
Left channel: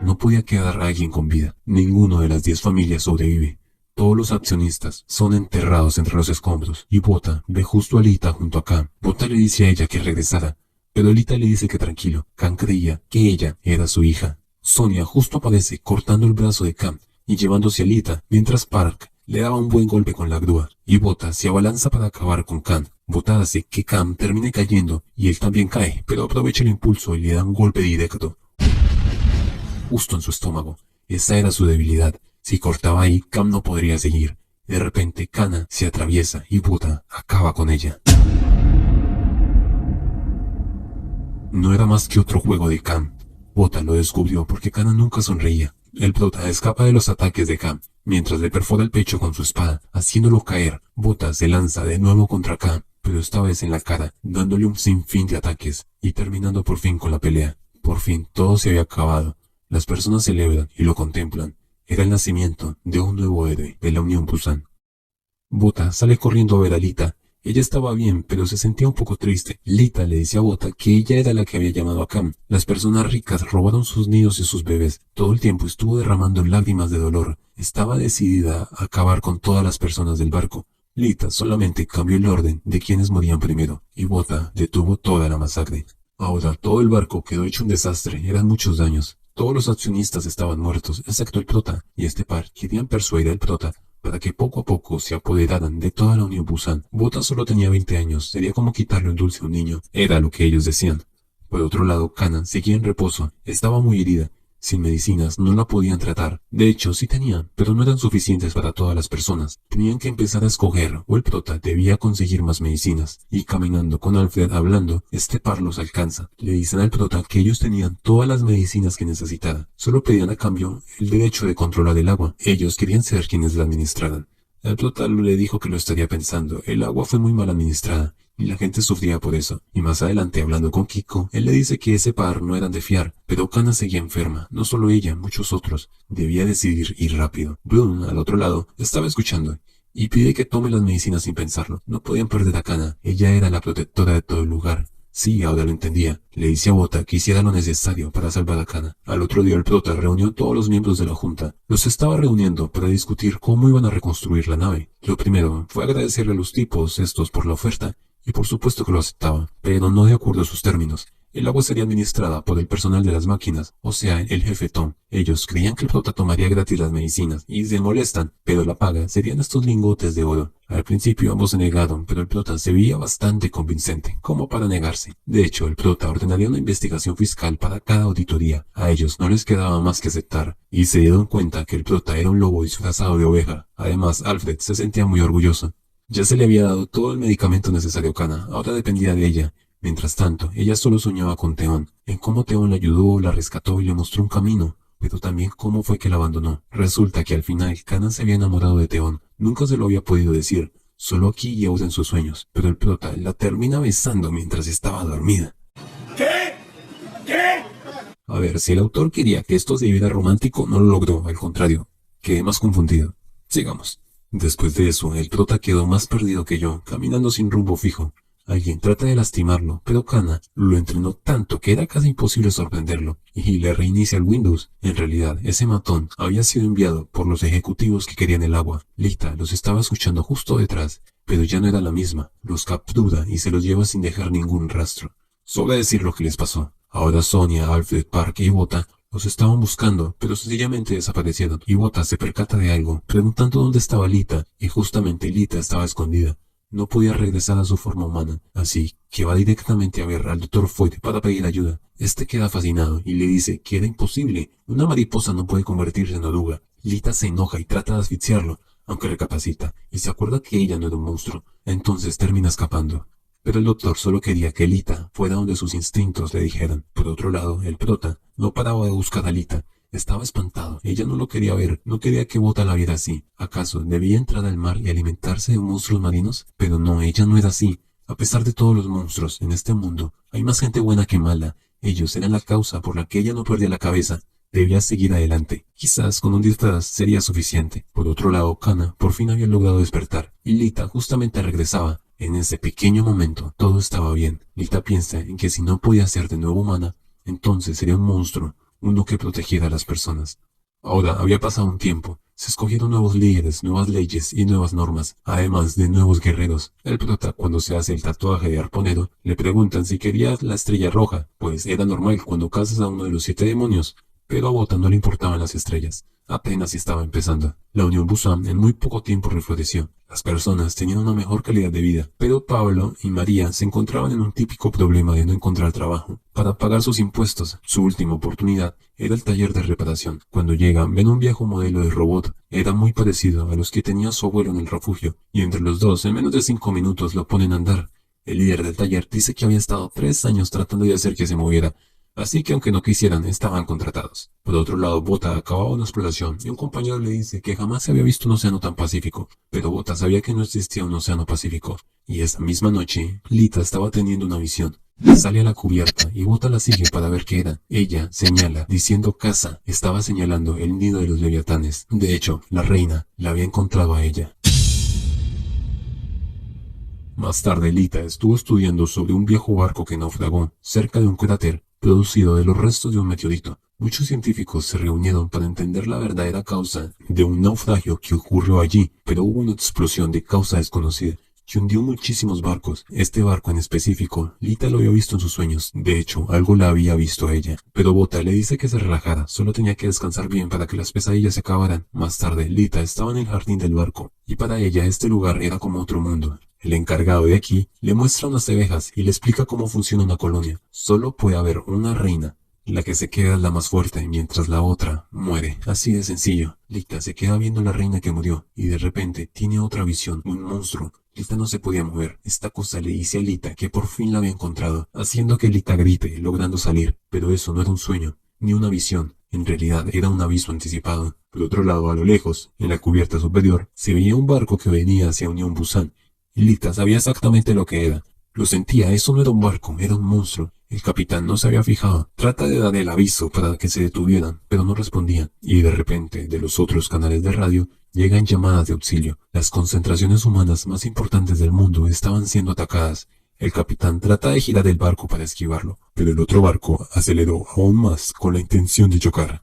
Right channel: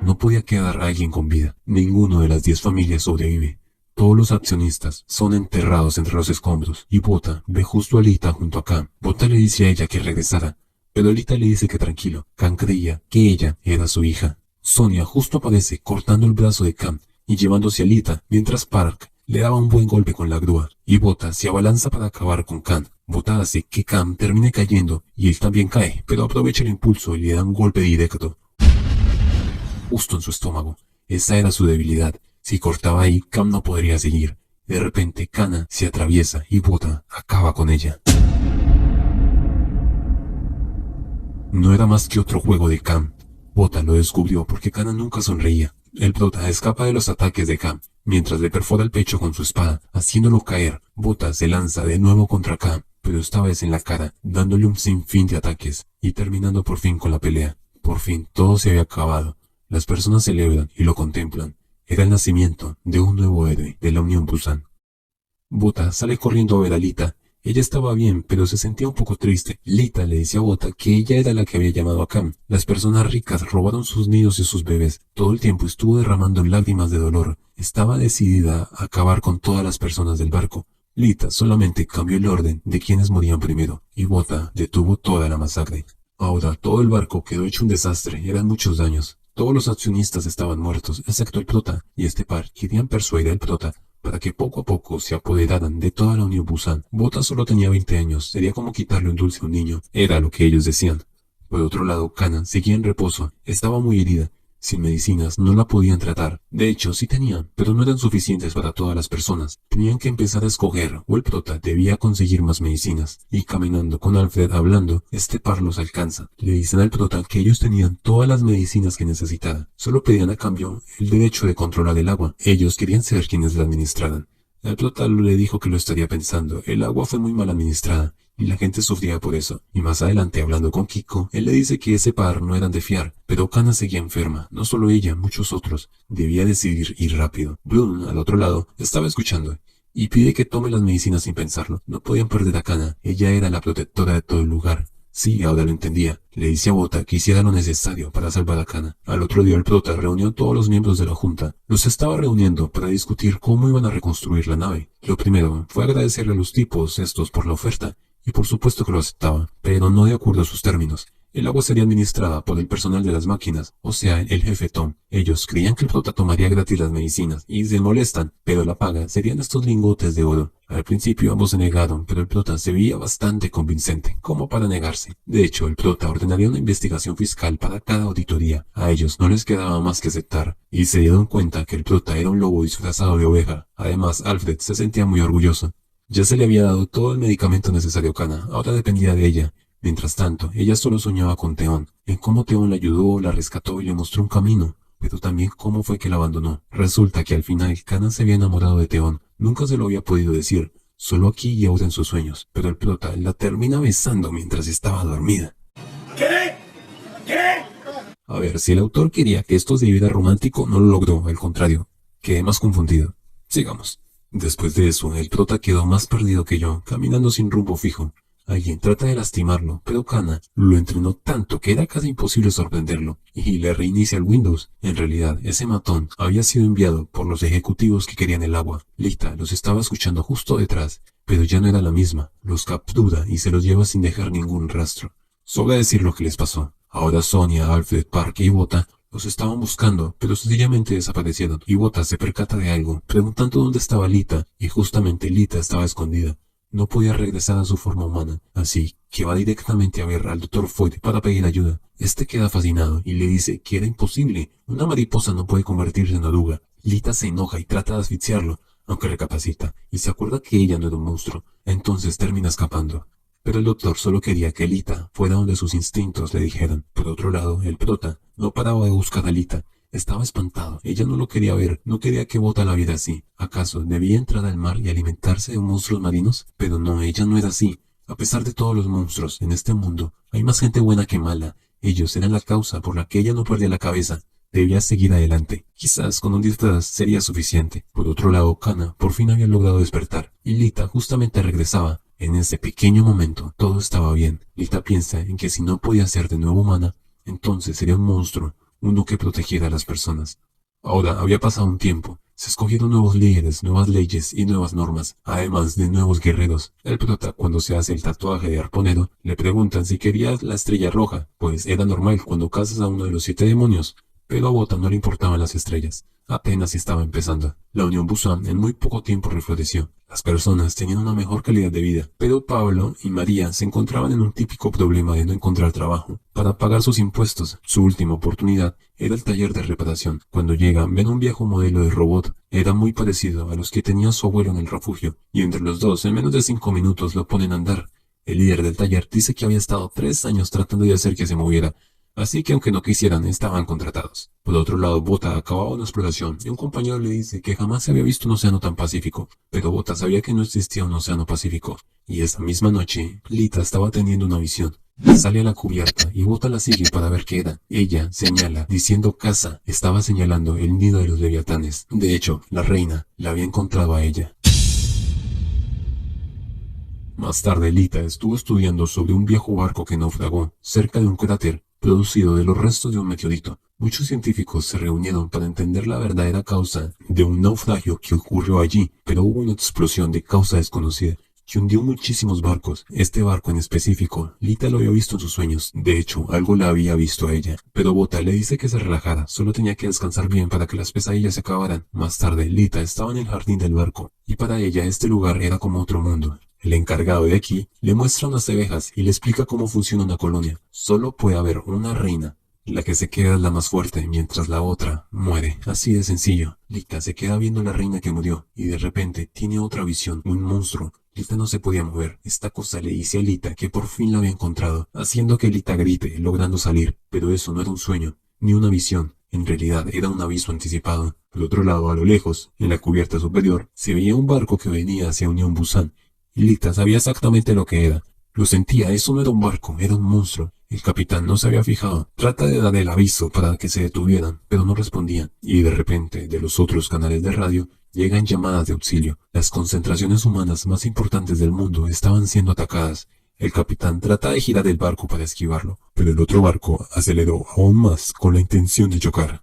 No podía quedar alguien con vida, ninguno de las 10 familias sobrevive. Todos los accionistas son enterrados entre los escombros, y Bota ve justo a Lita junto a Cam. Bota le dice a ella que regresara, pero Lita le dice que tranquilo. Cam creía que ella era su hija. Sonia justo aparece cortando el brazo de Cam y llevándose a Lita, mientras Park le daba un buen golpe con la grúa, y Bota se abalanza para acabar con Cam. Bota hace que Cam termine cayendo, y él también cae, pero aprovecha el impulso y le da un golpe directo, justo en su estómago. Esa era su debilidad. Si cortaba ahí, Cam no podría seguir. De repente, Kana se atraviesa y Bota acaba con ella. No era más que otro juego de Cam. Bota lo descubrió porque Kana nunca sonreía. El prota escapa de los ataques de Cam, mientras le perfora el pecho con su espada, haciéndolo caer. Bota se lanza de nuevo contra Cam, pero esta vez en la cara, dándole un sinfín de ataques, y terminando por fin con la pelea. Por fin, todo se había acabado. Las personas celebran y lo contemplan. Era el nacimiento de un nuevo héroe de la Unión Busan. Bota sale corriendo a ver a Lita Ella estaba bien, pero se sentía un poco triste. Lita le decía a Bota que ella era la que había llamado a Cam. Las personas ricas robaron sus niños y sus bebés. Todo el tiempo estuvo derramando lágrimas de dolor. Estaba decidida a acabar con todas las personas del barco. Lita solamente cambió el orden de quienes morían primero, y Bota detuvo toda la masacre. Ahora todo el barco quedó hecho un desastre, eran muchos daños. Todos los accionistas estaban muertos, excepto el prota, y este par querían persuadir al prota para que poco a poco se apoderaran de toda la Unión Busan. Bota solo tenía 20 años, sería como quitarle un dulce a un niño, era lo que ellos decían. Por otro lado, Kana seguía en reposo, estaba muy herida. Sin medicinas no la podían tratar. De hecho, sí tenían, pero no eran suficientes para todas las personas. Tenían que empezar a escoger, o el prota debía conseguir más medicinas. Y caminando con Alfred hablando, este par los alcanza. Le dicen al prota que ellos tenían todas las medicinas que necesitaban. Solo pedían a cambio el derecho de controlar el agua. Ellos querían ser quienes la administraran. El prota le dijo que lo estaría pensando. El agua fue muy mal administrada, y la gente sufría por eso. Y más adelante, hablando con Kiko, él le dice que ese par no eran de fiar. Pero Kana seguía enferma, no solo ella, muchos otros. Debía decidir ir rápido. Bloom, al otro lado, estaba escuchando, y pide que tome las medicinas sin pensarlo. No podían perder a Kana, ella era la protectora de todo el lugar. Sí, ahora lo entendía. Le dice a Bota que hiciera lo necesario para salvar a Kana. Al otro día el prota reunió a todos los miembros de la junta. Los estaba reuniendo para discutir cómo iban a reconstruir la nave. Lo primero fue agradecerle a los tipos estos por la oferta, y por supuesto que lo aceptaban, pero no de acuerdo a sus términos. El agua sería administrada por el personal de las máquinas, o sea, el jefe Tom. Ellos creían que el prota tomaría gratis las medicinas, y se molestan, pero la paga serían estos lingotes de oro. Al principio ambos se negaron, pero el prota se veía bastante convincente, como para negarse. De hecho, el prota ordenaría una investigación fiscal para cada auditoría. A ellos no les quedaba más que aceptar, y se dieron cuenta que el prota era un lobo disfrazado de oveja. Además, Alfred se sentía muy orgulloso. Ya se le había dado todo el medicamento necesario a Kana, ahora dependía de ella. Mientras tanto, ella solo soñaba con Theon, en cómo Theon la ayudó, la rescató y le mostró un camino, pero también cómo fue que la abandonó. Resulta que al final Kana se había enamorado de Theon, nunca se lo había podido decir, solo aquí y ahora en sus sueños, pero el prota la termina besando mientras estaba dormida. ¿Qué? ¿Qué? A ver, si el autor quería que esto se viera romántico, no lo logró, al contrario, quedé más confundido. Sigamos. Después de eso, el prota quedó más perdido que yo, caminando sin rumbo fijo. Alguien trata de lastimarlo, pero Kana lo entrenó tanto que era casi imposible sorprenderlo, y le reinicia el Windows. En realidad, ese matón había sido enviado por los ejecutivos que querían el agua. Lita los estaba escuchando justo detrás, pero ya no era la misma. Los captura y se los lleva sin dejar ningún rastro. Solo decir lo que les pasó. Ahora Sonia, Alfred, Parker y Bota los estaban buscando, pero sencillamente desaparecieron, y Bota se percata de algo, preguntando dónde estaba Lita, y justamente Lita estaba escondida. No podía regresar a su forma humana, así que va directamente a ver al Dr. Foyt para pedir ayuda. Este queda fascinado y le dice que era imposible, una mariposa no puede convertirse en oruga. Lita se enoja y trata de asfixiarlo, aunque recapacita, y se acuerda que ella no era un monstruo, entonces termina escapando. Pero el doctor solo quería que Lita fuera donde sus instintos le dijeran. Por otro lado, el prota no paraba de buscar a Lita. Estaba espantado. Ella no lo quería ver. No quería que Bota la viera así. ¿Acaso debía entrar al mar y alimentarse de monstruos marinos? Pero no, ella no era así. A pesar de todos los monstruos en este mundo, hay más gente buena que mala. Ellos eran la causa por la que ella no perdía la cabeza. Debía seguir adelante. Quizás con un disfraz sería suficiente. Por otro lado, Kana por fin había logrado despertar. Y Lita justamente regresaba. En ese pequeño momento, todo estaba bien. Lita piensa en que si no podía ser de nuevo humana, entonces sería un monstruo, uno que protegiera a las personas. Ahora había pasado un tiempo. Se escogieron nuevos líderes, nuevas leyes y nuevas normas, además de nuevos guerreros. El prota, cuando se hace el tatuaje de arponero, le preguntan si quería la estrella roja, pues era normal cuando cazas a uno de los 7 demonios. Pero a Bota no le importaban las estrellas. Apenas estaba empezando. La Unión Busan en muy poco tiempo refloreció. Las personas tenían una mejor calidad de vida, pero Pablo y María se encontraban en un típico problema de no encontrar trabajo. Para pagar sus impuestos, su última oportunidad era el taller de reparación. Cuando llegan, ven un viejo modelo de robot. Era muy parecido a los que tenía su abuelo en el refugio, y entre los dos, en menos de 5 minutos, lo ponen a andar. El líder del taller dice que había estado 3 años tratando de hacer que se moviera, así que aunque no quisieran, estaban contratados. Por otro lado, Bota acababa una exploración y un compañero le dice que jamás se había visto un océano tan pacífico, pero Bota sabía que no existía un océano pacífico, y esa misma noche, Lita estaba teniendo una visión. Sale a la cubierta y Bota la sigue para ver qué era. Ella señala, diciendo casa, estaba señalando el nido de los leviatanes. De hecho, la reina la había encontrado a ella. Más tarde, Lita estuvo estudiando sobre un viejo barco que naufragó cerca de un cráter producido de los restos de un meteorito. Muchos científicos se reunieron para entender la verdadera causa de un naufragio que ocurrió allí, pero hubo una explosión de causa desconocida que hundió muchísimos barcos. Este barco en específico, Lita lo había visto en sus sueños. De hecho, algo la había visto a ella. Pero Bota le dice que se relajara, solo tenía que descansar bien para que las pesadillas se acabaran. Más tarde, Lita estaba en el jardín del barco, y para ella este lugar era como otro mundo. El encargado de aquí le muestra unas abejas y le explica cómo funciona una colonia. Solo puede haber una reina. La que se queda es la más fuerte, mientras la otra muere. Así de sencillo. Lita se queda viendo a la reina que murió, y de repente tiene otra visión, un monstruo. Lita no se podía mover. Esta cosa le dice a Lita que por fin la había encontrado, haciendo que Lita grite, logrando salir. Pero eso no era un sueño, ni una visión. En realidad era un aviso anticipado. Por otro lado, a lo lejos, en la cubierta superior, se veía un barco que venía hacia Unión Busan. Y Lita sabía exactamente lo que era. Lo sentía, eso no era un barco, era un monstruo. El capitán no se había fijado. Trata de dar el aviso para que se detuvieran, pero no respondían. Y de repente, de los otros canales de radio, llegan llamadas de auxilio. Las concentraciones humanas más importantes del mundo estaban siendo atacadas. El capitán trata de girar el barco para esquivarlo, pero el otro barco aceleró aún más con la intención de chocar.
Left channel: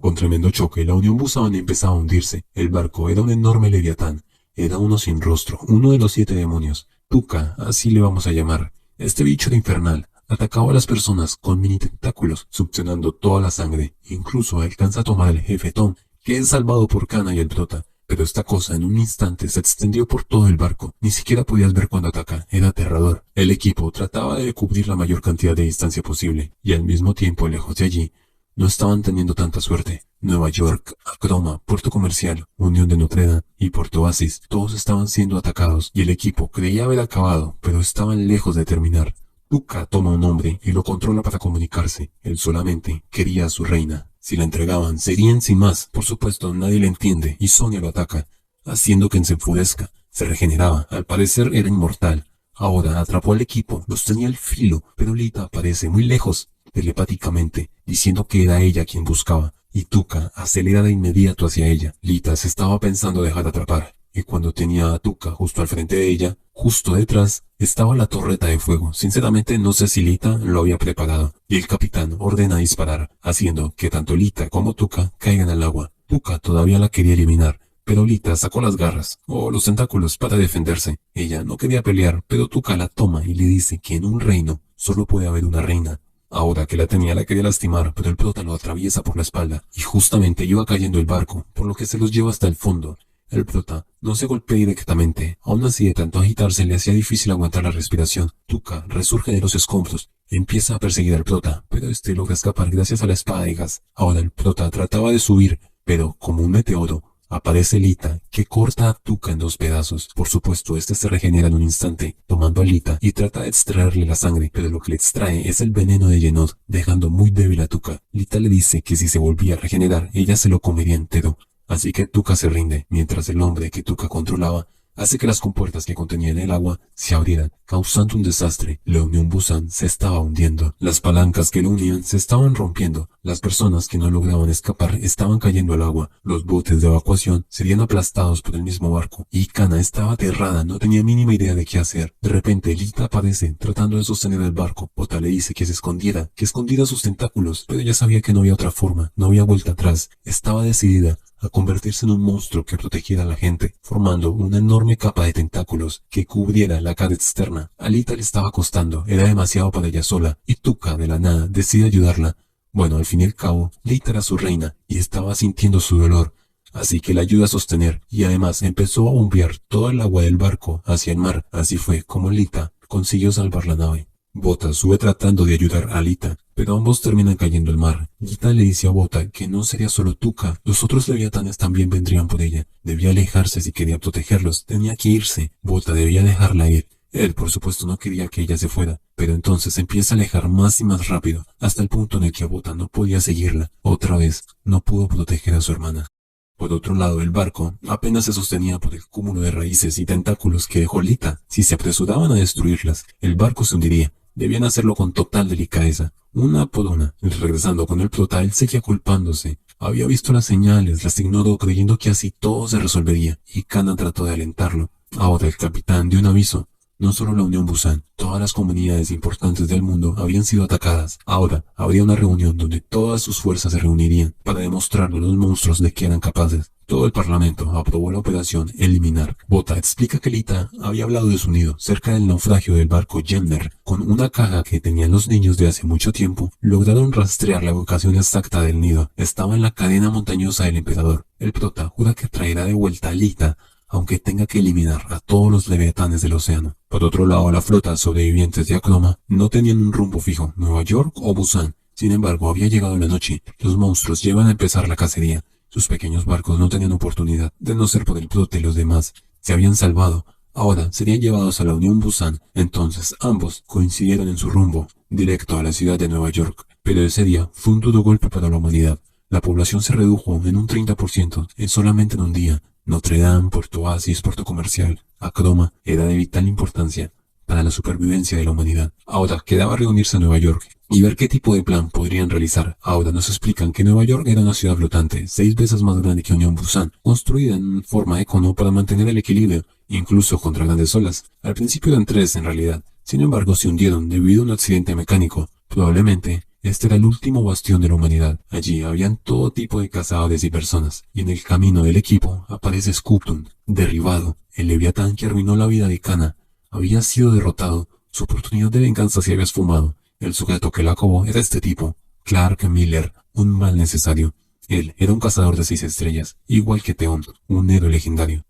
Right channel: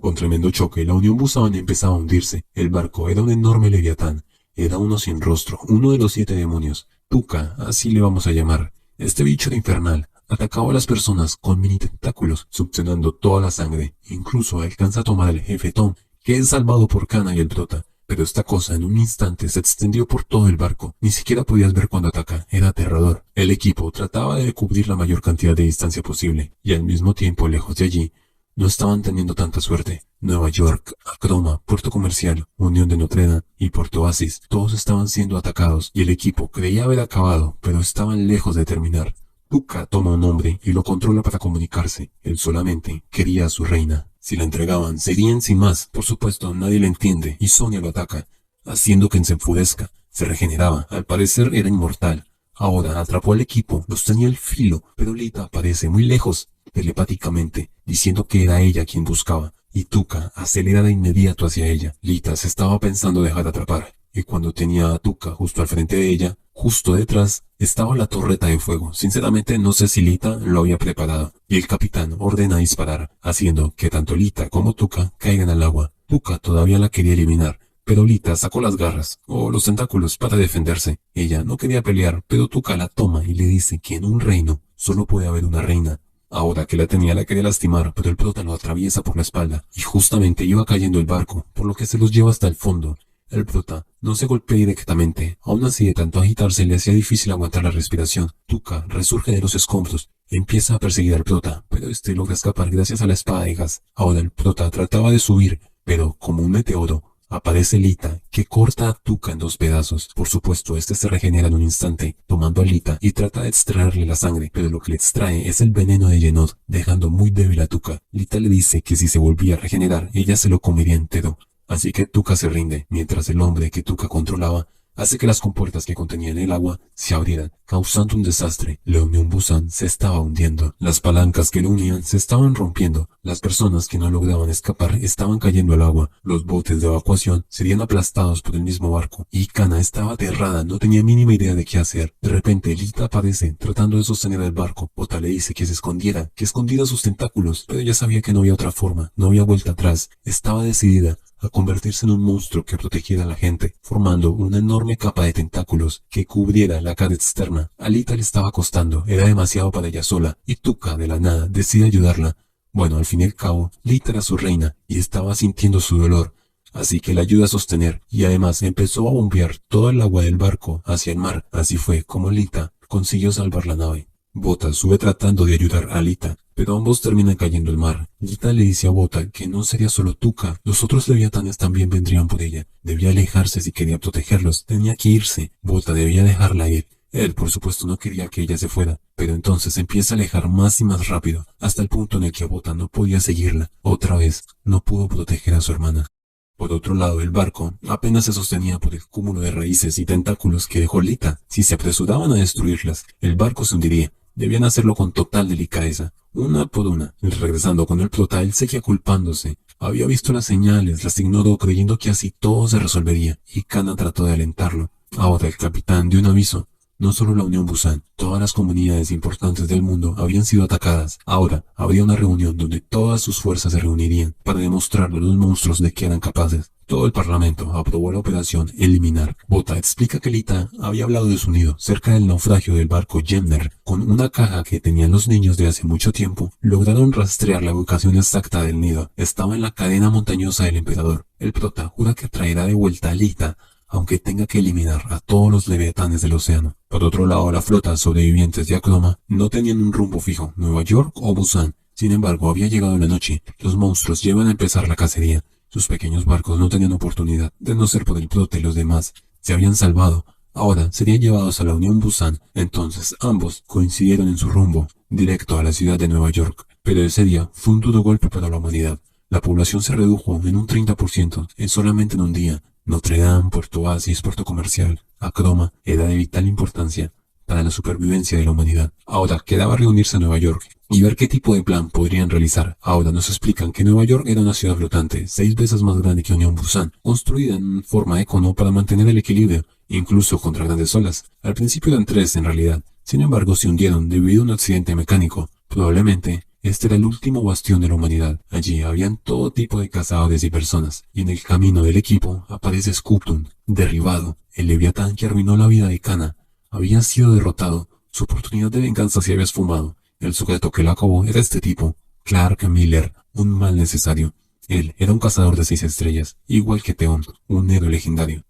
Con tremendo choque, la Unión Busan empezaba a hundirse. El barco era un enorme leviatán. Era uno sin rostro, uno de los 7 demonios. Tuca, así le vamos a llamar. Este bicho era infernal. Atacaba a las personas con mini tentáculos, succionando toda la sangre. Incluso alcanza a tomar al jefe Tom, que es salvado por Kana y el prota. Pero esta cosa en un instante se extendió por todo el barco. Ni siquiera podías ver cuando ataca. Era aterrador. El equipo trataba de cubrir la mayor cantidad de distancia posible. Y al mismo tiempo, lejos de allí, no estaban teniendo tanta suerte. Nueva York, Acroma, Puerto Comercial, Unión de Notre Dame y Puerto Oasis, todos estaban siendo atacados y el equipo creía haber acabado, pero estaban lejos de terminar. Tuca toma un hombre y lo controla para comunicarse. Él solamente quería a su reina. Si la entregaban, serían sin más. Por supuesto, nadie la entiende y Sonia lo ataca, haciendo que se enfurezca. Se regeneraba. Al parecer era inmortal. Ahora atrapó al equipo, los tenía al filo, pero Lita aparece muy lejos, telepáticamente, diciendo que era ella quien buscaba. Y Tuca acelera de inmediato hacia ella. Lita se estaba pensando dejar atrapar, y cuando tenía a Tuca justo al frente de ella, justo detrás, estaba la torreta de fuego. Sinceramente no sé si Lita lo había preparado, y el capitán ordena disparar, haciendo que tanto Lita como Tuca caigan al agua. Tuca todavía la quería eliminar, pero Lita sacó las garras, o los tentáculos, para defenderse. Ella no quería pelear, pero Tuca la toma y le dice que en un reino solo puede haber una reina. Ahora que la tenía la quería lastimar, pero el prota lo atraviesa por la espalda, y justamente iba cayendo el barco, por lo que se los lleva hasta el fondo. El prota no se golpea directamente, aún así de tanto agitarse le hacía difícil aguantar la respiración. Tuca resurge de los escombros, empieza a perseguir al prota, pero este logra escapar gracias a la espada de gas. Ahora el prota trataba de subir, pero como un meteoro, aparece Lita, que corta a Tuca en 2 pedazos. Por supuesto, este se regenera en un instante, tomando a Lita y trata de extraerle la sangre, pero lo que le extrae es el veneno de Yenod, dejando muy débil a Tuca. Lita le dice que si se volvía a regenerar, ella se lo comería entero. Así que Tuca se rinde, mientras el hombre que Tuca controlaba hace que las compuertas que contenían el agua se abrieran, causando un desastre. La Unión Busan se estaba hundiendo. Las palancas que lo unían se estaban rompiendo. Las personas que no lograban escapar estaban cayendo al agua. Los botes de evacuación serían aplastados por el mismo barco. Y Kana estaba aterrada, no tenía mínima idea de qué hacer. De repente, Lita aparece, tratando de sostener el barco. Bota le dice que se escondiera, que escondiera sus tentáculos, pero ella sabía que no había otra forma, no había vuelta atrás. Estaba decidida a convertirse en un monstruo que protegiera a la gente, formando una enorme capa de tentáculos que cubriera la cara externa. A Lita le estaba costando, era demasiado para ella sola, y Tuca de la nada decide ayudarla. Bueno, al fin y al cabo, Lita era su reina, y estaba sintiendo su dolor, así que la ayuda a sostener, y además empezó a bombear todo el agua del barco hacia el mar. Así fue como Lita consiguió salvar la nave. Bota sube tratando de ayudar a Lita, pero ambos terminan cayendo al mar. Lita le dice a Bota que no sería solo Tuca, los otros leviatanes también vendrían por ella. Debía alejarse si quería protegerlos, tenía que irse. Bota debía dejarla ir. Él, por supuesto, no quería que ella se fuera, pero entonces empieza a alejar más y más rápido, hasta el punto en el que Bota no podía seguirla. Otra vez, no pudo proteger a su hermana. Por otro lado, el barco apenas se sostenía por el cúmulo de raíces y tentáculos que dejó Lita. Si se apresuraban a destruirlas, el barco se hundiría. Debían hacerlo con total delicadeza, una por una. Regresando con el prota, él seguía culpándose. Había visto las señales, las ignoró creyendo que así todo se resolvería, y Kana trató de alentarlo. Ahora el capitán dio un aviso. No solo la Unión Busan, todas las comunidades importantes del mundo habían sido atacadas. Ahora habría una reunión donde todas sus fuerzas se reunirían para demostrarle a los monstruos de que eran capaces. Todo el parlamento aprobó la operación Eliminar. Bota explica que Lita había hablado de su nido cerca del naufragio del barco Jemner. Con una caja que tenían los niños de hace mucho tiempo, lograron rastrear la ubicación exacta del nido. Estaba en la cadena montañosa del emperador. El prota jura que traerá de vuelta a Lita, aunque tenga que eliminar a todos los leviatanes del océano. Por otro lado, la flota sobrevivientes de Akroma no tenían un rumbo fijo, Nueva York o Busan. Sin embargo, había llegado la noche. Los monstruos llevan a empezar la cacería. Sus pequeños barcos no tenían oportunidad, de no ser por el prota y los demás. Se habían salvado. Ahora serían llevados a la Unión Busan. Entonces ambos coincidieron en su rumbo, directo a la ciudad de Nueva York. Pero ese día fue un duro golpe para la humanidad. La población se redujo en un 30% solamente en un día. Notre Dame, Puerto Oasis, puerto comercial, Akroma, era de vital importancia para la supervivencia de la humanidad. Ahora quedaba reunirse en Nueva York y ver qué tipo de plan podrían realizar. Ahora nos explican que Nueva York era una ciudad flotante, 6 veces más grande que Unión Busan, construida en forma de cono para mantener el equilibrio, incluso contra grandes olas. Al principio eran 3 en realidad, sin embargo se hundieron debido a un accidente mecánico. Probablemente este era el último bastión de la humanidad. Allí habían todo tipo de cazadores y personas, y en el camino del equipo aparece Skuptun, derribado. El leviatán que arruinó la vida de Kana había sido derrotado. Su oportunidad de venganza se había esfumado. El sujeto que la acabó era este tipo, Clark Miller, un mal necesario. Él era un cazador de 6 estrellas, igual que Theon, un héroe legendario.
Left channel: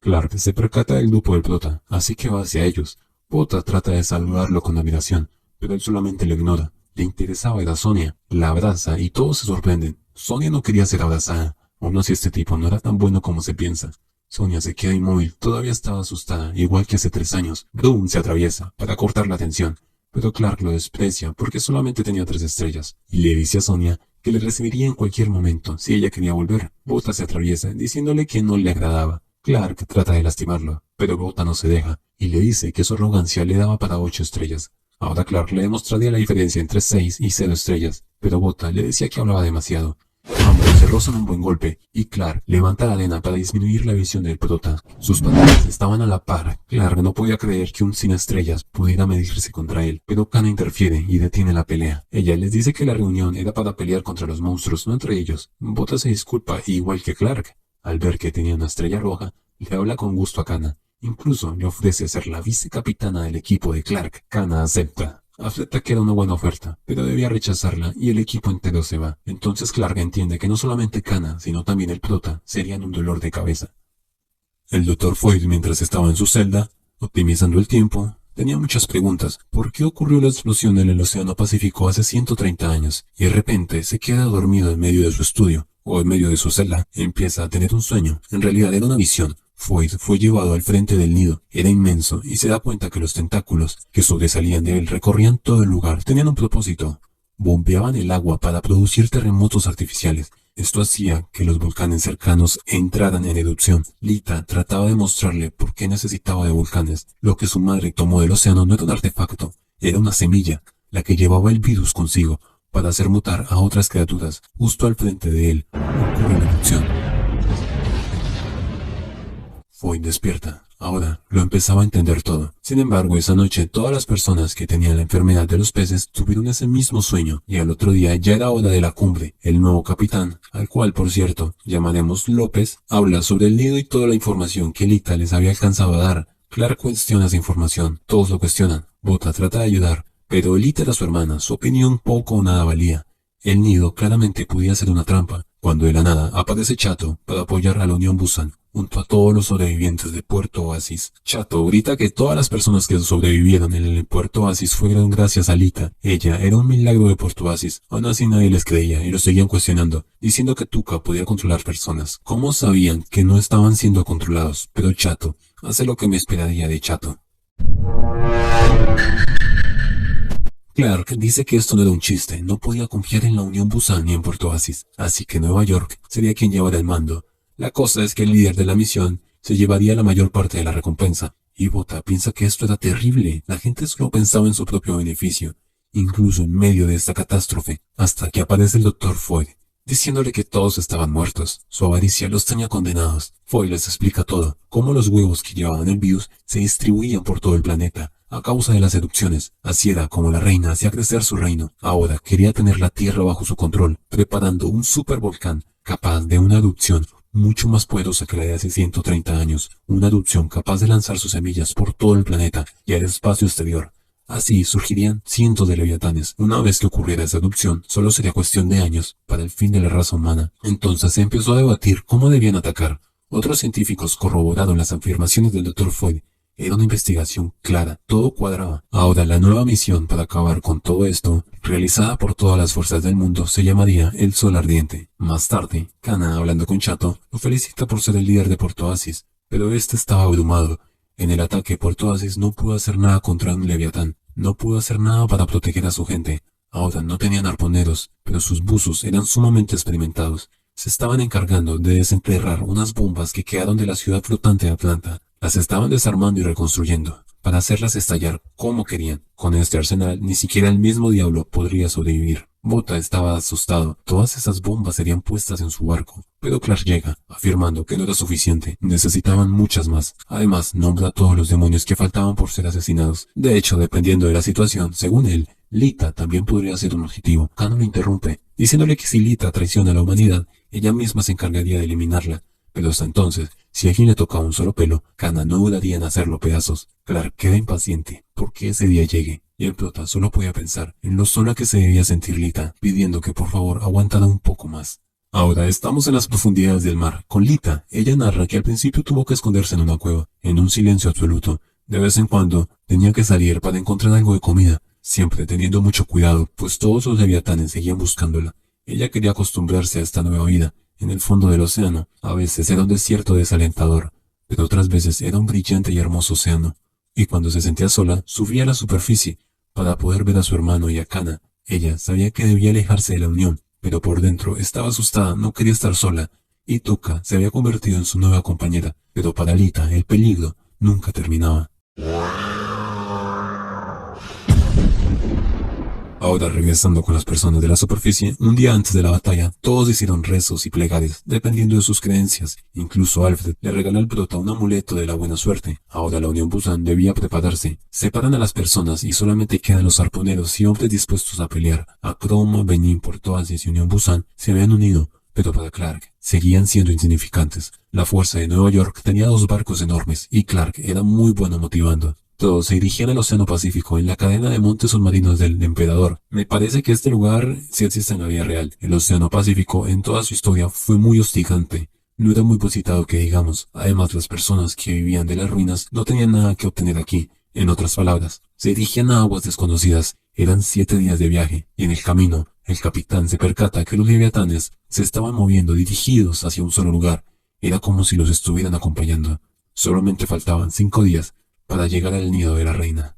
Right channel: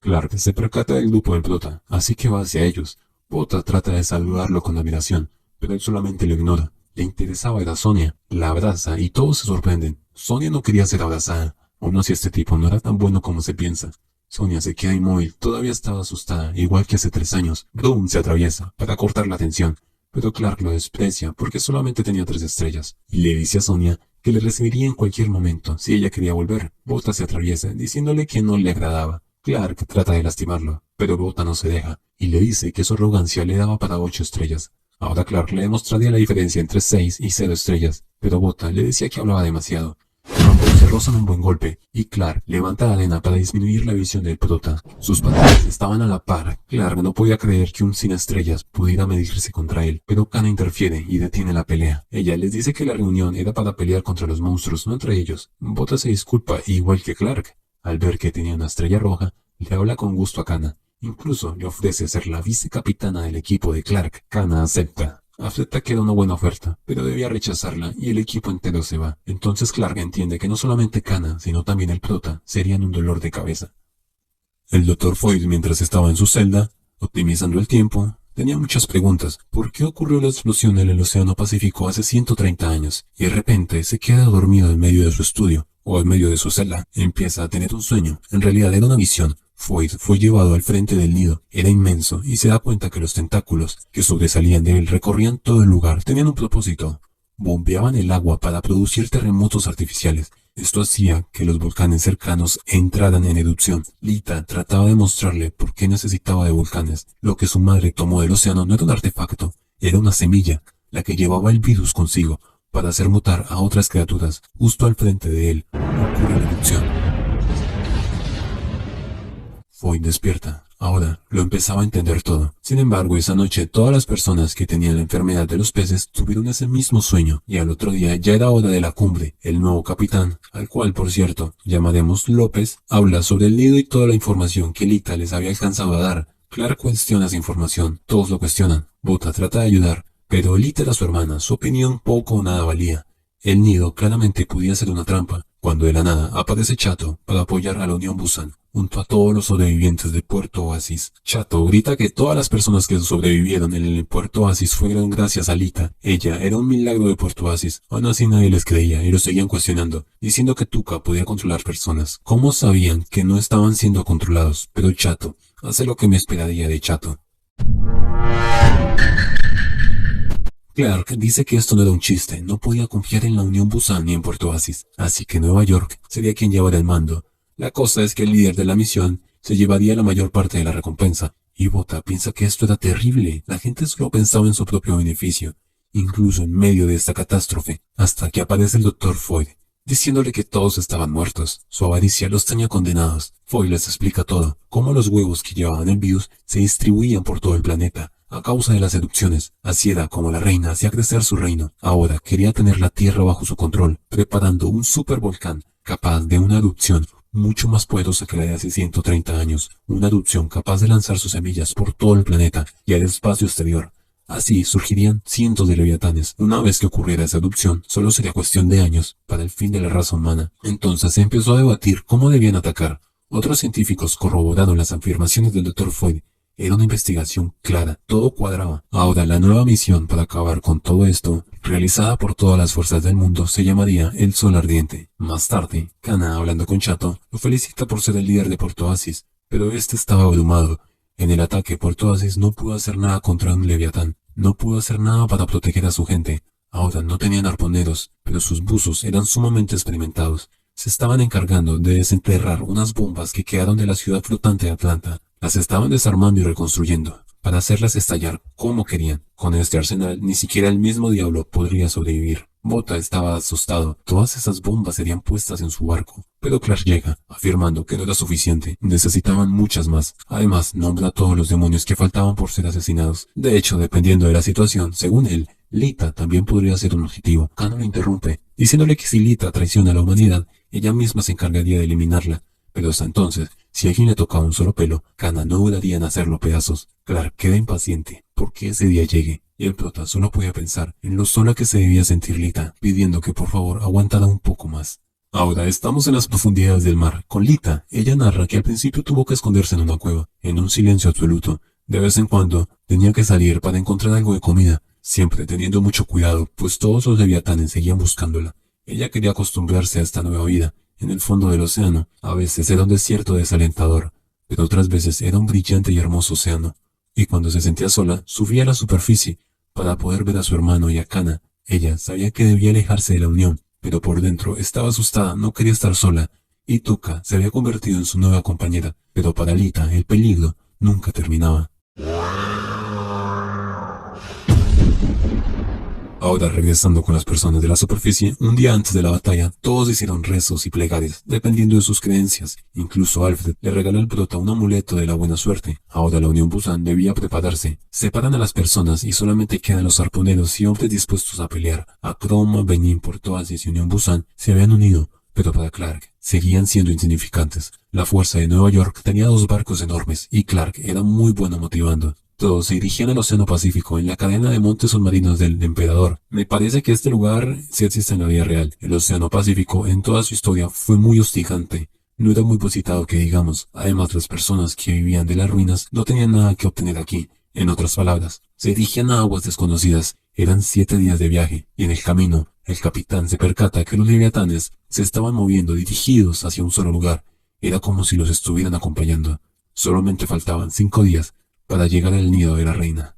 Clark se percata del grupo del prota, así que va hacia ellos. Bota trata de saludarlo con admiración, pero él solamente lo ignora. Le interesaba era Sonia, la abraza y todos se sorprenden. Sonia no quería ser abrazada. Aún así este tipo no era tan bueno como se piensa. Sonia se queda inmóvil, todavía estaba asustada, igual que hace 3 años. Broom se atraviesa para cortar la atención, pero Clark lo desprecia porque solamente tenía 3 estrellas, y le dice a Sonia que le recibiría en cualquier momento si ella quería volver. Bota se atraviesa, diciéndole que no le agradaba. Clark trata de lastimarlo, pero Bota no se deja, y le dice que su arrogancia le daba para 8 estrellas. Ahora Clark le demostraría la diferencia entre 6 y 0 estrellas, pero Bota le decía que hablaba demasiado. Ambos se rozan un buen golpe, y Clark levanta la arena para disminuir la visión del prota. Sus patadas estaban a la par. Clark no podía creer que un sin estrellas pudiera medirse contra él, pero Kana interfiere y detiene la pelea. Ella les dice que la reunión era para pelear contra los monstruos, no entre ellos. Bota se disculpa, igual que Clark. Al ver que tenía una estrella roja, le habla con gusto a Kana. Incluso le ofrece ser la vicecapitana del equipo de Clark. Kana acepta. Acepta que era una buena oferta, pero debía rechazarla y el equipo entero se va. Entonces Clark entiende que no solamente Kana, sino también el prota, serían un dolor de cabeza. El Dr. Foyd, mientras estaba en su celda, optimizando el tiempo, tenía muchas preguntas. ¿Por qué ocurrió la explosión en el Océano Pacífico hace 130 años? Y de repente se queda dormido en medio de su estudio, o en medio de su celda. Empieza a tener un sueño. En realidad era una visión. Foyd fue llevado al frente del nido. Era inmenso y se da cuenta que los tentáculos que sobresalían de él recorrían todo el lugar. Tenían un propósito. Bombeaban el agua para producir terremotos artificiales. Esto hacía que los volcanes cercanos entraran en erupción. Lita trataba de mostrarle por qué necesitaba de volcanes. Lo que su madre tomó del océano no era un artefacto, era una semilla, la que llevaba el virus consigo para hacer mutar a otras criaturas. Justo al frente de él ocurre la erupción. Foyd despierta. Ahora lo empezaba a entender todo. Sin embargo, esa noche todas las personas que tenían la enfermedad de los peces tuvieron ese mismo sueño, y al otro día ya era hora de la cumbre. El nuevo capitán, al cual por cierto llamaremos López, habla sobre el nido y toda la información que Lita les había alcanzado a dar. Clark cuestiona esa información, todos lo cuestionan. Bota trata de ayudar, pero Lita era su hermana, su opinión poco o nada valía. El nido claramente podía ser una trampa, cuando de la nada aparece Chato para apoyar a la Unión Busan, junto a todos los sobrevivientes de Puerto Oasis. Chato grita que todas las personas que sobrevivieron en el Puerto Oasis fueron gracias a Lita. Ella era un milagro de Puerto Oasis. Aún así nadie les creía y lo seguían cuestionando, diciendo que Tuca podía controlar personas. ¿Cómo sabían que no estaban siendo controlados? Pero Chato hace lo que me esperaría de Chato. Clark dice que esto no era un chiste, no podía confiar en la Unión Busan ni en Puerto Oasis, así que Nueva York sería quien llevara el mando. La cosa es que el líder de la misión se llevaría la mayor parte de la recompensa, y Bota piensa que esto era terrible. La gente solo pensaba en su propio beneficio, incluso en medio de esta catástrofe, hasta que aparece el Dr. Foyd. diciéndole que todos estaban muertos. Su avaricia los tenía condenados. Foy les explica todo, cómo los huevos que llevaban el virus se distribuían por todo el planeta, a causa de las erupciones. Así era como la reina hacía crecer su reino. Ahora quería tener la Tierra bajo su control, preparando un supervolcán capaz de una erupción mucho más poderosa que la de hace 130 años, una erupción capaz de lanzar sus semillas por todo el planeta y al espacio exterior. Así surgirían cientos de leviatanes. Una vez que ocurriera esa erupción, solo sería cuestión de años para el fin de la raza humana. Entonces se empezó a debatir cómo debían atacar. Otros científicos corroboraron las afirmaciones del Dr. Foy. Era una investigación clara, todo cuadraba. Ahora la nueva misión para acabar con todo esto, realizada por todas las fuerzas del mundo, se llamaría el Sol Ardiente. Más tarde, Kana, hablando con Chato, lo felicita por ser el líder de Puerto Oasis, pero este estaba abrumado. En el ataque, Puerto Oasis no pudo hacer nada contra un leviatán, no pudo hacer nada para proteger a su gente. Ahora no tenían arponeros, pero sus buzos eran sumamente experimentados. Se estaban encargando de desenterrar unas bombas que quedaron de la ciudad flotante de Atlanta. Las estaban desarmando y reconstruyendo, para hacerlas estallar como querían. Con este arsenal, ni siquiera el mismo diablo podría sobrevivir. Bota estaba asustado. Todas esas bombas serían puestas en su barco. Pero Clark llega, afirmando que no era suficiente. Necesitaban muchas más. Además, nombra a todos los demonios que faltaban por ser asesinados. De hecho, dependiendo de la situación, según él, Lita también podría ser un objetivo. Kana lo interrumpe, diciéndole que si Lita traiciona a la humanidad, ella misma se encargaría de eliminarla. Pero hasta entonces, si a alguien le tocaba un solo pelo, Kana no dudaría en hacerlo pedazos. Clark queda impaciente porque ese día llegue, y el prota solo podía pensar en lo sola que se debía sentir Lita, pidiendo que por favor aguantara un poco más. Ahora estamos en las profundidades del mar. Con Lita, ella narra que al principio tuvo que esconderse en una cueva, en un silencio absoluto. De vez en cuando, tenía que salir para encontrar algo de comida, siempre teniendo mucho cuidado, pues todos los leviatanes seguían buscándola. Ella quería acostumbrarse a esta nueva vida. En el fondo del océano, a veces era un desierto desalentador, pero otras veces era un brillante y hermoso océano. Y cuando se sentía sola, subía a la superficie para poder ver a su hermano y a Kana. Ella sabía que debía alejarse de la unión, pero por dentro estaba asustada, no quería estar sola. Y Tuka se había convertido en su nueva compañera, pero para Lita el peligro nunca terminaba. Ahora, regresando con las personas de la superficie, un día antes de la batalla, todos hicieron rezos y plegarias, dependiendo de sus creencias. Incluso Alfred le regaló al prota un amuleto de la buena suerte. Ahora la Unión Busan debía prepararse. Separan a las personas y solamente quedan los arponeros y hombres dispuestos a pelear. Akroma, Benin, Puerto Oasis y Unión Busan se habían unido, pero para Clark seguían siendo insignificantes. La fuerza de Nueva York tenía 2 barcos enormes y Clark era muy bueno motivando. Todos se dirigían al Océano Pacífico, en la cadena de montes submarinos del Emperador. Me parece que este lugar sí existe en la vida real. El Océano Pacífico, en toda su historia, fue muy hostigante. No era muy visitado que digamos. Además, las personas que vivían de las ruinas no tenían nada que obtener aquí. En otras palabras, se dirigían a aguas desconocidas. Eran 7 días de viaje, y en el camino, el capitán se percata que los leviatanes se estaban moviendo dirigidos hacia un solo lugar. Era como si los estuvieran acompañando. Solamente faltaban 5 días para llegar al nido de la reina.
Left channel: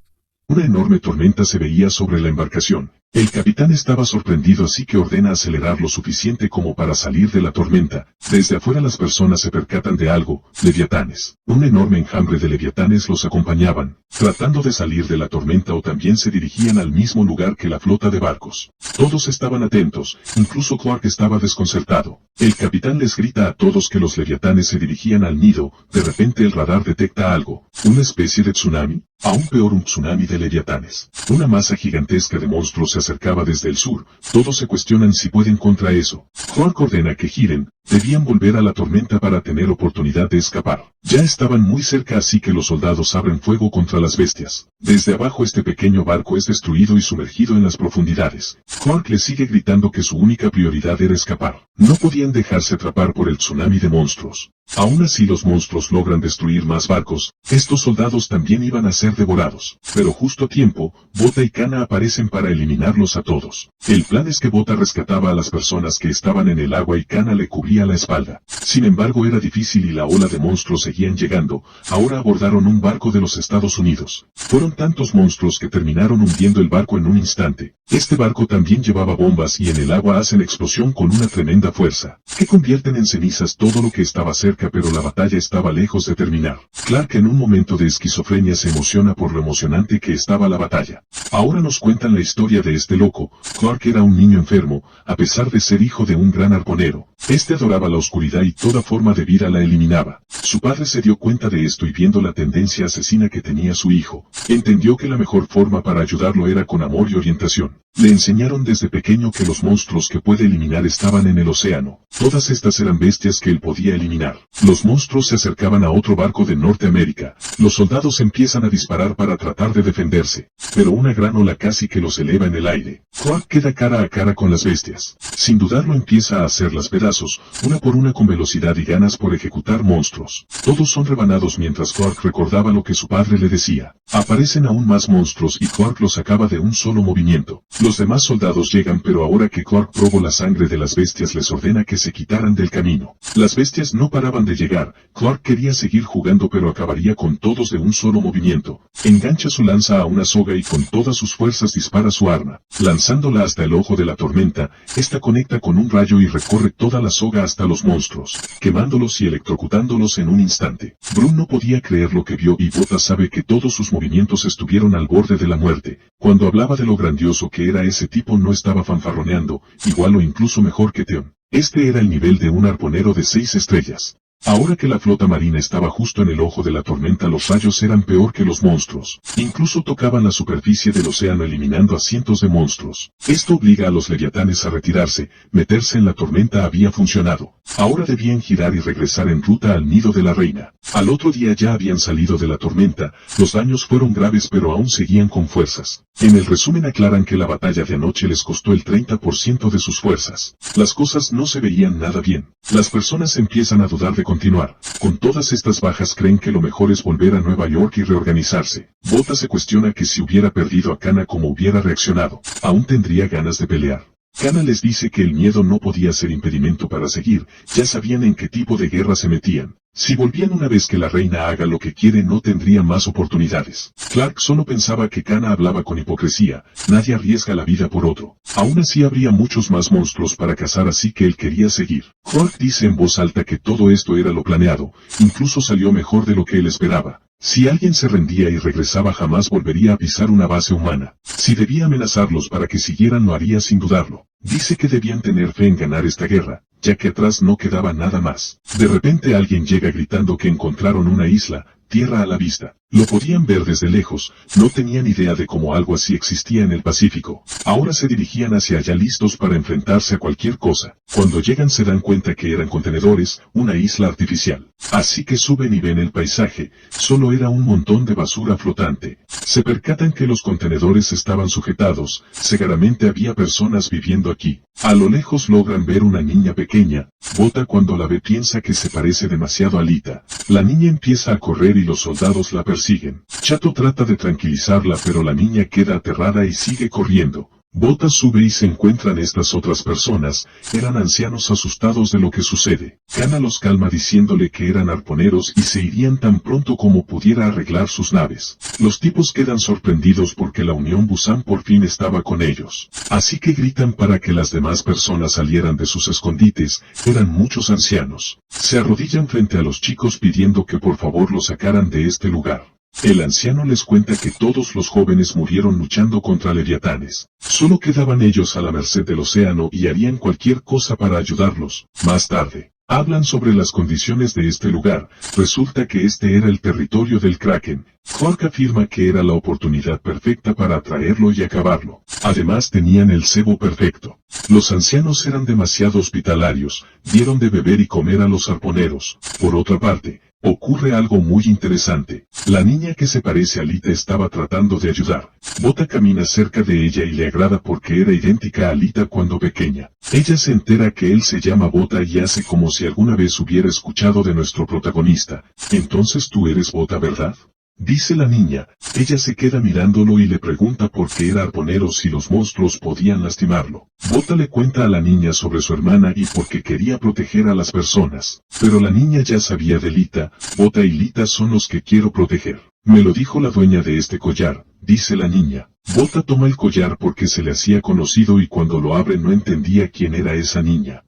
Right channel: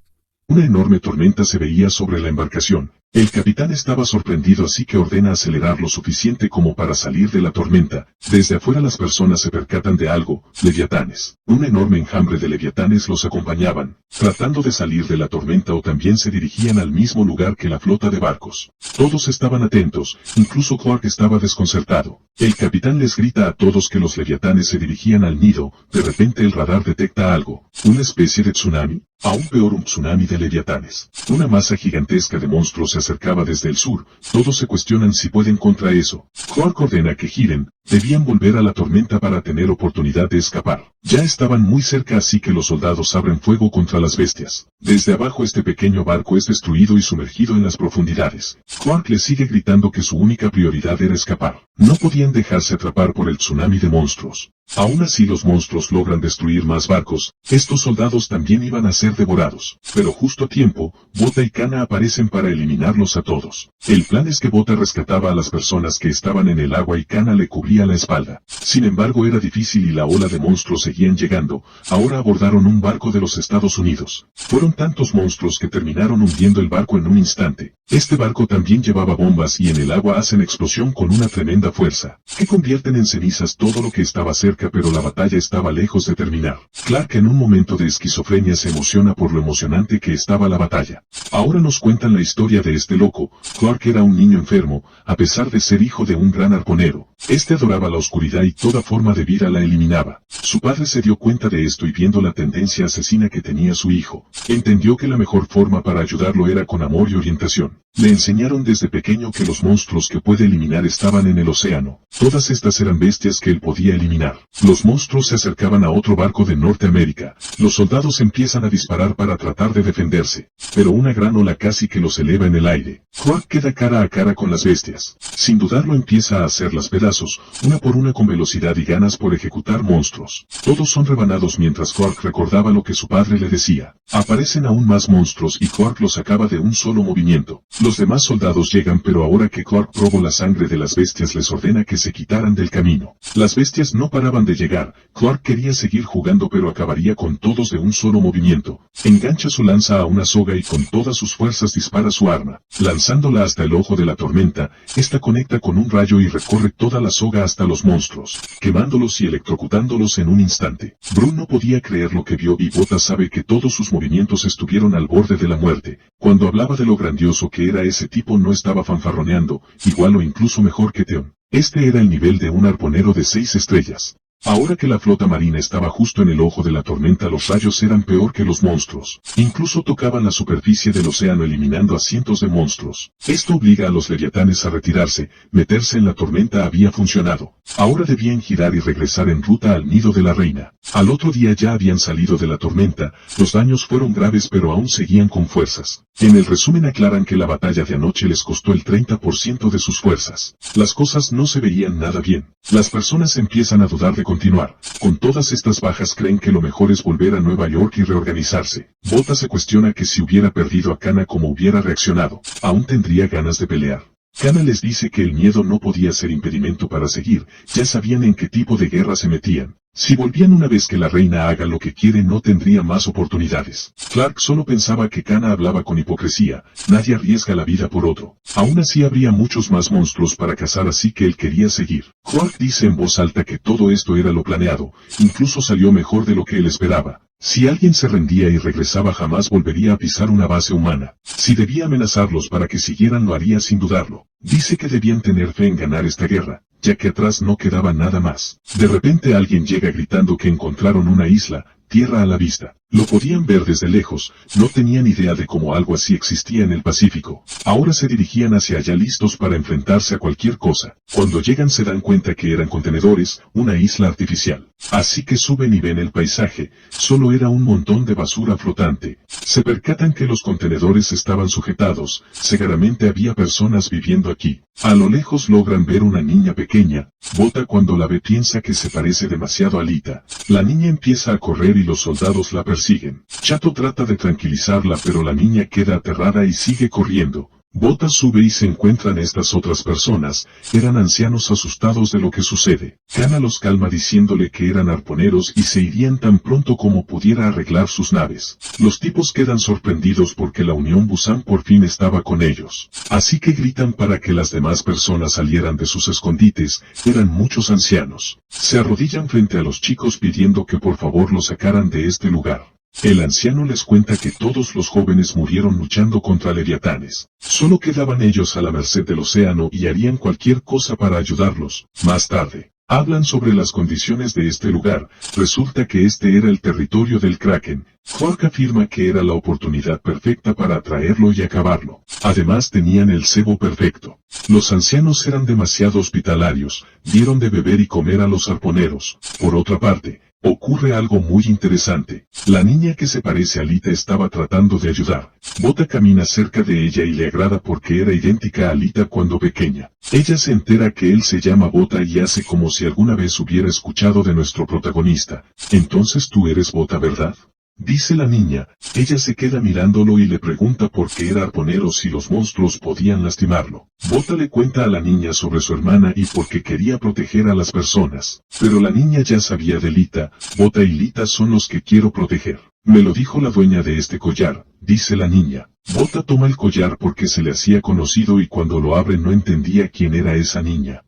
Una enorme tormenta se veía sobre la embarcación. El capitán estaba sorprendido, así que ordena acelerar lo suficiente como para salir de la tormenta. Desde afuera las personas se percatan de algo: leviatanes. Un enorme enjambre de leviatanes los acompañaban, tratando de salir de la tormenta, o también se dirigían al mismo lugar que la flota de barcos. Todos estaban atentos, incluso Clark estaba desconcertado. El capitán les grita a todos que los leviatanes se dirigían al nido. De repente el radar detecta algo, una especie de tsunami. Aún peor, un tsunami de leviatanes. Una masa gigantesca de monstruos se acercaba desde el sur. Todos se cuestionan si pueden contra eso. Clark ordena que giren. Debían volver a la tormenta para tener oportunidad de escapar. Ya estaban muy cerca, así que los soldados abren fuego contra las bestias. Desde abajo este pequeño barco es destruido y sumergido en las profundidades. Clark le sigue gritando que su única prioridad era escapar. No podían dejarse atrapar por el tsunami de monstruos. Aún así los monstruos logran destruir más barcos. Estos soldados también iban a ser devorados. Pero justo a tiempo, Bota y Kana aparecen para eliminarlos a todos. El plan es que Bota rescataba a las personas que estaban en el agua y Kana le cubría cubría la espalda. Sin embargo era difícil y la ola de monstruos seguían llegando. Ahora abordaron un barco de los Estados Unidos. Fueron tantos monstruos que terminaron hundiendo el barco en un instante. Este barco también llevaba bombas y en el agua hacen explosión con una tremenda fuerza, que convierten en cenizas todo lo que estaba cerca, pero la batalla estaba lejos de terminar. Clark en un momento de esquizofrenia se emociona por lo emocionante que estaba la batalla. Ahora nos cuentan la historia de este loco. Clark era un niño enfermo, a pesar de ser hijo de un gran arponero. Este adoraba la oscuridad y toda forma de vida la eliminaba. Su padre se dio cuenta de esto y viendo la tendencia asesina que tenía su hijo, entendió que la mejor forma para ayudarlo era con amor y orientación. Le enseñaron desde pequeño que los monstruos que puede eliminar estaban en el océano. Todas estas eran bestias que él podía eliminar. Los monstruos se acercaban a otro barco de Norteamérica. Los soldados empiezan a disparar para tratar de defenderse, pero una gran ola casi que los eleva en el aire. Clark queda cara a cara con las bestias. Sin dudarlo empieza a hacerlas pedazos, una por una con velocidad y ganas por ejecutar monstruos. Todos son rebanados mientras Clark recordaba lo que su padre le decía. Aparecen aún más monstruos y Clark los acaba de un solo movimiento. Los demás soldados llegan, pero ahora que Clark probó la sangre de las bestias les ordena que se quitaran del camino. Las bestias no paraban de llegar. Clark quería seguir jugando pero acabaría con todos de un solo movimiento. Engancha su lanza a una soga y con todas sus fuerzas dispara su arma. Lanzándola hasta el ojo de la tormenta, esta conecta con un rayo y recorre toda la soga hasta los monstruos, quemándolos y electrocutándolos en un instante. Bruno no podía creer lo que vio y Bota sabe que todos sus movimientos estuvieron al borde de la muerte. Cuando hablaba de lo grandioso que era ese tipo no estaba fanfarroneando, igual o incluso mejor que Theon. Este era el nivel de un arponero de 6 estrellas. Ahora que la flota marina estaba justo en el ojo de la tormenta, los rayos eran peor que los monstruos. Incluso tocaban la superficie del océano eliminando a cientos de monstruos. Esto obliga a los leviatanes a retirarse. Meterse en la tormenta había funcionado. Ahora debían girar y regresar en ruta al nido de la reina. Al otro día ya habían salido de la tormenta. Los daños fueron graves pero aún seguían con fuerzas. En el resumen aclaran que la batalla de anoche les costó el 30% de sus fuerzas. Las cosas no se veían nada bien. Las personas empiezan a dudar de continuar. Con todas estas bajas creen que lo mejor es volver a Nueva York y reorganizarse. Bota se cuestiona que si hubiera perdido a Kana como hubiera reaccionado. Aún tendría ganas de pelear. Kana les dice que el miedo no podía ser impedimento para seguir, ya sabían en qué tipo de guerra se metían. Si volvían una vez que la reina haga lo que quiere no tendría más oportunidades. Clark solo pensaba que Kana hablaba con hipocresía, nadie arriesga la vida por otro. Aún así habría muchos más monstruos para cazar, así que él quería seguir. Clark dice en voz alta que todo esto era lo planeado, incluso salió mejor de lo que él esperaba. Si alguien se rendía y regresaba jamás volvería a pisar una base humana. Si debía amenazarlos para que siguieran lo haría sin dudarlo. Dice que debían tener fe en ganar esta guerra, ya que atrás no quedaba nada más. De repente alguien llega gritando que encontraron una isla, tierra a la vista. Lo podían ver desde lejos, no tenían idea de cómo algo así existía en el Pacífico. Ahora se dirigían hacia allá listos para enfrentarse a cualquier cosa. Cuando llegan se dan cuenta que eran contenedores, una isla artificial. Así que suben y ven el paisaje, solo era un montón de basura flotante. Se percatan que los contenedores estaban sujetados, seguramente había personas viviendo aquí. A lo lejos logran ver una niña pequeña. Bota cuando la ve piensa que se parece demasiado a Lita. La niña empieza a correr y los soldados la persiguen. Chato trata de tranquilizarla pero la niña queda aterrada y sigue corriendo. Bota sube y se encuentran estas otras personas, eran ancianos asustados de lo que sucede. Kana los calma diciéndole que eran arponeros y se irían tan pronto como pudiera arreglar sus naves. Los tipos quedan sorprendidos porque la Unión Busan por fin estaba con ellos. Así que gritan para que las demás personas salieran de sus escondites, eran muchos ancianos. Se arrodillan frente a los chicos pidiendo que por favor los sacaran de este lugar. El anciano les cuenta que todos los jóvenes murieron luchando contra leviatanes. Solo quedaban ellos a la merced del océano y harían cualquier cosa para ayudarlos. Más tarde, hablan sobre las condiciones de este lugar. Resulta que este era el territorio del Kraken. Clark afirma que era la oportunidad perfecta para atraerlo y acabarlo. Además tenían el cebo perfecto. Los ancianos eran demasiado hospitalarios, dieron de beber y comer a los arponeros. Por otra parte, ocurre algo muy interesante. La niña que se parece a Lita estaba tratando de ayudar. Bota camina cerca de ella y le agrada porque era idéntica a Lita cuando pequeña. Ella se entera que él se llama Bota y hace como si alguna vez hubiera escuchado de nuestro protagonista. Entonces tú eres Bota, ¿verdad? dice la niña. Ella se queda mirándolo y le pregunta por qué era arponero si los monstruos podían lastimarlo. Bota le cuenta a la niña sobre su hermana y por qué quería proteger a las personas. Pero la niña ya sabía de Lita. Bota y Lita son los que quiero proteger. Me lo dijo la dueña de este collar, dice la niña. Bota toma el collar porque se le hacía conocido y cuando lo abre no entendía quién era esa niña.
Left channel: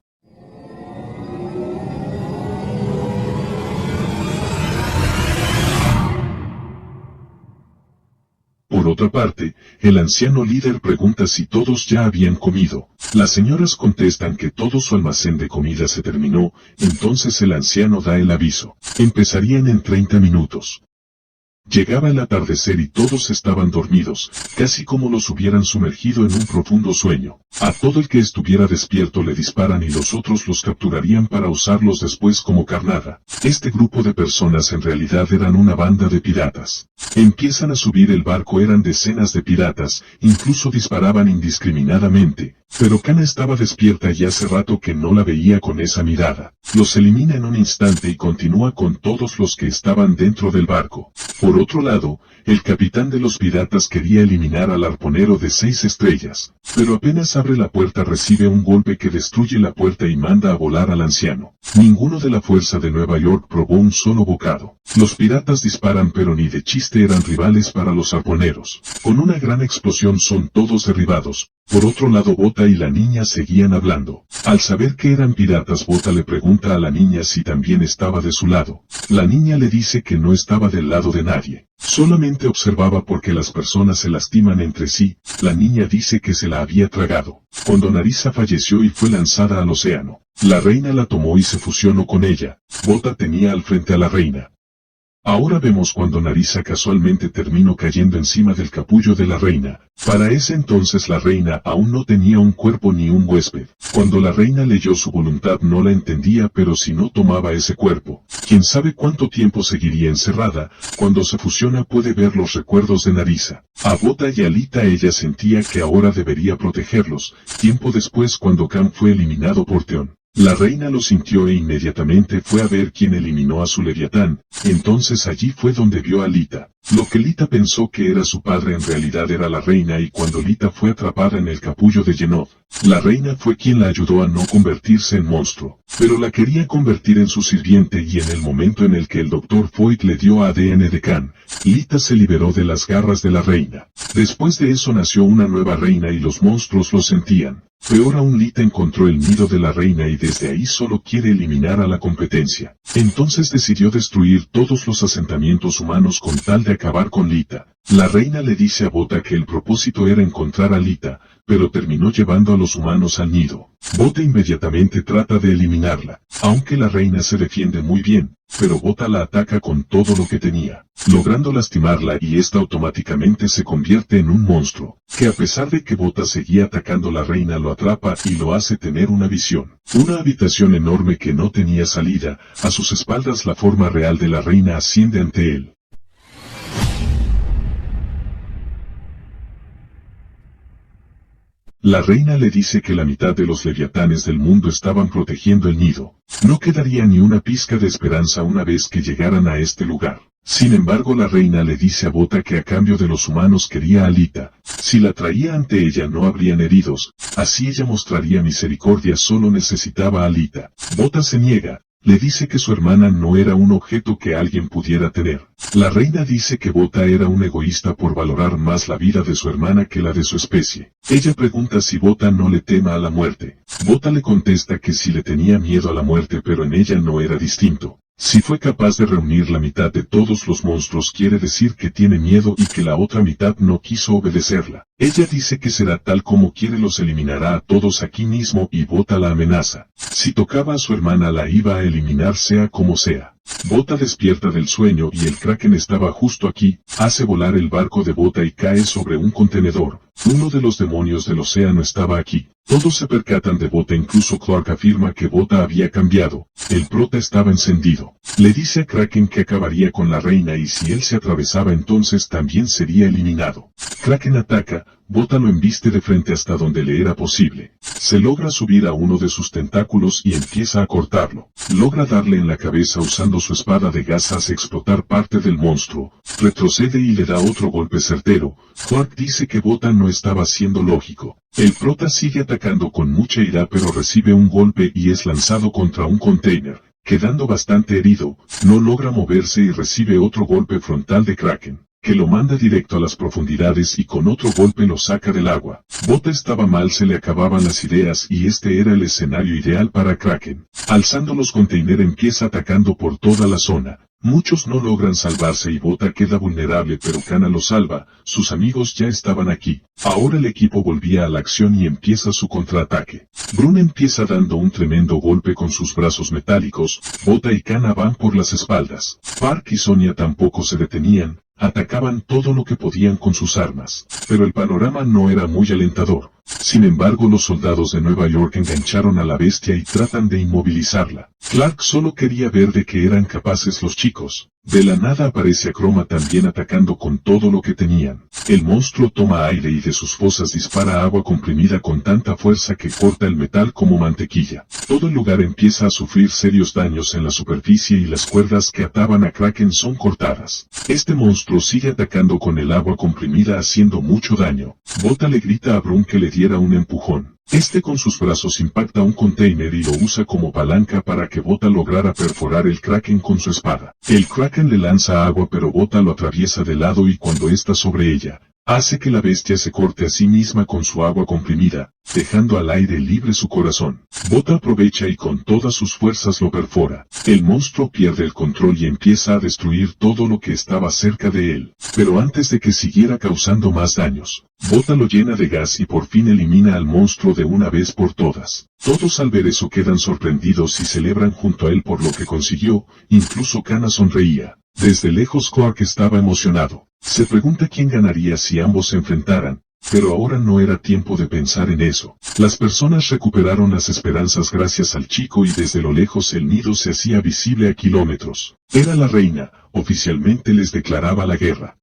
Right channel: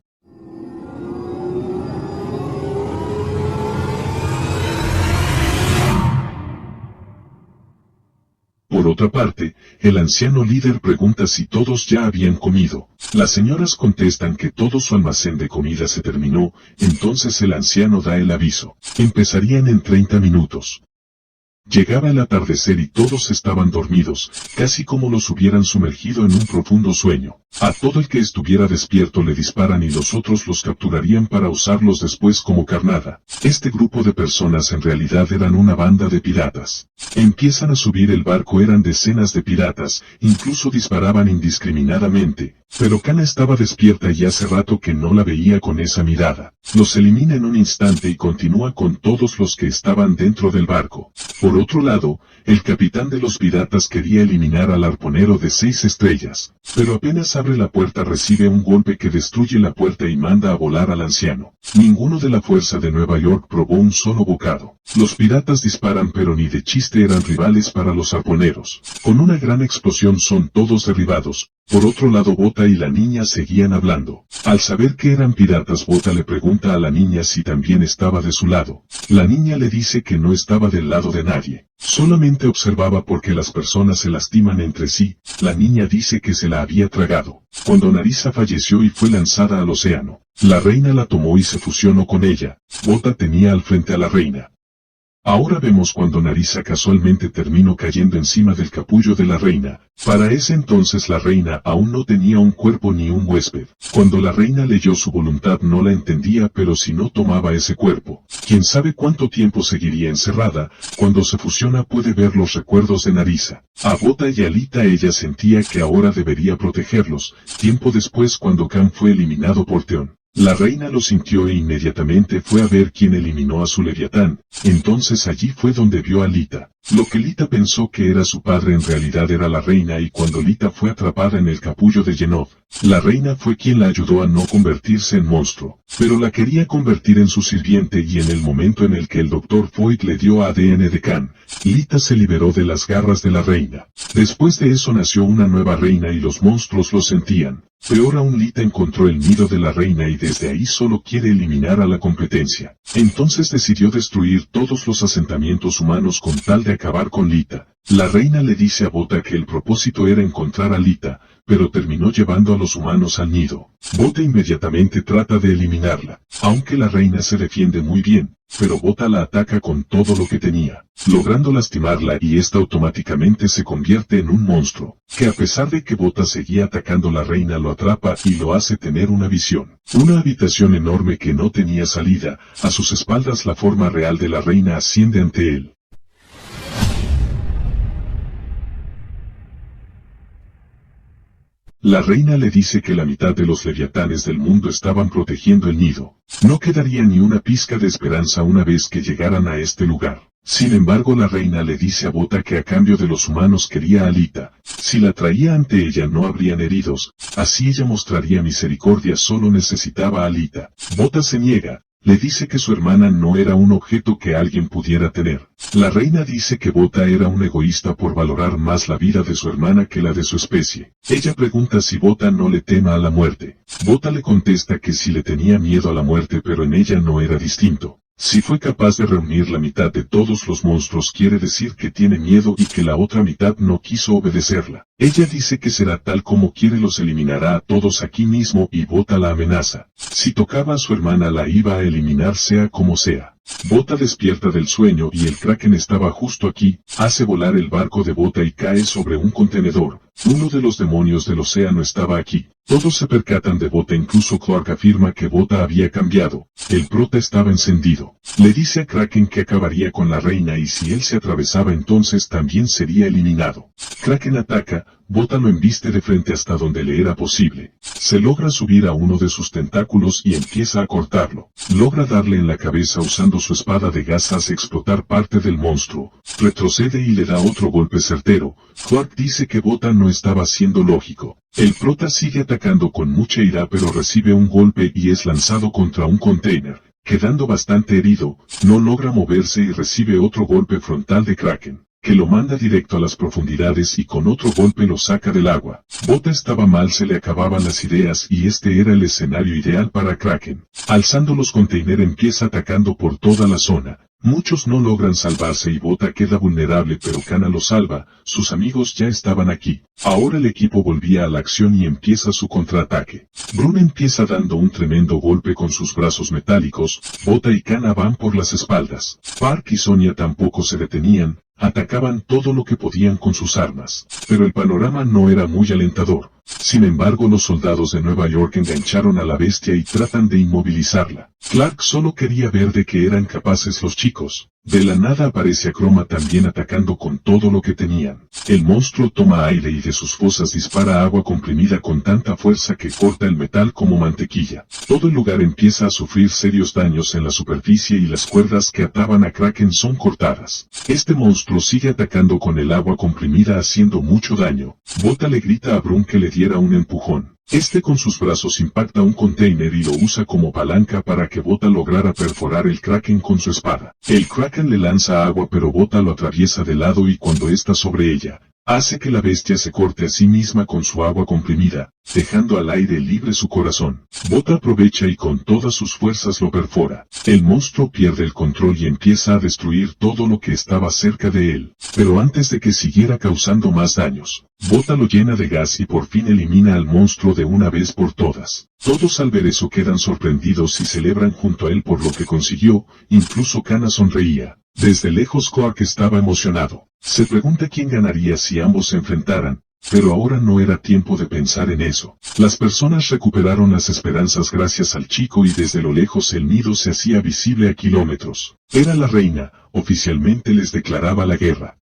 Por otra parte, el anciano líder pregunta si todos ya habían comido. Las señoras contestan que todo su almacén de comida se terminó, entonces el anciano da el aviso. Empezarían en 30 minutos. Llegaba el atardecer y todos estaban dormidos, casi como los hubieran sumergido en un profundo sueño. A todo el que estuviera despierto le disparan y los otros los capturarían para usarlos después como carnada. Este grupo de personas en realidad eran una banda de piratas. Empiezan a subir el barco, eran decenas de piratas, incluso disparaban indiscriminadamente. Pero Kana estaba despierta y hace rato que no la veía con esa mirada. Los elimina en un instante y continúa con todos los que estaban dentro del barco. Por otro lado, el capitán de los piratas quería eliminar al arponero de 6 estrellas. Pero apenas abre la puerta recibe un golpe que destruye la puerta y manda a volar al anciano. Ninguno de la fuerza de Nueva York probó un solo bocado. Los piratas disparan pero ni de chiste eran rivales para los arponeros. Con una gran explosión son todos derribados. Por otro lado Bota y la niña seguían hablando. Al saber que eran piratas Bota le pregunta a la niña si también estaba de su lado. La niña le dice que no estaba del lado de nadie. Solamente observaba porque las personas se lastiman entre sí. La niña dice que se la había tragado. Cuando Narisa falleció y fue lanzada al océano, la reina la tomó y se fusionó con ella. Bota tenía al frente a la reina. Ahora vemos cuando Narisa casualmente terminó cayendo encima del capullo de la reina. Para ese entonces la reina aún no tenía un cuerpo ni un huésped. Cuando la reina leyó su voluntad no la entendía, pero si no tomaba ese cuerpo, quién sabe cuánto tiempo seguiría encerrada. Cuando se fusiona puede ver los recuerdos de Narisa. A Bota y a Lita ella sentía que ahora debería protegerlos. Tiempo después cuando Khan fue eliminado por Theon, la reina lo sintió e inmediatamente fue a ver quién eliminó a su leviatán. Entonces allí fue donde vio a Lita. Lo que Lita pensó que era su padre en realidad era la reina, y cuando Lita fue atrapada en el capullo de Yenov, la reina fue quien la ayudó a no convertirse en monstruo, pero la quería convertir en su sirviente, y en el momento en el que el Dr. Foyt le dio ADN de Khan, Lita se liberó de las garras de la reina. Después de eso nació una nueva reina y los monstruos lo sentían. Peor aún, Lita encontró el nido de la reina y desde ahí solo quiere eliminar a la competencia. Entonces decidió destruir todos los asentamientos humanos con tal de acabar con Lita. La reina le dice a Bota que el propósito era encontrar a Lita, pero terminó llevando a los humanos al nido. Bota inmediatamente trata de eliminarla, aunque la reina se defiende muy bien, pero Bota la ataca con todo lo que tenía, logrando lastimarla y esta automáticamente se convierte en un monstruo, que a pesar de que Bota seguía atacando la reina lo atrapa y lo hace tener una visión. Una habitación enorme que no tenía salida, a sus espaldas la forma real de la reina asciende ante él. La reina le dice que la mitad de los leviatanes del mundo estaban protegiendo el nido. No quedaría ni una pizca de esperanza una vez que llegaran a este lugar. Sin embargo, la reina le dice a Bota que a cambio de los humanos quería a Lita. Si la traía ante ella no habrían heridos, así ella mostraría misericordia, solo necesitaba a Lita. Bota se niega. Le dice que su hermana no era un objeto que alguien pudiera tener. La reina dice que Bota era un egoísta por valorar más la vida de su hermana que la de su especie. Ella pregunta si Bota no le tema a la muerte. Bota le contesta que sí le tenía miedo a la muerte, pero en ella no era distinto. Si fue capaz de reunir la mitad de todos los monstruos quiere decir que tiene miedo y que la otra mitad no quiso obedecerla. Ella dice que será tal como quiere, los eliminará a todos aquí mismo y Bota la amenaza. Si tocaba a su hermana la iba a eliminar sea como sea. Bota despierta del sueño y el Kraken estaba justo aquí, hace volar el barco de Bota y cae sobre un contenedor. Uno de los demonios del océano estaba aquí. Todos se percatan de Bota, incluso Clark afirma que Bota había cambiado. El prota estaba encendido. Le dice a Kraken que acabaría con la reina y si él se atravesaba entonces también sería eliminado. Kraken ataca, Bota lo embiste de frente hasta donde le era posible. Se logra subir a uno de sus tentáculos y empieza a cortarlo. Logra darle en la cabeza usando su espada de gas, hace explotar parte del monstruo. Retrocede y le da otro golpe certero. Clark dice que Bota no estaba siendo lógico. El prota sigue atacando con mucha ira pero recibe un golpe y es lanzado contra un container. Quedando bastante herido, no logra moverse y recibe otro golpe frontal de Kraken, que lo manda directo a las profundidades y con otro golpe lo saca del agua. Bota estaba mal, se le acababan las ideas y este era el escenario ideal para Kraken. Alzando los containers empieza atacando por toda la zona. Muchos no logran salvarse y Bota queda vulnerable pero Kana lo salva, sus amigos ya estaban aquí. Ahora el equipo volvía a la acción y empieza su contraataque. Brun empieza dando un tremendo golpe con sus brazos metálicos, Bota y Kana van por las espaldas. Park y Sonia tampoco se detenían, atacaban todo lo que podían con sus armas. Pero el panorama no era muy alentador. Sin embargo, los soldados de Nueva York engancharon a la bestia y tratan de inmovilizarla. Clark solo quería ver de qué eran capaces los chicos. De la nada aparece Acroma también atacando con todo lo que tenían. El monstruo toma aire y de sus fosas dispara agua comprimida con tanta fuerza que corta el metal como mantequilla. Todo el lugar empieza a sufrir serios daños en la superficie y las cuerdas que ataban a Kraken son cortadas. Este monstruo sigue atacando con el agua comprimida haciendo mucho daño. Bota le grita a Brun que le diera un empujón. Este con sus brazos impacta un container y lo usa como palanca para que Bota lograra perforar el Kraken con su espada. El Kraken le lanza agua pero Bota lo atraviesa de lado y cuando está sobre ella, hace que la bestia se corte a sí misma con su agua comprimida, dejando al aire libre su corazón. Bota aprovecha y con todas sus fuerzas lo perfora. El monstruo pierde el control y empieza a destruir todo lo que estaba cerca de él. Pero antes de que siguiera causando más daños, Bota lo llena de gas y por fin elimina al monstruo de una vez por todas. Todos al ver eso quedan sorprendidos y celebran junto a él por lo que consiguió, incluso Kana sonreía. Desde lejos Clark estaba emocionado. Se pregunta quién ganaría si ambos se enfrentaran, pero ahora no era tiempo de pensar en eso. Las personas recuperaron las esperanzas gracias al chico y desde lo lejos el nido se hacía visible a kilómetros. Era la reina, oficialmente les declaraba la guerra.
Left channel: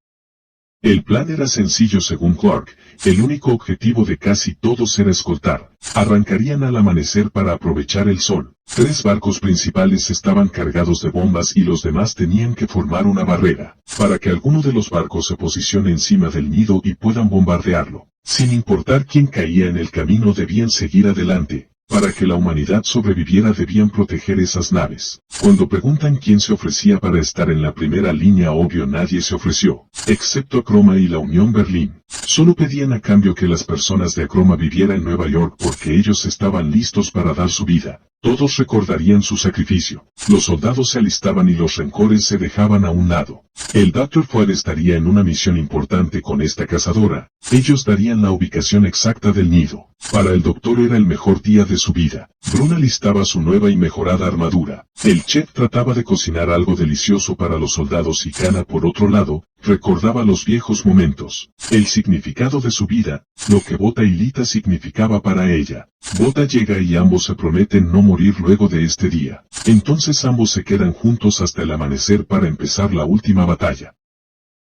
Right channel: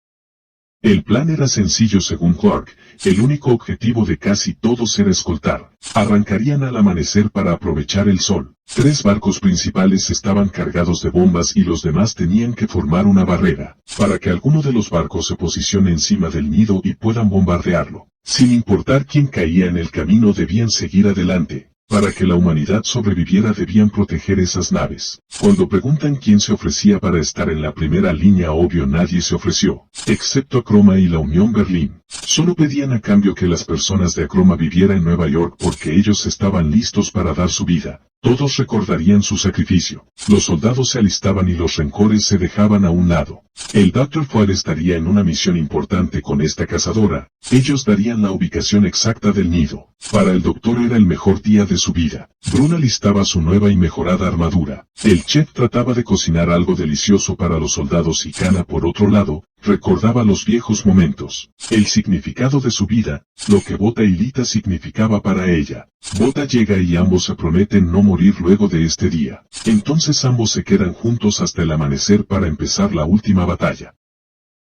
El plan era sencillo según Clark, el único objetivo de casi todos era escoltar. Arrancarían al amanecer para aprovechar el sol. 3 barcos principales estaban cargados de bombas y los demás tenían que formar una barrera, para que alguno de los barcos se posicione encima del nido y puedan bombardearlo. Sin importar quién caía en el camino debían seguir adelante. Para que la humanidad sobreviviera debían proteger esas naves. Cuando preguntan quién se ofrecía para estar en la primera línea, obvio nadie se ofreció, excepto Acroma y la Unión Berlín. Solo pedían a cambio que las personas de Acroma vivieran en Nueva York porque ellos estaban listos para dar su vida. Todos recordarían su sacrificio. Los soldados se alistaban y los rencores se dejaban a un lado. El Dr. Fuad estaría en una misión importante con esta cazadora. Ellos darían la ubicación exacta del nido. Para el doctor era el mejor día de su vida. Brun alistaba su nueva y mejorada armadura. El chef trataba de cocinar algo delicioso para los soldados y Kana, por otro lado, recordaba los viejos momentos. El significado de su vida, lo que Bota y Lita significaba para ella. Bota llega y ambos se prometen no morir luego de este día. Entonces ambos se quedan juntos hasta el amanecer para empezar la última batalla.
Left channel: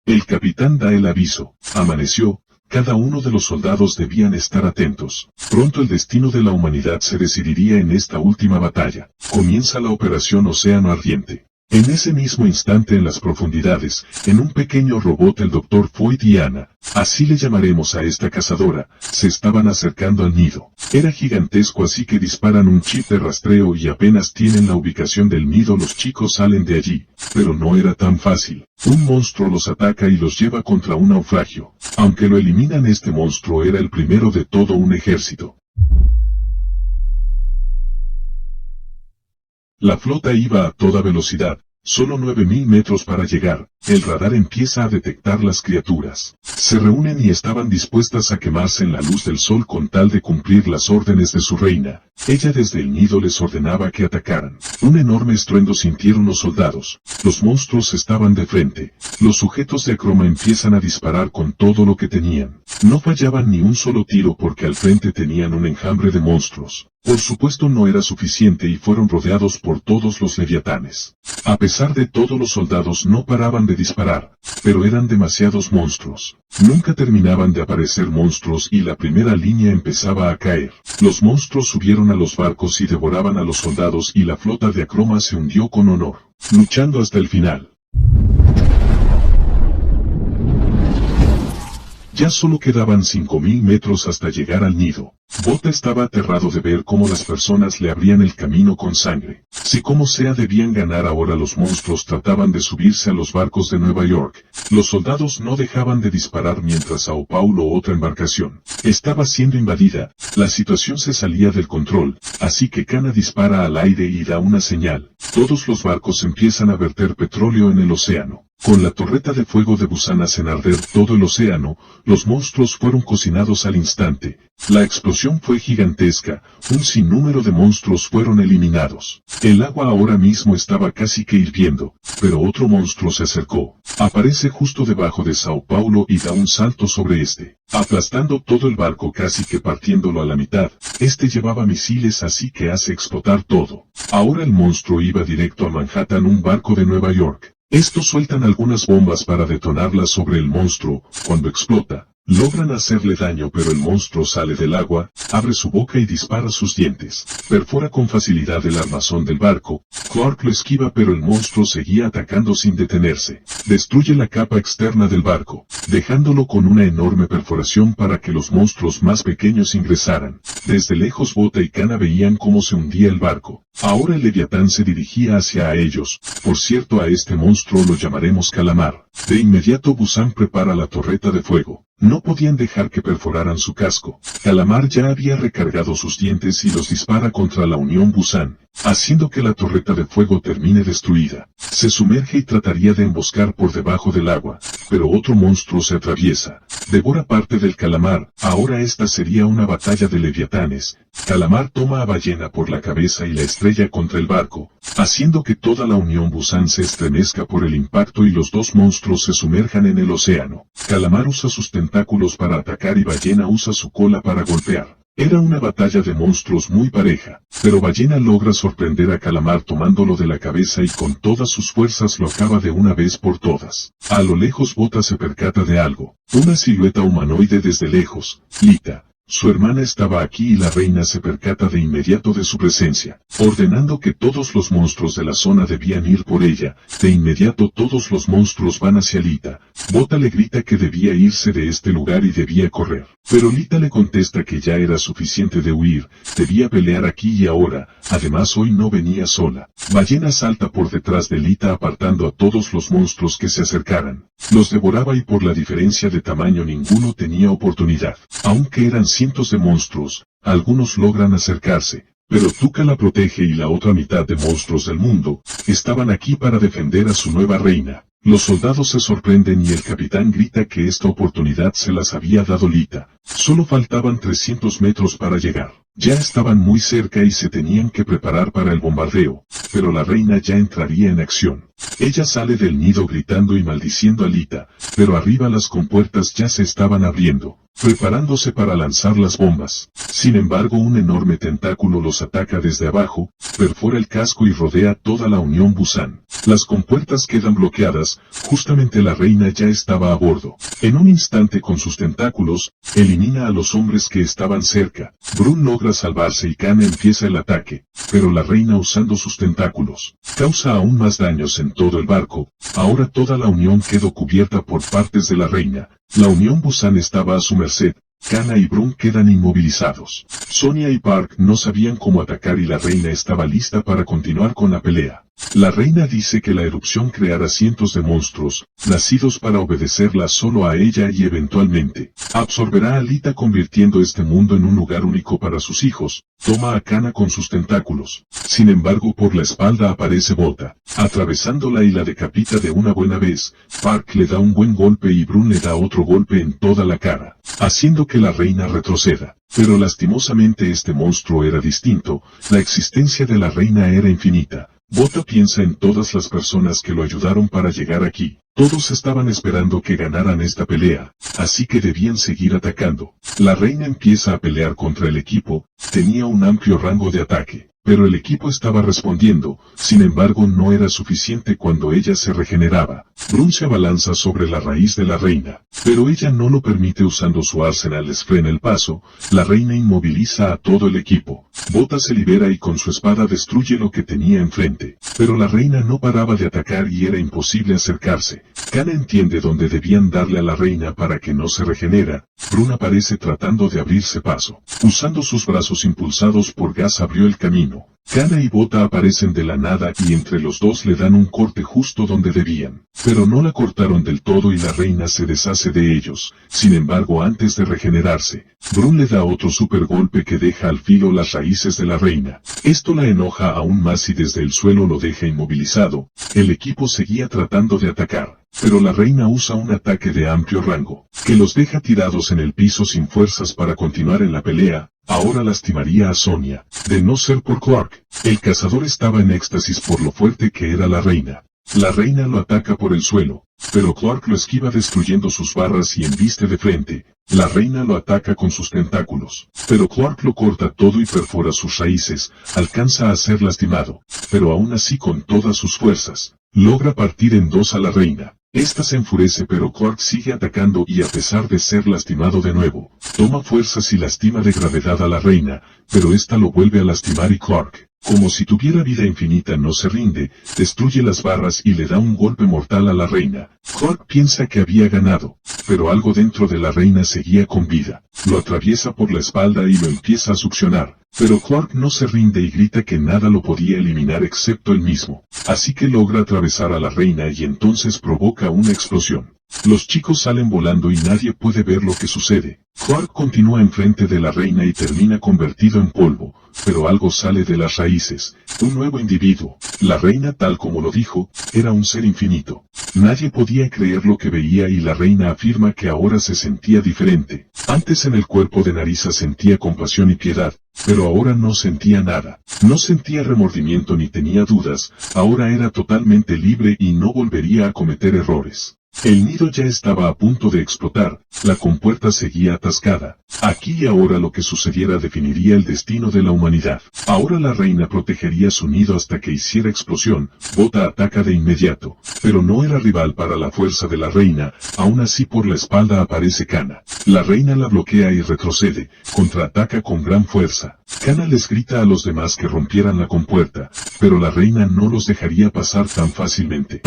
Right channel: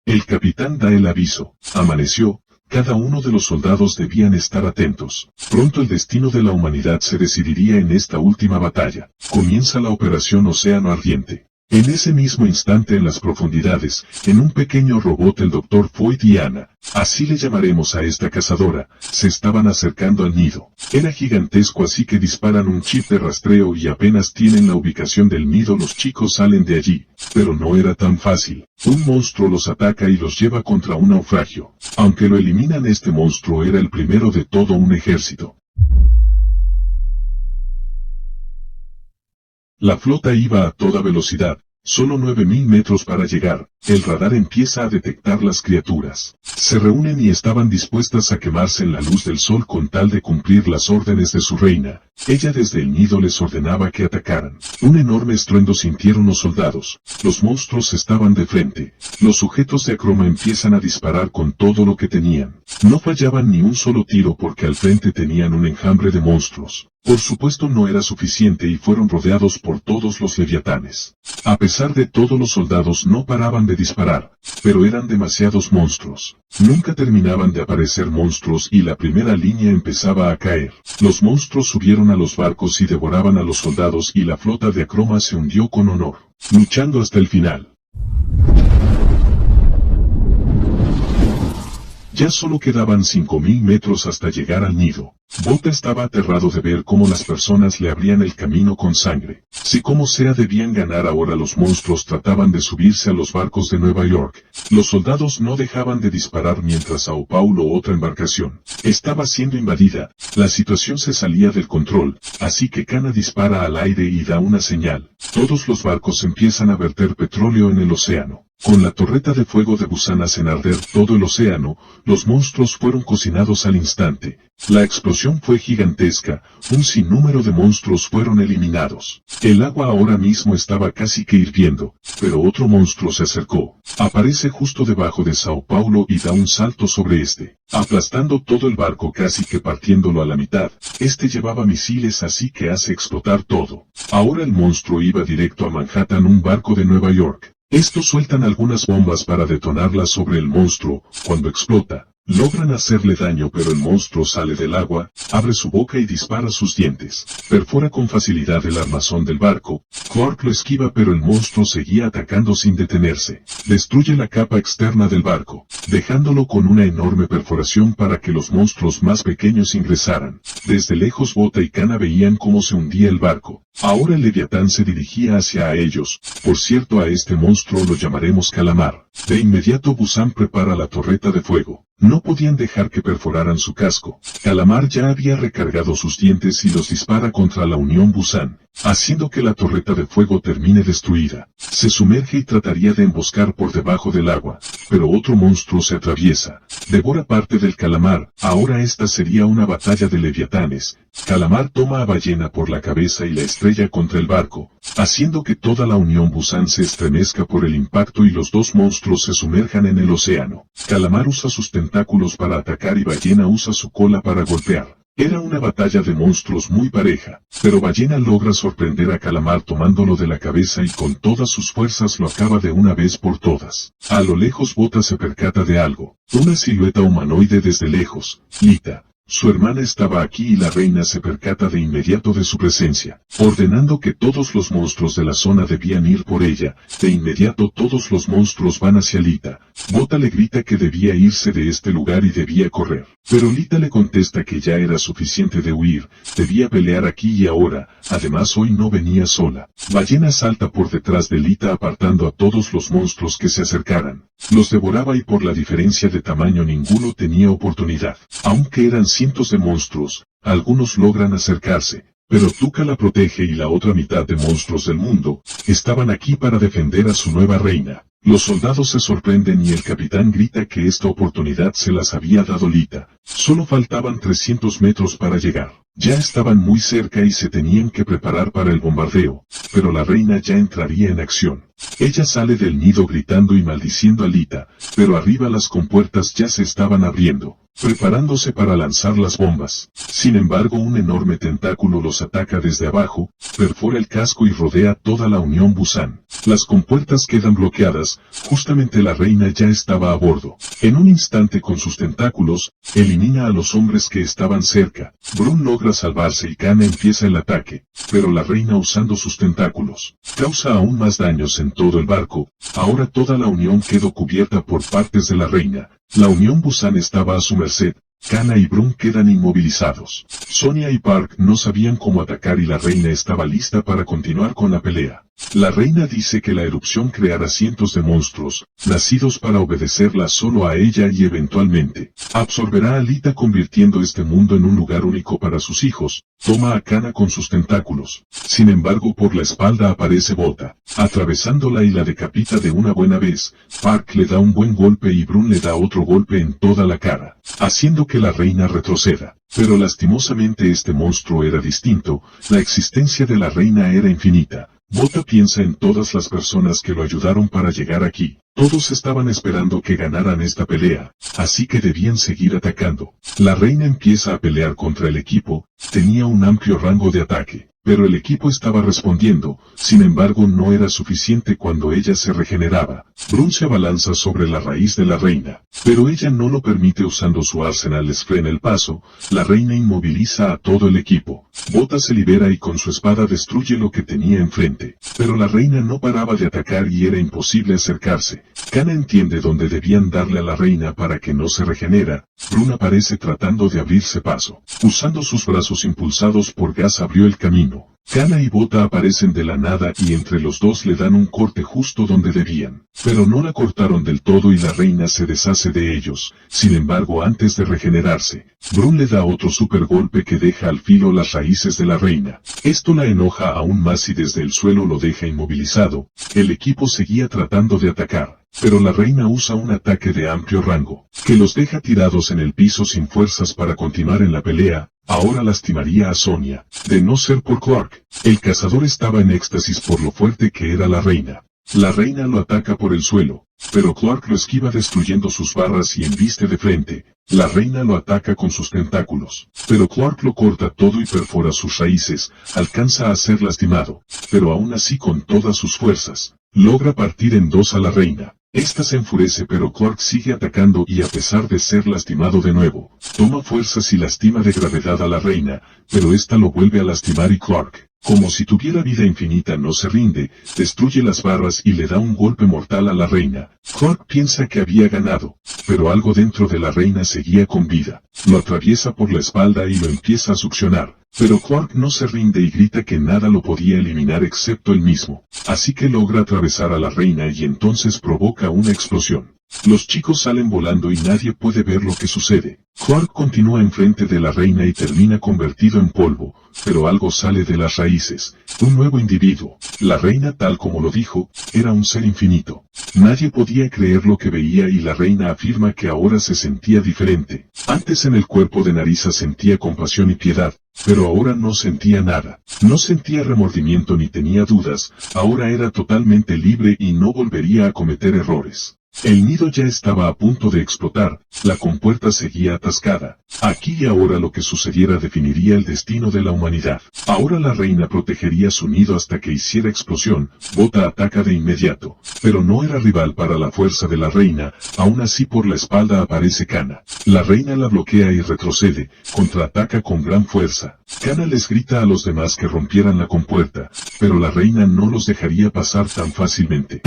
El capitán da el aviso. Amaneció. Cada uno de los soldados debían estar atentos. Pronto el destino de la humanidad se decidiría en esta última batalla. Comienza la operación Océano Ardiente. En ese mismo instante en las profundidades, en un pequeño robot el Dr. Foyt y Ana, así le llamaremos a esta cazadora, se estaban acercando al nido. Era gigantesco así que disparan un chip de rastreo y apenas tienen la ubicación del nido los chicos salen de allí. Pero no era tan fácil. Un monstruo los ataca y los lleva contra un naufragio. Aunque lo eliminan, este monstruo era el primero de todo un ejército. La flota iba a toda velocidad, Solo 9000 metros para llegar, el radar empieza a detectar las criaturas. Se reúnen y estaban dispuestas a quemarse en la luz del sol con tal de cumplir las órdenes de su reina. Ella desde el nido les ordenaba que atacaran. Un enorme estruendo sintieron los soldados. Los monstruos estaban de frente. Los sujetos de Acroma empiezan a disparar con todo lo que tenían. No fallaban ni un solo tiro porque al frente tenían un enjambre de monstruos. Por supuesto no era suficiente y fueron rodeados por todos los leviatanes. A pesar de todo los soldados no paraban de disparar, pero eran demasiados monstruos. Nunca terminaban de aparecer monstruos y la primera línea empezaba a caer. Los monstruos subieron a los barcos y devoraban a los soldados y la flota de Acroma se hundió con honor, luchando hasta el final. Ya solo quedaban 5000 metros hasta llegar al nido. Bota estaba aterrado de ver cómo las personas le abrían el camino con sangre. Si como sea debían ganar ahora, los monstruos trataban de subirse a los barcos de Nueva York. Los soldados no dejaban de disparar mientras Sao Paulo, otra embarcación, estaba siendo invadida. La situación se salía del control, así que Kana dispara al aire y da una señal. Todos los barcos empiezan a verter petróleo en el océano. Con la torreta de fuego de Busan hacen arder todo el océano, los monstruos fueron cocinados al instante. La explosión fue gigantesca, un sinnúmero de monstruos fueron eliminados. El agua ahora mismo estaba casi que hirviendo, pero otro monstruo se acercó. Aparece justo debajo de Sao Paulo y da un salto sobre este, aplastando todo el barco casi que partiéndolo a la mitad. Este llevaba misiles así que hace explotar todo. Ahora el monstruo iba directo a Manhattan, un barco de Nueva York. Estos sueltan algunas bombas para detonarlas sobre el monstruo. Cuando explota, logran hacerle daño, pero el monstruo sale del agua, abre su boca y dispara sus dientes. Perfora con facilidad el armazón del barco. Clark lo esquiva, pero el monstruo seguía atacando sin detenerse. Destruye la capa externa del barco, dejándolo con una enorme perforación para que los monstruos más pequeños ingresaran. Desde lejos Bota y Kana veían cómo se hundía el barco. Ahora el Leviatán se dirigía hacia ellos. Por cierto, a este monstruo lo llamaremos Calamar. De inmediato Busan prepara la torreta de fuego. No podían dejar que perforaran su casco. Calamar ya había recargado sus dientes y los dispara contra la Unión Busan, haciendo que la torreta de fuego termine destruida. Se sumerge y trataría de emboscar por debajo del agua, pero otro monstruo se atraviesa. Devora parte del Calamar. Ahora esta sería una batalla de leviatanes. Calamar toma a Ballena por la cabeza y la estrella contra el barco, haciendo que toda la Unión Busan se estremezca por el impacto y los dos monstruos se sumerjan en el océano. Calamar usa sus tentáculos para atacar y Ballena usa su cola para golpear. Era una batalla de monstruos muy pareja, pero Ballena logra sorprender a Calamar tomándolo de la cabeza y con todas sus fuerzas lo acaba de una vez por todas. A lo lejos Bota se percata de algo, una silueta humanoide desde lejos. Lita, su hermana, estaba aquí y la reina se percata de inmediato de su presencia, ordenando que todos los monstruos de la zona debían ir por ella. De inmediato todos los monstruos van hacia Lita. Bota le grita que debía irse de este lugar y debía correr, pero Lita le contesta que ya era suficiente de huir, debía pelear aquí y ahora, además hoy no venía sola. Ballena salta por detrás de Lita apartando a todos los monstruos que se acercaran. Los devoraba y por la diferencia de tamaño ninguno tenía oportunidad. Aunque eran cientos de monstruos, algunos logran acercarse, pero Tuca la protege y la otra mitad de monstruos del mundo estaban aquí para defender a su nueva reina. Los soldados se sorprenden y el capitán grita que esta oportunidad se las había dado Lita. Solo faltaban 300 metros para llegar. Ya estaban muy cerca y se tenían que preparar para el bombardeo, pero la reina ya entraría en acción. Ella sale del nido gritando y maldiciendo a Lita, pero arriba las compuertas ya se estaban abriendo, preparándose para lanzar las bombas. Sin embargo, un enorme tentáculo los ataca desde abajo, perfora el casco y rodea toda la Unión Busan. Las compuertas quedan bloqueadas, justamente la reina ya estaba a bordo. En un instante con sus tentáculos, elimina a los hombres que estaban cerca. Brun logra salvarse y Kana empieza el ataque, pero la reina usando sus tentáculos, causa aún más daños en todo el barco. Ahora toda la Unión quedó cubierta por partes de la reina. La Unión Busan estaba a su merced. Kana y Brun quedan inmovilizados. Sonia y Park no sabían cómo atacar y la reina estaba lista para continuar con la pelea. La reina dice que la erupción creará cientos de monstruos, nacidos para obedecerla solo a ella y eventualmente absorberá a Alita convirtiendo este mundo en un lugar único para sus hijos. Toma a Kana con sus tentáculos. Sin embargo, por la espalda aparece Bota, atravesándola y la decapita de una buena vez. Park le da un buen golpe y Brun le da otro golpe en toda la cara, haciendo que la reina retroceda. Pero lastimosamente este monstruo era distinto, la existencia de la reina era infinita. Bota piensa en todas las personas que lo ayudaron para llegar aquí. Todos estaban esperando que ganaran esta pelea, así que debían seguir atacando. La reina empieza a pelear contra el equipo, tenía un amplio rango de ataque, pero el equipo estaba respondiendo, sin embargo no era suficiente cuando ella se regeneraba. Brun se abalanza sobre la raíz de la reina, pero ella no lo permite usando su arsenal les frena el paso, la reina inmoviliza a todo el equipo. Bota se libera y con su espada destruye lo que tenía enfrente, pero la reina no paraba de atacar y era imposible acercarse. Kana entiende dónde debían darle a la reina para que no se regenera. Brun aparece tratando de abrirse paso. Usando sus brazos impulsados por gas abrió el camino. Kana y Bota aparecen de la nada y entre los dos le dan un corte justo donde debían. Pero no la cortaron del todo y la reina se deshace de ellos. Sin embargo, antes de regenerarse, Brun le da otro super golpe que deja al filo las raíces de la reina. Esto la enoja aún más y desde el suelo lo deja inmovilizado. El equipo seguía tratando de atacar, pero la reina usa un ataque de amplio rango, que los deja tirados en el piso sin fuerzas para continuar en la pelea. Ahora lastimaría a Sonya. De no ser por Clark, el cazador estaba en éxtasis por lo fuerte que era la reina. La reina lo ataca por el suelo, pero Clark lo esquiva destruyendo sus barras y embiste de frente. La reina lo ataca con sus tentáculos, pero Clark lo corta todo y perfora sus raíces, alcanza a ser lastimado, pero aún así con todas sus fuerzas, logra partir en dos a la reina. Esta se enfurece pero Clark sigue atacando y a pesar de ser lastimado de nuevo, toma fuerzas y lastima de gravedad a la reina, pero esta lo vuelve a lastimar y Clark, como si tuviera vida infinita no se rinde, destruye las barras y le da un golpe mortal a la reina. Clark piensa que había ganado, pero algo dentro de la reina seguía con vida. Lo atraviesa por la espalda y lo empieza a succionar. Pero Clark no se rinde y grita que nada lo podía eliminar excepto él mismo. Así que logra atravesar a la reina y entonces provoca una explosión. Los chicos salen volando y nadie puede ver lo que sucede. Clark continúa enfrente de la reina y termina convertido en polvo, pero algo sale de las raíces. Un nuevo individuo. La reina, tal como lo dijo, era un ser infinito. Nadie podía creer lo que veía y la reina afirma que ahora se sentía diferente. Antes en el cuerpo de Narisa sentía compasión y piedad, pero ahora no sentía nada. No sentía remordimiento ni tenía dudas, ahora era totalmente libre y no volvería a cometer errores. El nido ya estaba a punto de explotar, la compuerta seguía atascada. Aquí y ahora lo que sucediera definiría el destino de la humanidad. Ahora la reina protegería su nido hasta que hiciera explosión. Bota ataca de inmediato, pero no era rival para la fuerza de la reina, aún así por la espalda aparece Kana. La reina la bloquea y retrocede, contraataca con gran fuerza. Kana les grita a los demás que rompieran la compuerta, pero la reina no los dejaría pasar tan fácilmente.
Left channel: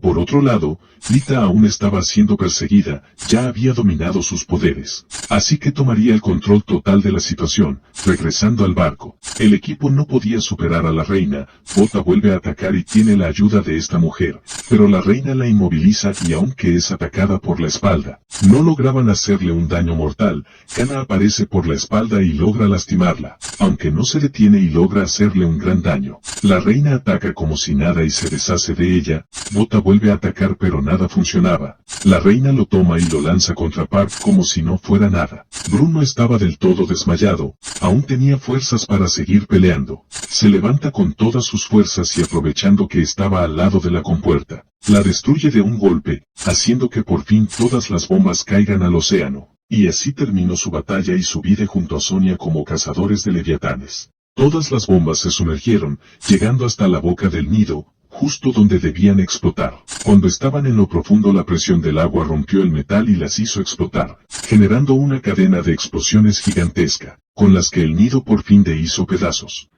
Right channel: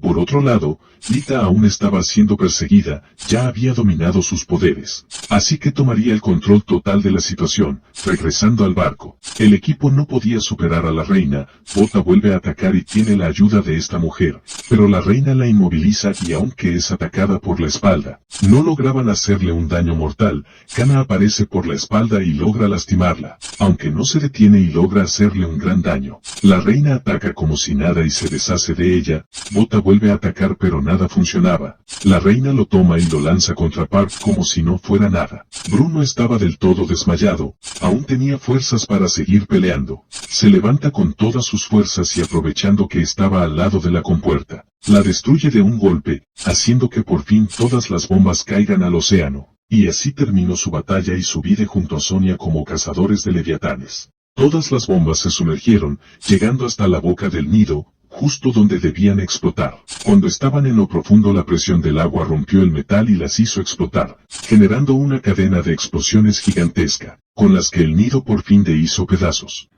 Por otro lado, Lita aún estaba siendo perseguida, ya había dominado sus poderes, así que tomaría el control total de la situación, regresando al barco. El equipo no podía superar a la reina, Bota vuelve a atacar y tiene la ayuda de esta mujer, pero la reina la inmoviliza y aunque es atacada por la espalda, no lograban hacerle un daño mortal. Kana aparece por la espalda y logra lastimarla, aunque no se detiene y logra hacerle un gran daño. La reina ataca como si nada y se deshace de ella, Bota vuelve a atacar pero nada funcionaba. La reina lo toma y lo lanza contra Park como si no fuera nada. Bruno estaba del todo desmayado, aún tenía fuerzas para seguir peleando. Se levanta con todas sus fuerzas y aprovechando que estaba al lado de la compuerta, la destruye de un golpe, haciendo que por fin todas las bombas caigan al océano. Y así terminó su batalla y su vida junto a Sonya como cazadores de leviatanes. Todas las bombas se sumergieron, llegando hasta la boca del nido, justo donde debían explotar. Cuando estaban en lo profundo la presión del agua rompió el metal y las hizo explotar, generando una cadena de explosiones gigantesca, con las que el nido por fin se hizo pedazos.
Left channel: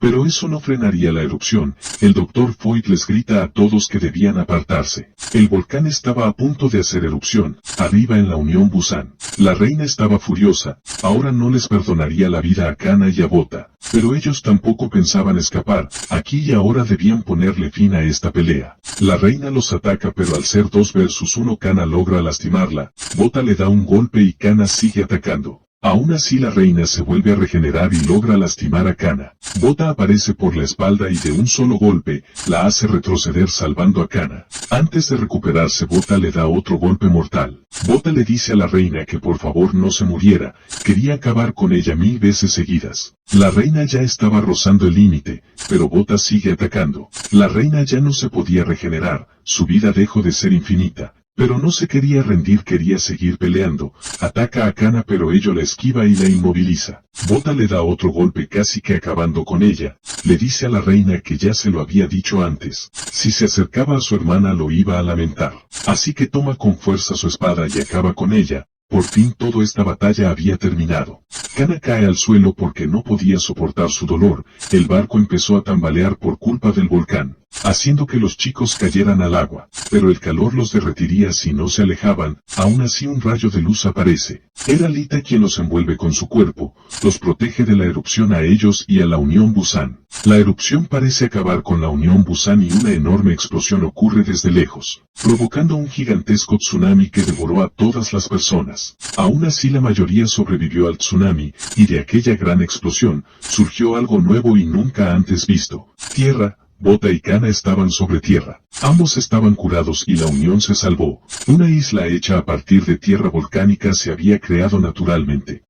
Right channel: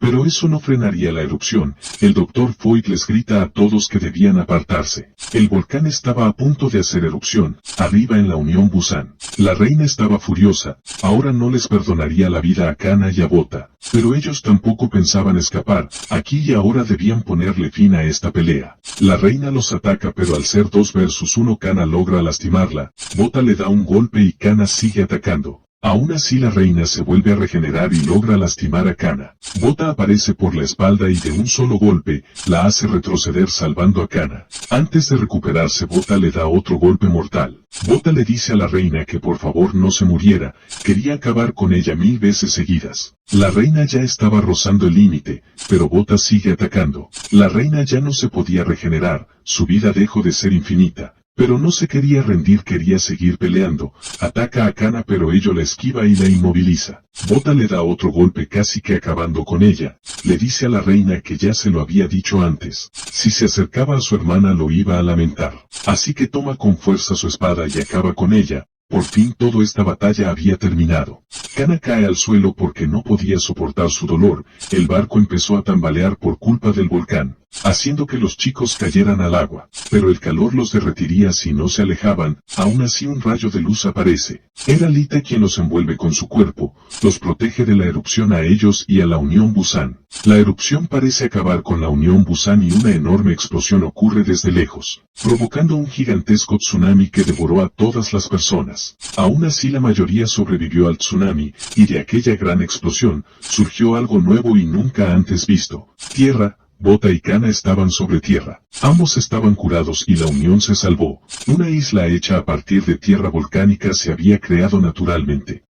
Pero eso no frenaría la erupción. El Dr. Foyt les grita a todos que debían apartarse. El volcán estaba a punto de hacer erupción, arriba en la Unión Busan. La reina estaba furiosa, ahora no les perdonaría la vida a Kana y a Bota. Pero ellos tampoco pensaban escapar, aquí y ahora debían ponerle fin a esta pelea. La reina los ataca pero al ser 2 versus 1 Kana logra lastimarla, Bota le da un golpe y Kana sigue atacando. Aún así la reina se vuelve a regenerar y logra lastimar a Kana. Bota aparece por la espalda y de un solo golpe, la hace retroceder salvando a Kana. Antes de recuperarse Bota le da otro golpe mortal. Bota le dice a la reina que por favor no se muriera, quería acabar con ella 1000 veces seguidas. La reina ya estaba rozando el límite, pero Bota sigue atacando. La reina ya no se podía regenerar, su vida dejó de ser infinita. Pero no se quería rendir, quería seguir peleando. Ataca a Kana pero ello la esquiva y la inmoviliza. Bota le da otro golpe casi que acabando con ella. Le dice a la reina que ya se lo había dicho antes. Si se acercaba a su hermana lo iba a lamentar. Así que toma con fuerza su espada y acaba con ella. Por fin toda esta batalla había terminado. Kana cae al suelo porque no podía soportar su dolor. El barco empezó a tambalear por culpa del volcán, haciendo que los chicos cayeran al agua. Pero el calor los derretiría si no se alejaban. Aún así un rayo de luz aparece. Era Lita quien los envuelve con su cuerpo, los protege de la erupción a ellos y a la Unión Busan. La erupción parece acabar con la Unión Busan y una enorme explosión ocurre desde lejos, provocando un gigantesco tsunami que devoró a todas las personas. Aún así la mayoría sobrevivió al tsunami, y de aquella gran explosión, surgió algo nuevo y nunca antes visto. Tierra. Bota y Kana estaban sobre tierra. Ambos estaban curados y la unión se salvó. Una isla hecha a partir de tierra volcánica se había creado naturalmente.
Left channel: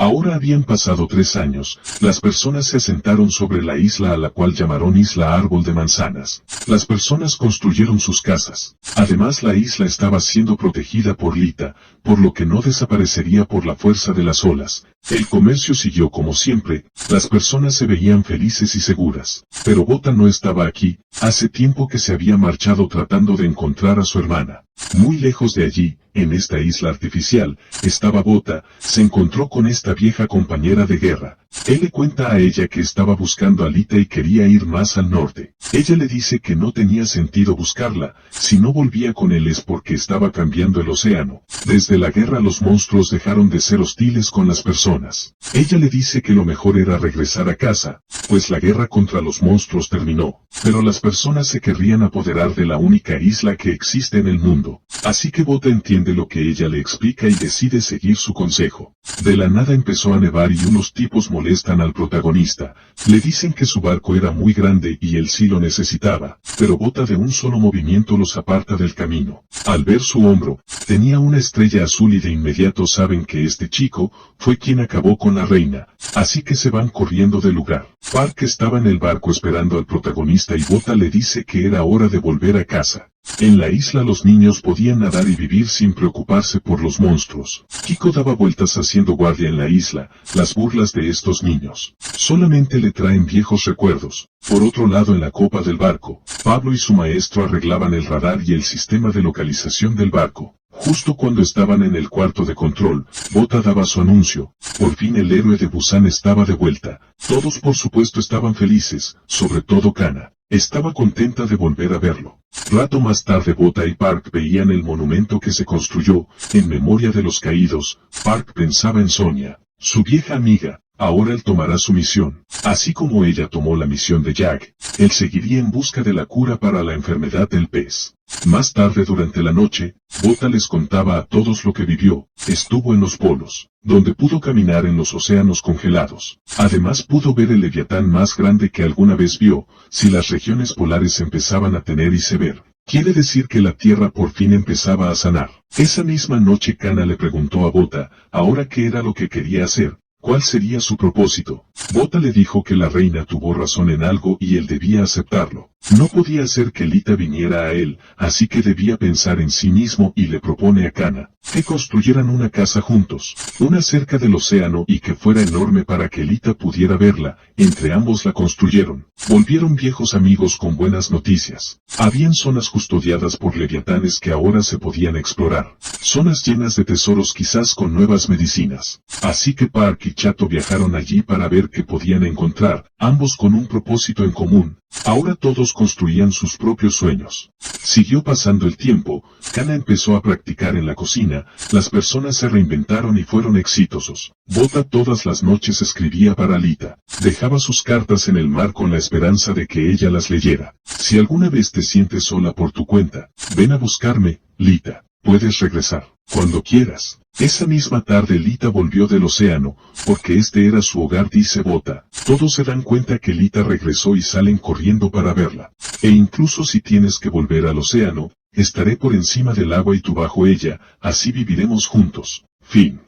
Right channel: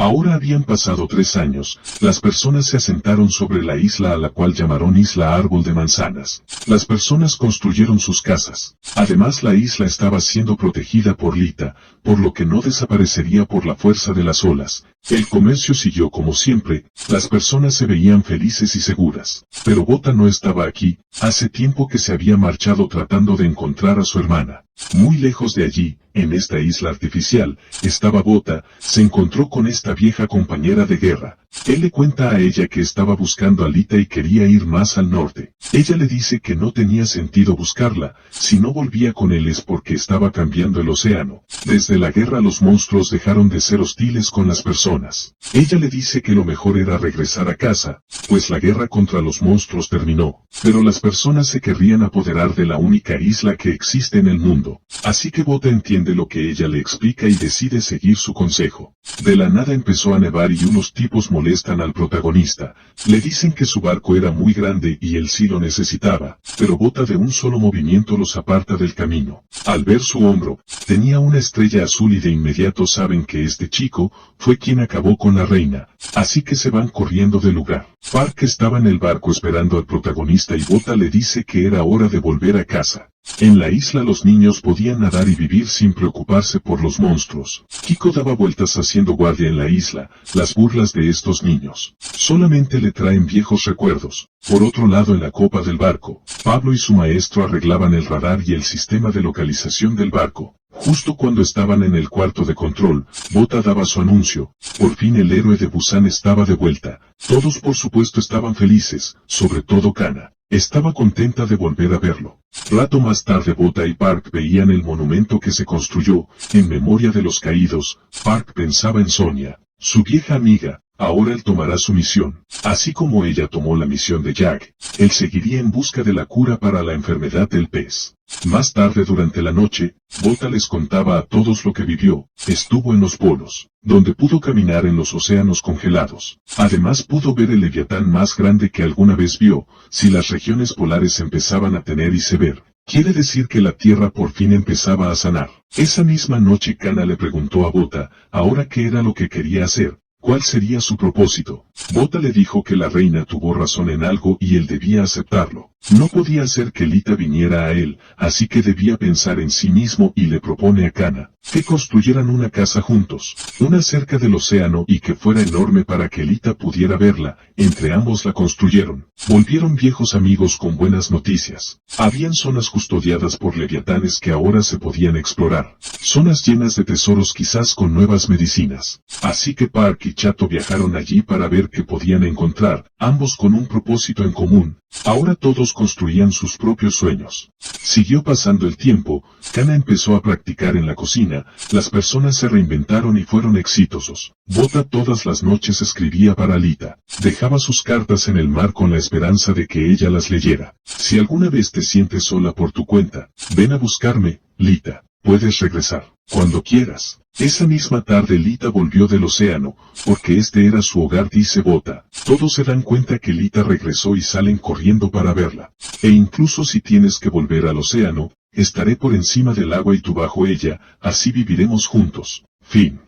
Ahora habían pasado 3 años, las personas se asentaron sobre la isla a la cual llamaron Isla Árbol de Manzanas. Las personas construyeron sus casas. Además la isla estaba siendo protegida por Lita, por lo que no desaparecería por la fuerza de las olas. El comercio siguió como siempre, las personas se veían felices y seguras. Pero Bota no estaba aquí, hace tiempo que se había marchado tratando de encontrar a su hermana. Muy lejos de allí, en esta isla artificial, estaba Bota, se encontró con esta vieja compañera de guerra. Él le cuenta a ella que estaba buscando a Lita y quería ir más al norte. Ella le dice que no tenía sentido buscarla, si no volvía con él es porque estaba cambiando el océano. Desde la guerra los monstruos dejaron de ser hostiles con las personas. Ella le dice que lo mejor era regresar a casa, pues la guerra contra los monstruos terminó, pero las personas se querrían apoderar de la única isla que existe en el mundo. Así que Bota entiende lo que ella le explica y decide seguir su consejo. De la nada empezó a nevar y unos tipos molestan al protagonista. Le dicen que su barco era muy grande y él sí lo necesitaba, pero Bota de un solo movimiento los aparta del camino. Al ver su hombro, tenía una estrella azul y de inmediato saben que este chico fue quien acabó con la reina. Así que se van corriendo del lugar. Park estaba en el barco esperando al protagonista y Bota le dice que era hora de volver a casa. En la isla los niños podían nadar y vivir sin preocuparse por los monstruos. Kiko daba vueltas haciendo guardia en la isla, las burlas de estos niños solamente le traen viejos recuerdos. Por otro lado en la copa del barco, Pablo y su maestro arreglaban el radar y el sistema de localización del barco. Justo cuando estaban en el cuarto de control, Bota daba su anuncio. Por fin el héroe de Busan estaba de vuelta. Todos por supuesto estaban felices, sobre todo Kana. Estaba contenta de volver a verlo. Rato más tarde Bota y Park veían el monumento que se construyó, en memoria de los caídos. Park pensaba en Sonia, su vieja amiga. Ahora él tomará su misión. Así como ella tomó la misión de Jack, él seguiría en busca de la cura para la enfermedad del pez. Más tarde durante la noche, Bota les contaba a todos lo que vivió. Estuvo en los polos, donde pudo caminar en los océanos congelados. Además pudo ver el leviatán más grande que alguna vez vio. Si las regiones polares empezaban a tener y sever, quiere decir que la Tierra por fin empezaba a sanar. Esa misma noche Kana le preguntó a Bota, ahora qué era lo que quería hacer. ¿Cuál sería su propósito? Bota le dijo que la reina tuvo razón en algo y él debía aceptarlo. No podía hacer que Lita viniera a él, así que debía pensar en sí mismo y le propone a Kana que construyeran una casa juntos, una cerca del océano y que fuera enorme para que Lita pudiera verla. Entre ambos la construyeron. Volvieron viejos amigos con buenas noticias. Habían zonas custodiadas por leviatanes que ahora se podían explorar. Zonas llenas de tesoros quizás con nuevas medicinas. Así que Park y Chato viajaron allí para ver qué podían encontrar. ambos con un propósito en común. Ahora todos construían sus propios sueños. Siguió pasando el tiempo, Kana empezó a practicar en la cocina, las personas se reinventaron y fueron exitosos. Bota todas las noches escribía para Lita. Dejaba sus cartas en el mar con la esperanza de que ella las leyera. Si alguna vez te sientes sola por tu cuenta, ven a buscarme, Lita. Puedes regresar cuando quieras. Esa misma tarde Lita volvió del océano, porque este era su hogar, dice Bota. Todos se dan cuenta que Lita regresó y salen corriendo para verla. E incluso si tienes que volver al océano, estaré por encima del agua y tú bajo ella, así viviremos juntos. Fin.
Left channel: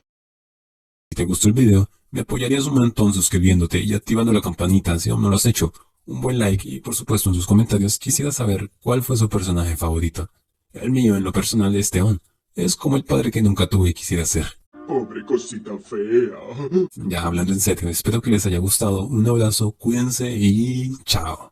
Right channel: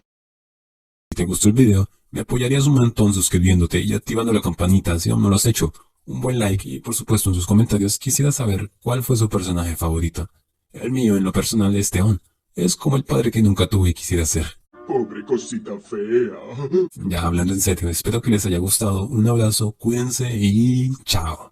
Si te gustó el video, me apoyarías un montón suscribiéndote y activando la campanita si aún no lo has hecho. Un buen like y por supuesto en sus comentarios quisiera saber cuál fue su personaje favorito. El mío en lo personal es Teón. Es como el padre que nunca tuve y quisiera ser. Pobre cosita fea. Ya hablando en serio, espero que les haya gustado. Un abrazo, cuídense y chao.